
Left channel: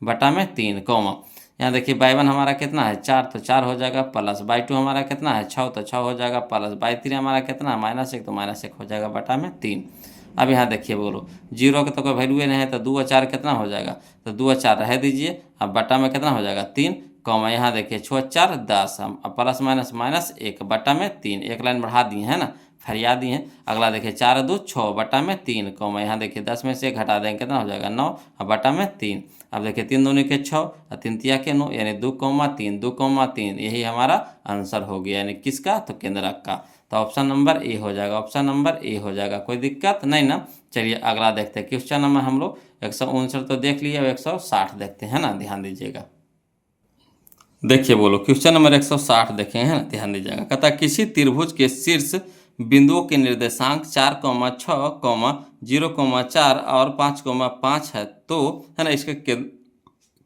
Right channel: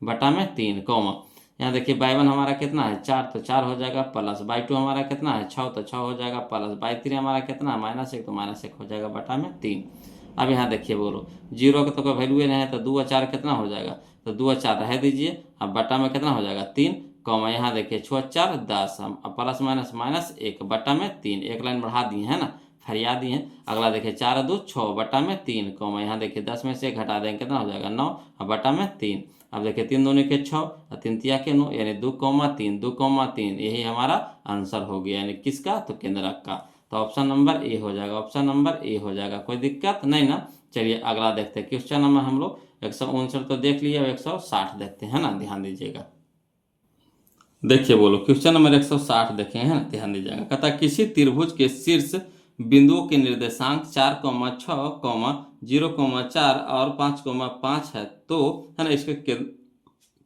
बटा में 3, यहाँ देखिए y1 हमारा कितना है 4, तो 4 हो जाएगा, प्लस y2 हमारा कितना है 6, तो 6 हो जाएगा, प्लस y3 हमारा कितना है -1, तो -1 हो जाएगा, बटा में 3। अब यहाँ देखिए बोलो 0 का तो कोई वैल्यू नहीं है, तो 2 और 4 कितना हो जाएगा, तो 2 और 4 रह दीजिए। अब बटा में कितना हो जाएगा 3, यहाँ देखिए 6 और 4 10, हम प्लस -1 बटा में 3, एक लाइन बढ़ा दिए, है ना, फरिया दिए। अगला देखिए 4 और 2 6 बटा में 3, यहाँ देखिए 10 में से घटा देंगे कितना हो जाएगा 9, और बटा में 3। अब देखिए 3 दूनी के 6 और 3 तिया के 9, यानी 2, 3, 2, 3, यही हमारा आंसर हो गया, यानी किसका, तो केंद्रक का। तो ऑप्शन नंबर ए हो जाएगा, ऑप्शन नंबर ए हो जाएगा। कोई दिक्कत नहीं ना। चलिए अगला देखते हैं। क्वेश्चन नंबर हम लोग 159 तो देख लिए, 160 देखते हैं ना, ध्यान दीजिएगा। देखिए बोलो क्वेश्चन नंबर 160 देखे हैं ना, ध्यान दीजिएगा। कहता किसी त्रिभुज के शीर्ष बिंदुओं के निर्देशांक 4, 6, 0, 4 और 5, 5 है, तो है ना इसके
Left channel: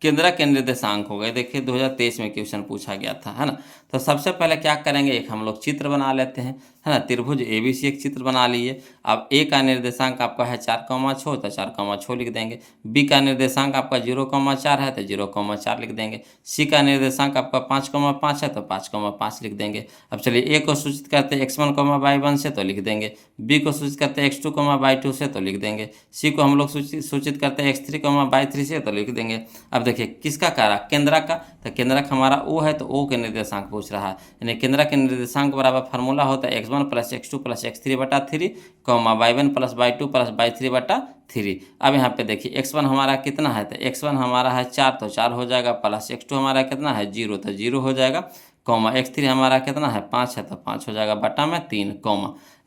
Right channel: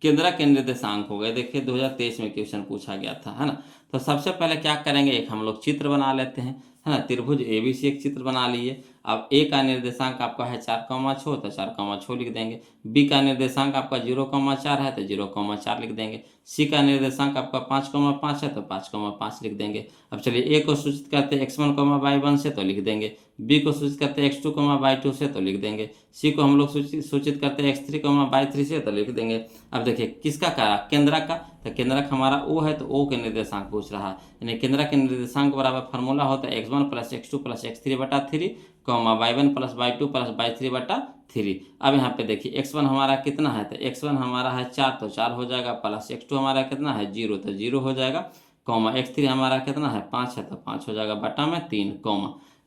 केंद्रक के निर्देशांक हो गए। देखिए 2023 में क्वेश्चन पूछा गया था, है ना। तो सबसे पहले क्या करेंगे, एक हम लोग चित्र बना लेते हैं, है ना। त्रिभुज ABC एक चित्र बना लिए। अब A का निर्देशांक आपका है 4,6, तो 4,6 लिख देंगे। B का निर्देशांक आपका 0,4 है, तो 0,4 लिख देंगे। C का निर्देशांक आपका 5,5 है, तो 5,5 लिख देंगे। अब चलिए A को सूचित करते हैं x1, y1 से, तो लिख देंगे। B को सूचित करते हैं x2, y2 से, तो लिख देंगे। C को हम लोग सूचित करते हैं x3, y3 से, तो लिख देंगे। अब देखिए किसका करा, केंद्रक का, तो केंद्रक हमारा O है, तो O के निर्देशांक पूछ रहा है। यानी केंद्रक के निर्देशांक बराबर फार्मूला होता है x1 + x2 + x3 बटा 3, y1 + y2 + y3 बटा 3। अब यहाँ पे देखिए x1 हमारा कितना है, तो x1 हमारा है 4, तो 4 हो जाएगा, प्लस x2 हमारा कितना है 0, तो 0 हो जाएगा, x3 हमारा कितना है 5 है, तो 5 हो जाएगा, बटा में 3,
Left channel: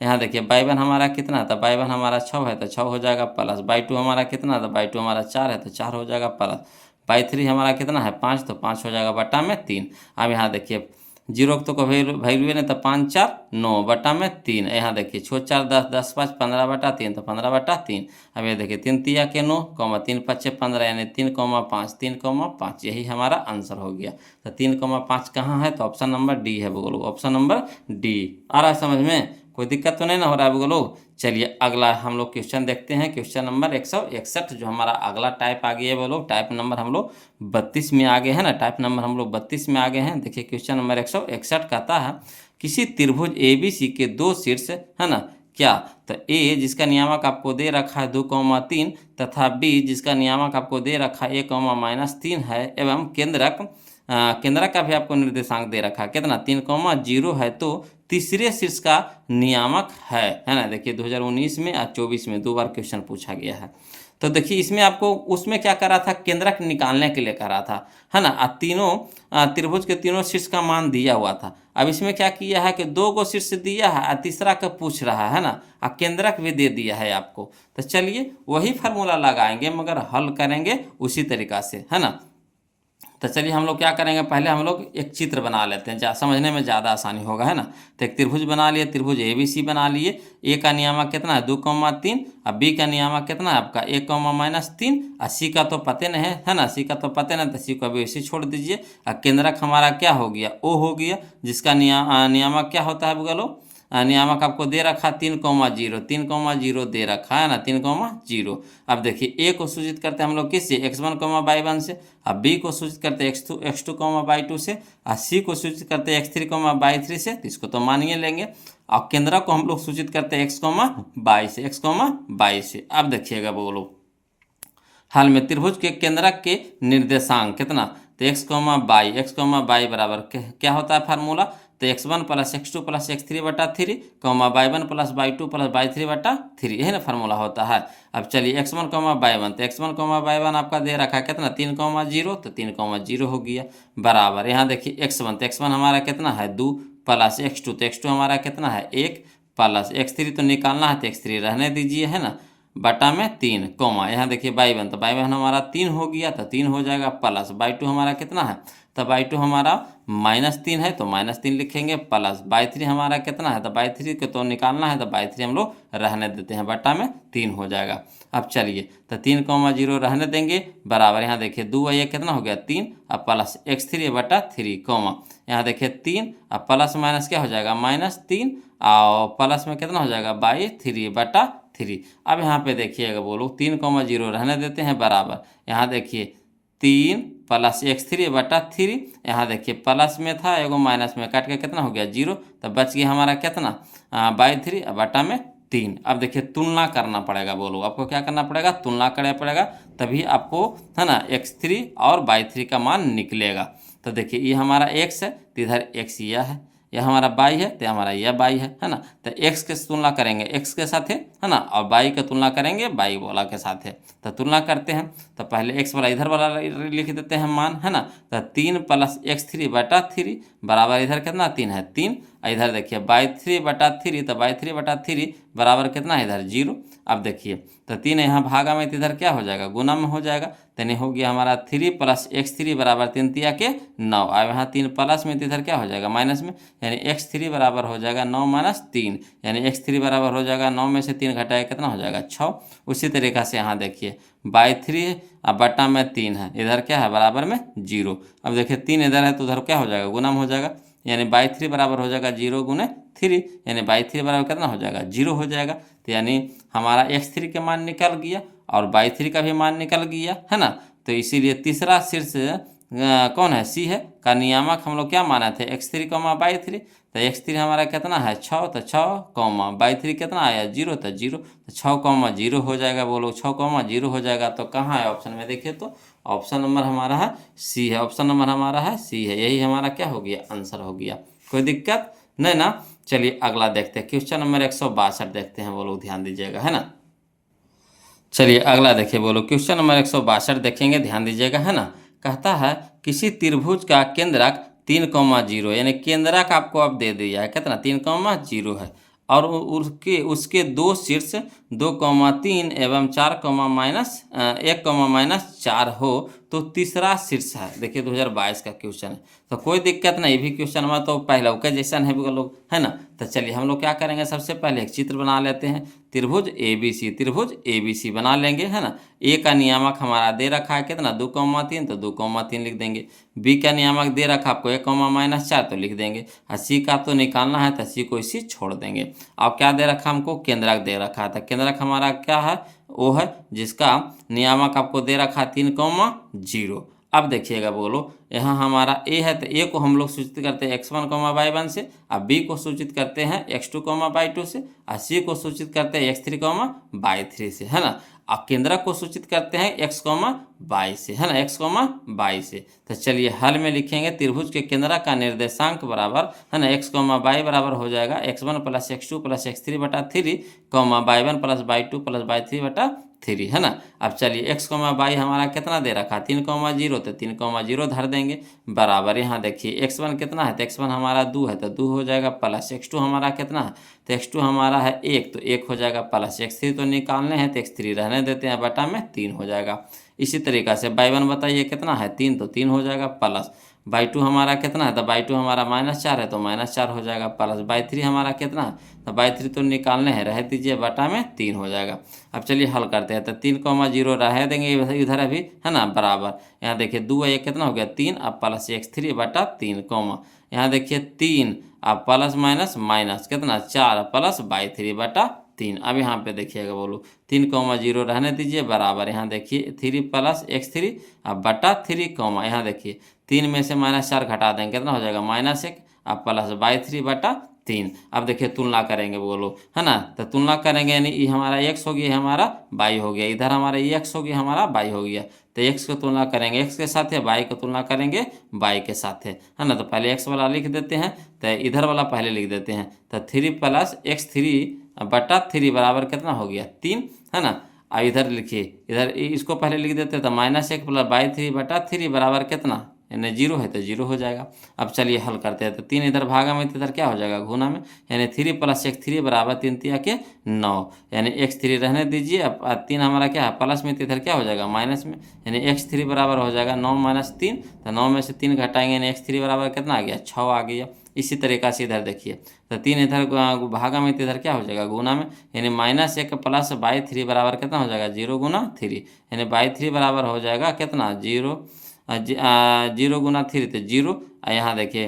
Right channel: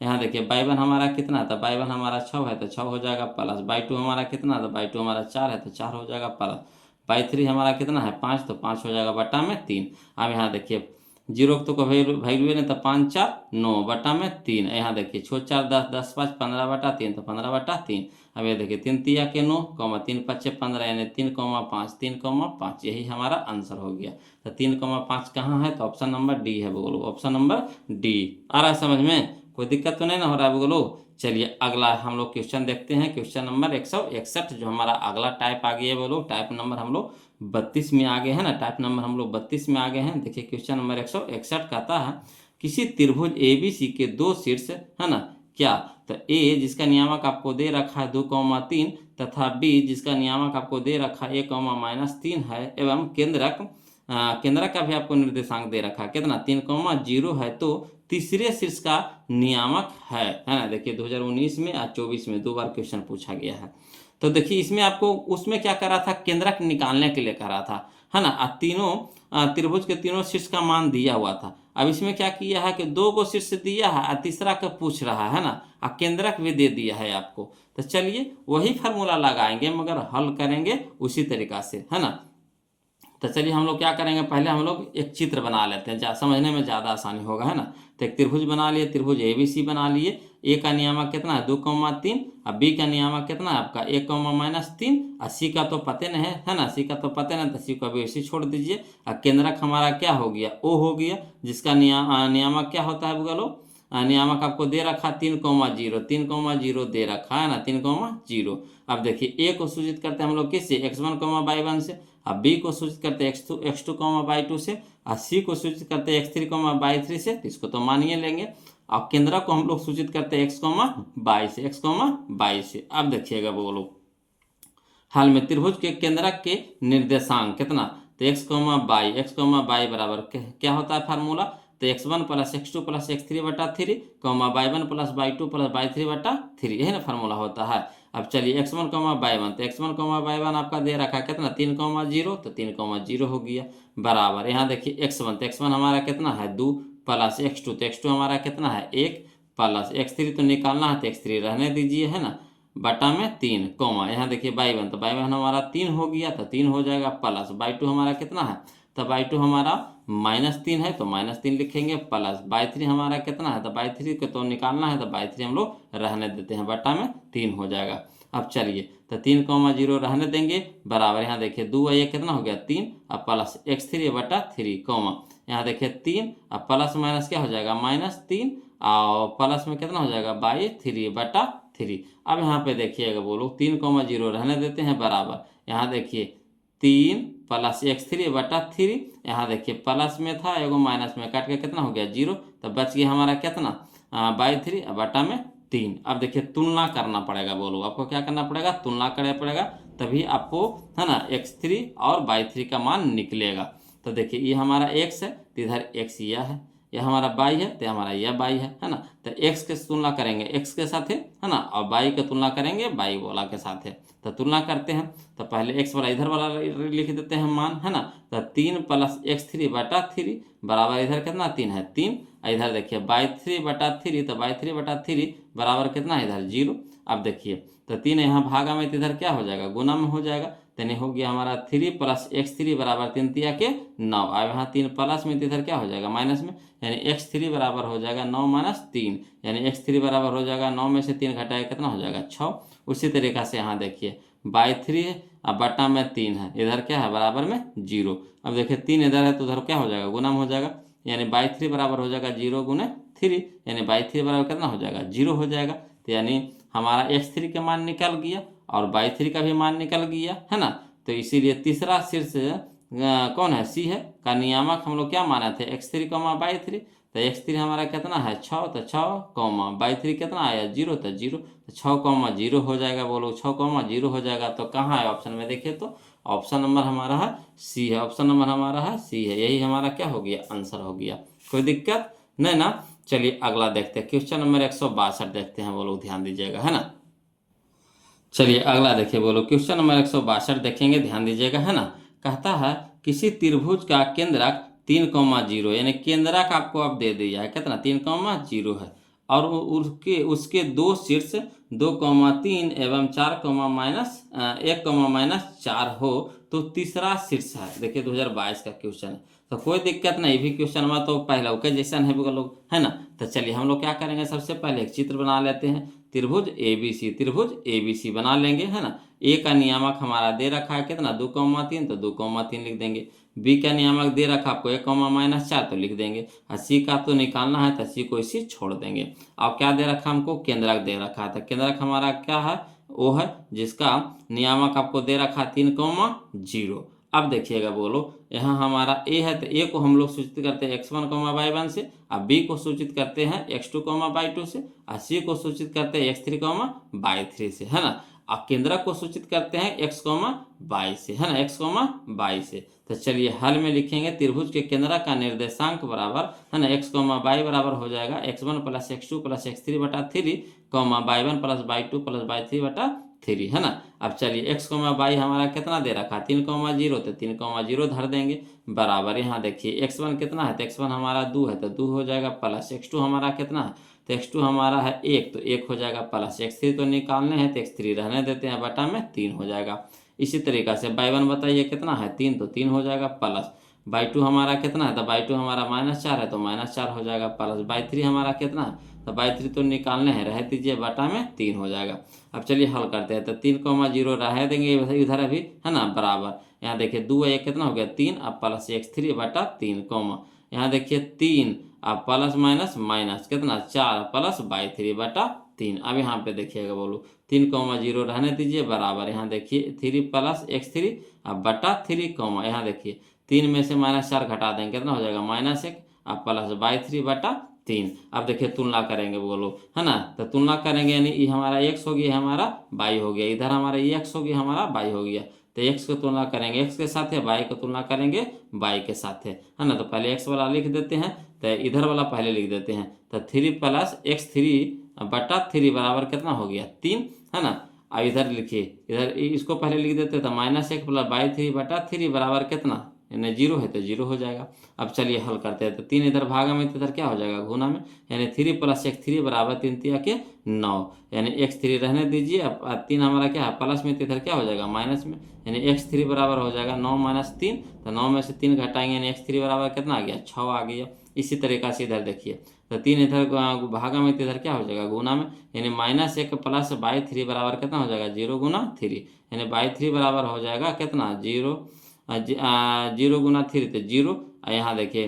यहाँ देखिए y1 हमारा कितना है, तो y1 हमारा 6 है, तो 6 हो जाएगा, प्लस y2 हमारा कितना है, तो y2 हमारा 4 है, तो 4 हो जाएगा, प्लस y3 हमारा कितना है 5, तो 5 हो जाएगा, बटा में 3। अब यहाँ देखिए 0 तो कोई वैल्यू नहीं, तो 5 4 9 बटा में 3। यहाँ देखिए 6 4 10 10 5 15 बटा 3, तो 15 बटा 3। अब ये देखिए 3 तिया के 9, 3 5 15, यानी 3,5 3,5, यही हमारा आंसर हो गया। तो 3,5 कहाँ है, तो ऑप्शन नंबर डी है बोलो, ऑप्शन नंबर डी। आ रहा है समझ में, कोई दिक्कत तो नहीं ना हो रहा है बोलो। चलिए अगला हम लोग क्वेश्चन देखते हैं, क्वेश्चन नंबर 161, जो हमारा अगला टाइप आ गया है बोलो। टाइप नंबर हम लोग 32 में आगे है ना, टाइप नंबर हम लोग 32 में आगे हैं। देखिए क्वेश्चन नंबर 161 कहता है, किसी त्रिभुज ABC के दो शीर्ष, है ना, क्या, तो A जिसका नियामक आपको दे रखा है 2,3 तथा B जिसका नियामक आपको दे रखा है 1,-3 है, एवं केंद्रक का भी आपको निर्देशांक दे रखा है कितना 3,0 है, तो तीसरे शीर्ष का नियामक है ना। देखिए 2019 में और 24 में 2 बार क्वेश्चन पूछा गया है। तो देखिए इसमें आपको उसमें क्या करा था, केंद्रक निकालने के लिए करा था, है ना। तीनों त्रिभुज के तीनों शीर्ष का मान दिया हुआ था। अब इसमें क्या किया है कि 2 को शीर्ष दिया है और तीसरा का पूछ रहा है ना, और केंद्रक भी दे दिया है आपको। तो चलिए वही फार्मूला लगाएंगे, मगर हल करेंगे उसी तरीका से, है ना। तो चलिए हम लोग क्या करेंगे, पहले हम लोग एक चित्र बना लेते हैं, समझने में ज़्यादा आसानी होगा, है ना। तो एक त्रिभुज बना लिए, त्रिभुज ABC बना लिए। A का नियामक कितना है 2,3, और B का नियामक कितना है आपका 1,-3, और C का तो पते नहीं है ना, C का तो पते नहीं, तो C को अभी ऐसे छोड़ दीजिए। और केंद्रक हमारा क्या हो गया, O हो गया, जिसका नियामक क्या होता है बोलो, नियामक आपको दे रखा 3,0, 3,0 दे रखा है ना, 3,0। अब देखिए A को सूचित करते हैं हम लोग किससे, x1, y1 से, अब B को सूचित करते हैं x2, y2 से, और C को सूचित करते हैं x3, y3 से, तो इसको तो मानिए लेंगे। और केंद्रक को हम लोग सूचित करते हैं x, y से, x, y से। अब देखिएगा बोलो, हाल में त्रिभुज के केंद्रक के निर्देशांक कितना, तो x, y बराबर क्या होता है फार्मूला, तो x1 + x2 + x3 बटा 3, y1 + y2 + y3 बटा 3, यही ना फार्मूला होता है। अब चलिए x1, y1, तो x1, y1 आपका दे रखा है कितना 3,0, तो 3,0 हो गया, बराबर यहाँ देखिए x1, तो x1 हमारा कितना है 2, प्लस x2, तो x2 हमारा कितना है 1, प्लस x3 तो निकालना है, तो x3 रहने दीजिए, है ना, बटा में 3, यहाँ देखिए y1, तो y1 हमारा 3 हो गया, तो 3 हो जाएगा, प्लस y2 हमारा कितना है, तो y2 हमारा -3 है, तो -3 लिखेंगे, प्लस y3 हमारा कितना है, तो y3 के तो निकालना है, तो y3 हम लोग रहने देते हैं, बटा में 3 हो जाएगा। अब चलिए तो 3,0 रहने देंगे, बराबर यहाँ देखिए 2 और 1 कितना हो गया 3, और प्लस x3 बटा 3, यहाँ देखिए 3 और प्लस माइनस क्या हो जाएगा -3, और प्लस में कितना हो जाएगा 3 बटा 3। अब यहाँ पे देखिएगा बोलो 3,0 रहने देते हैं, बराबर यहाँ देखिए 3 प्लस x3 बटा 3, यहाँ देखिए प्लस में था एगो माइनस में काट के कितना हो गया 0, तो बच गया हमारा कितना 3 बटा में 3। अब देखिए तुलना करना पड़ेगा, बोलो आपको क्या करना पड़ेगा, तुलना करना पड़ेगा, तभी आपको, है ना, x3 और y3 का मान निकलेगा। तो देखिए ये हमारा x है, तो इधर x यह है, यह हमारा y है, तो हमारा यह y है ना। तो x के तुलना करेंगे x के साथ, है ना, और y की तुलना करेंगे y वाला के साथ। तो तुलना करते हैं, तो पहले x वाला इधर वाला लिख देते हैं मान, है ना। तो 3 प्लस x3 बटा 3 बराबर इधर कितना 3 है 3, इधर देखिए y3 बटा 3, तो y3 बटा 3 बराबर कितना है इधर 0। अब देखिए तो 3 यहाँ भागा में, तो इधर क्या हो जाएगा गुना में हो जाएगा, यानी हो गया हमारा 3 + x3 बराबर 3 तिया के 9। अब यहाँ 3 प्लस में तो इधर क्या हो जाएगा माइनस में, यानी x3 बराबर हो जाएगा 9 - 3, यानी x3 बराबर हो जाएगा 9 में से 3 घटाए कितना हो जाएगा 6। उसी तरीक़ा से यहाँ देखिए बाई 3 है, अब बटा में 3 है, इधर क्या है बराबर में 0। अब देखिए 3 इधर है तो उधर क्या हो जाएगा गुना में हो जाएगा, यानी बाई 3 बराबर हो जाएगा 0 × 3, यानी बाई 3 बराबर कितना हो जाएगा 0 हो जाएगा। तो यानी हमारा x3 का मान निकल गया और बाई 3 का भी मान निकल गया, है ना। तो इसीलिए तीसरा शीर्ष कौन है, सी है का नियामक हम लोग क्या माना थे x3 बाई 3। तो x3 हमारा कितना है 6, तो 6 बाई 3 कितना आया 0, तो 0, तो 6 0 हो जाएगा, बोलो 6 0 हो जाएगा। तो कहाँ है ऑप्शन में, देखिए तो ऑप्शन नंबर हमारा है सी है, ऑप्शन नंबर हमारा है सी है, यही हमारा क्या हो गया आंसर हो गया। कोई दिक्कत नहीं ना। चलिए अगला देखते हैं, क्वेश्चन नंबर 162 देखते हैं, वो लोग ध्यान दीजिएगा, है ना। चलिए अगला देखिए, बोलो क्वेश्चन नंबर 162 देखेंगे, ध्यान दीजिएगा, है ना। कहता है किसी त्रिभुज का केंद्रक 3, 0, यानी केंद्रक आपको अब दे दिया है कितना 3, 0 है, और उसके उसके दो शीर्ष 2, 3 एवं 4, -1, -4 हो तो तीसरा शीर्ष है। देखिए 2022 का क्वेश्चन है, तो कोई दिक्कत नहीं, भी क्वेश्चन में तो पहले के जैसा है वो लोग, है ना। तो चलिए हम लोग क्या करेंगे, सबसे पहले एक चित्र बना लेते हैं, त्रिभुज ABC बना लेंगे, है ना। ए का नियामक हमारा दे रखा है कितना 2, 3, तो 2, 3 लिख देंगे। बी का नियामक दे रखा आपको 1, -4 तो लिख देंगे, और सी का तो निकालना है तो सी को इसी छोड़ देंगे। अब क्या दे रखा हमको, केंद्रक दे रखा था, केंद्रक हमारा क्या है वो है जिसका नियामक आपको दे रखा 3, 0। अब देखिएगा बोलो, यहाँ हमारा ए है तो ए को हम लोग सूचित करते हैं x1, y1 से, और बी को सूचित करते हैं x2, y2 से, और सी को सूचित करते हैं x3, y3 से, है ना। और केंद्रक को सूचित करते हैं x, y से, है ना, x, y से। तो चलिए हल में लिखेंगे, त्रिभुज के केंद्रक का निर्देशांक बराबर, है ना, x, y बराबर हो जाएगा x1 + x2 + x3 बटा 3, y1 + y2 + y3 बटा 3, है ना। अब चलिए x, y हमारा कितना दे रखा 3, 0, तो 3, 0 धर देंगे, बराबर यहाँ देखिए x1 कितना है, तो x1 हमारा 2 है, तो 2 हो जाएगा, प्लस x2 हमारा कितना है, तो x2 हमारा है 1, तो 1 हो जाएगा, प्लस x3 तो निकालने हैं तो x3 रहने देते हैं, बटा में 3 हो जाएगा। इसी तरीक़ा से y1 बताइए कितना है 3, तो 3 हो जाएगा, प्लस y2 हमारा कितना है, तो y2 हमारा -4 है, तो -4 हो जाएगा, प्लस y3 हमारा कितना है, तो y3 तो निकालने हैं, रह दीजिए, बटा में 3 हो जाएगा। अब चलिए हल करते हैं, तो 3, 0 रह देंगे इधर अभी, है ना, बराबर यहाँ देखिए 2 ये कितना हो गया 3, अब प्लस x3 बटा 3, यहाँ देखिए 3, अब प्लस माइनस कितना 4, प्लस y3 बटा 3। अब यहाँ पे देखिएगा बोलो 3, 0 रहने दीजिए, बराबर यहाँ देखिए 3 + x3 अब बटा 3, यहाँ देखिए 3 में से -4 घटा देंगे कितना हो जाएगा -1, अब प्लस y3 बटा 3। अब देखिए तुलना करेंगे बोलो, है ना, तो तुलना करेंगे यानी ये हमारा x हो गया, हमारा y हो गया, इधर हमारा ये x हो गया, हमारा y हो गया। तो x को तुलना करेंगे x के साथ है, y को तुलना करेंगे y के साथ है ना। तो पहले x वाला लिख देते हैं, तो इधर वाला पहले लिख देते हैं, तो 3 + x3 बटा 3 बराबर कितना हो गया 3, है ना। और इधर लिखिए, इधर इसको पहले लिख देते हैं, तो -1 + y3 बटा 3 बराबर कितना, यानी 0 है तो 0 हो जाएगा। अब चलिए हल करते हैं, तो 3 इधर भागा में, तो इधर क्या हो जाएगा गुना में, यानी 3 + x3 बराबर 3 तिया के 9, यानी x3 रहने दीजिए, अब 3 हमारा क्या है प्लस में, तो इधर क्या हो जाएगा माइनस में, यानी x3 बराबर हो जाएगा 9 - 3, तो 9 में से 3 घटाएंगे, यानी x3 बराबर कितना आ गया 6 आ गया। इसी तरीक़ा से इधर देखिए, तो 3 इधर भागा में, तो इधर क्या हो जाएगा गुना में, यानी -1 प्लस y3 बराबर कितना हो जाएगा 0 × 3, यानी y3 बराबर हो जाएगा कितना 0 × 3 तो 0। यहाँ देखिए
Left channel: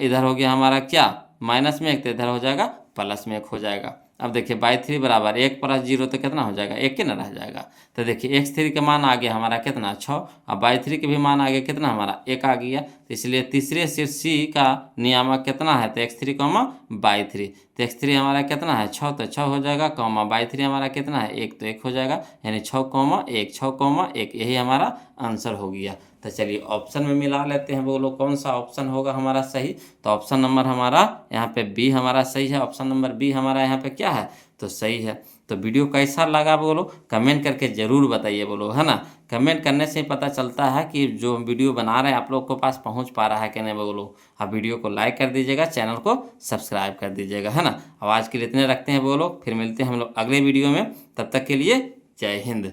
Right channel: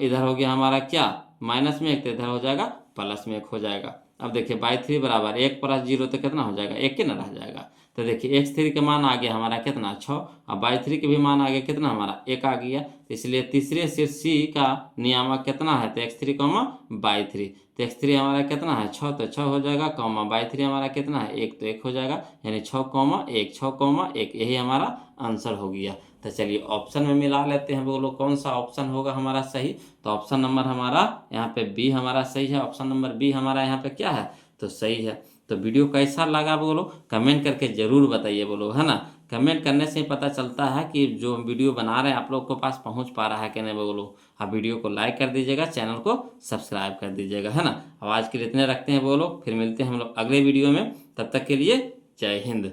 इधर हो गया हमारा क्या माइनस में 1, तो इधर हो जाएगा प्लस में 1 हो जाएगा। अब देखिए y3 बराबर 1 + 0 तो कितना हो जाएगा 1 के ना रह जाएगा। तो देखिए x3 के मान आ गया हमारा कितना 6, अब y3 के भी मान आ गया कितना हमारा 1 आ गया। तो इसलिए तीसरे शीर्ष C का नियामक कितना है, तो x3, y3, तो x3 हमारा कितना है 6, तो 6 हो जाएगा, y3 हमारा कितना है 1, तो 1 हो जाएगा, यानी 6, 1, 6, 1, यही हमारा आंसर हो गया। तो चलिए ऑप्शन में मिला लेते हैं, बोलो कौन सा ऑप्शन होगा हमारा सही। तो ऑप्शन नंबर हमारा यहाँ पे बी हमारा सही है, ऑप्शन नंबर बी हमारा यहाँ पे क्या है तो सही है। तो वीडियो कैसा लगा बोलो कमेंट करके ज़रूर बताइए बोलो, है ना। कमेंट करने से पता चलता है कि जो वीडियो बना रहे हैं आप लोग के पास पहुंच पा रहा है कि नहीं बोलो। आप वीडियो को लाइक कर दीजिएगा, चैनल को सब्सक्राइब कर दीजिएगा, है ना। अब आज के लिए इतने रखते हैं बोलो, फिर मिलते हैं हम लोग अगले वीडियो में, तब तक के लिए जय हिंद।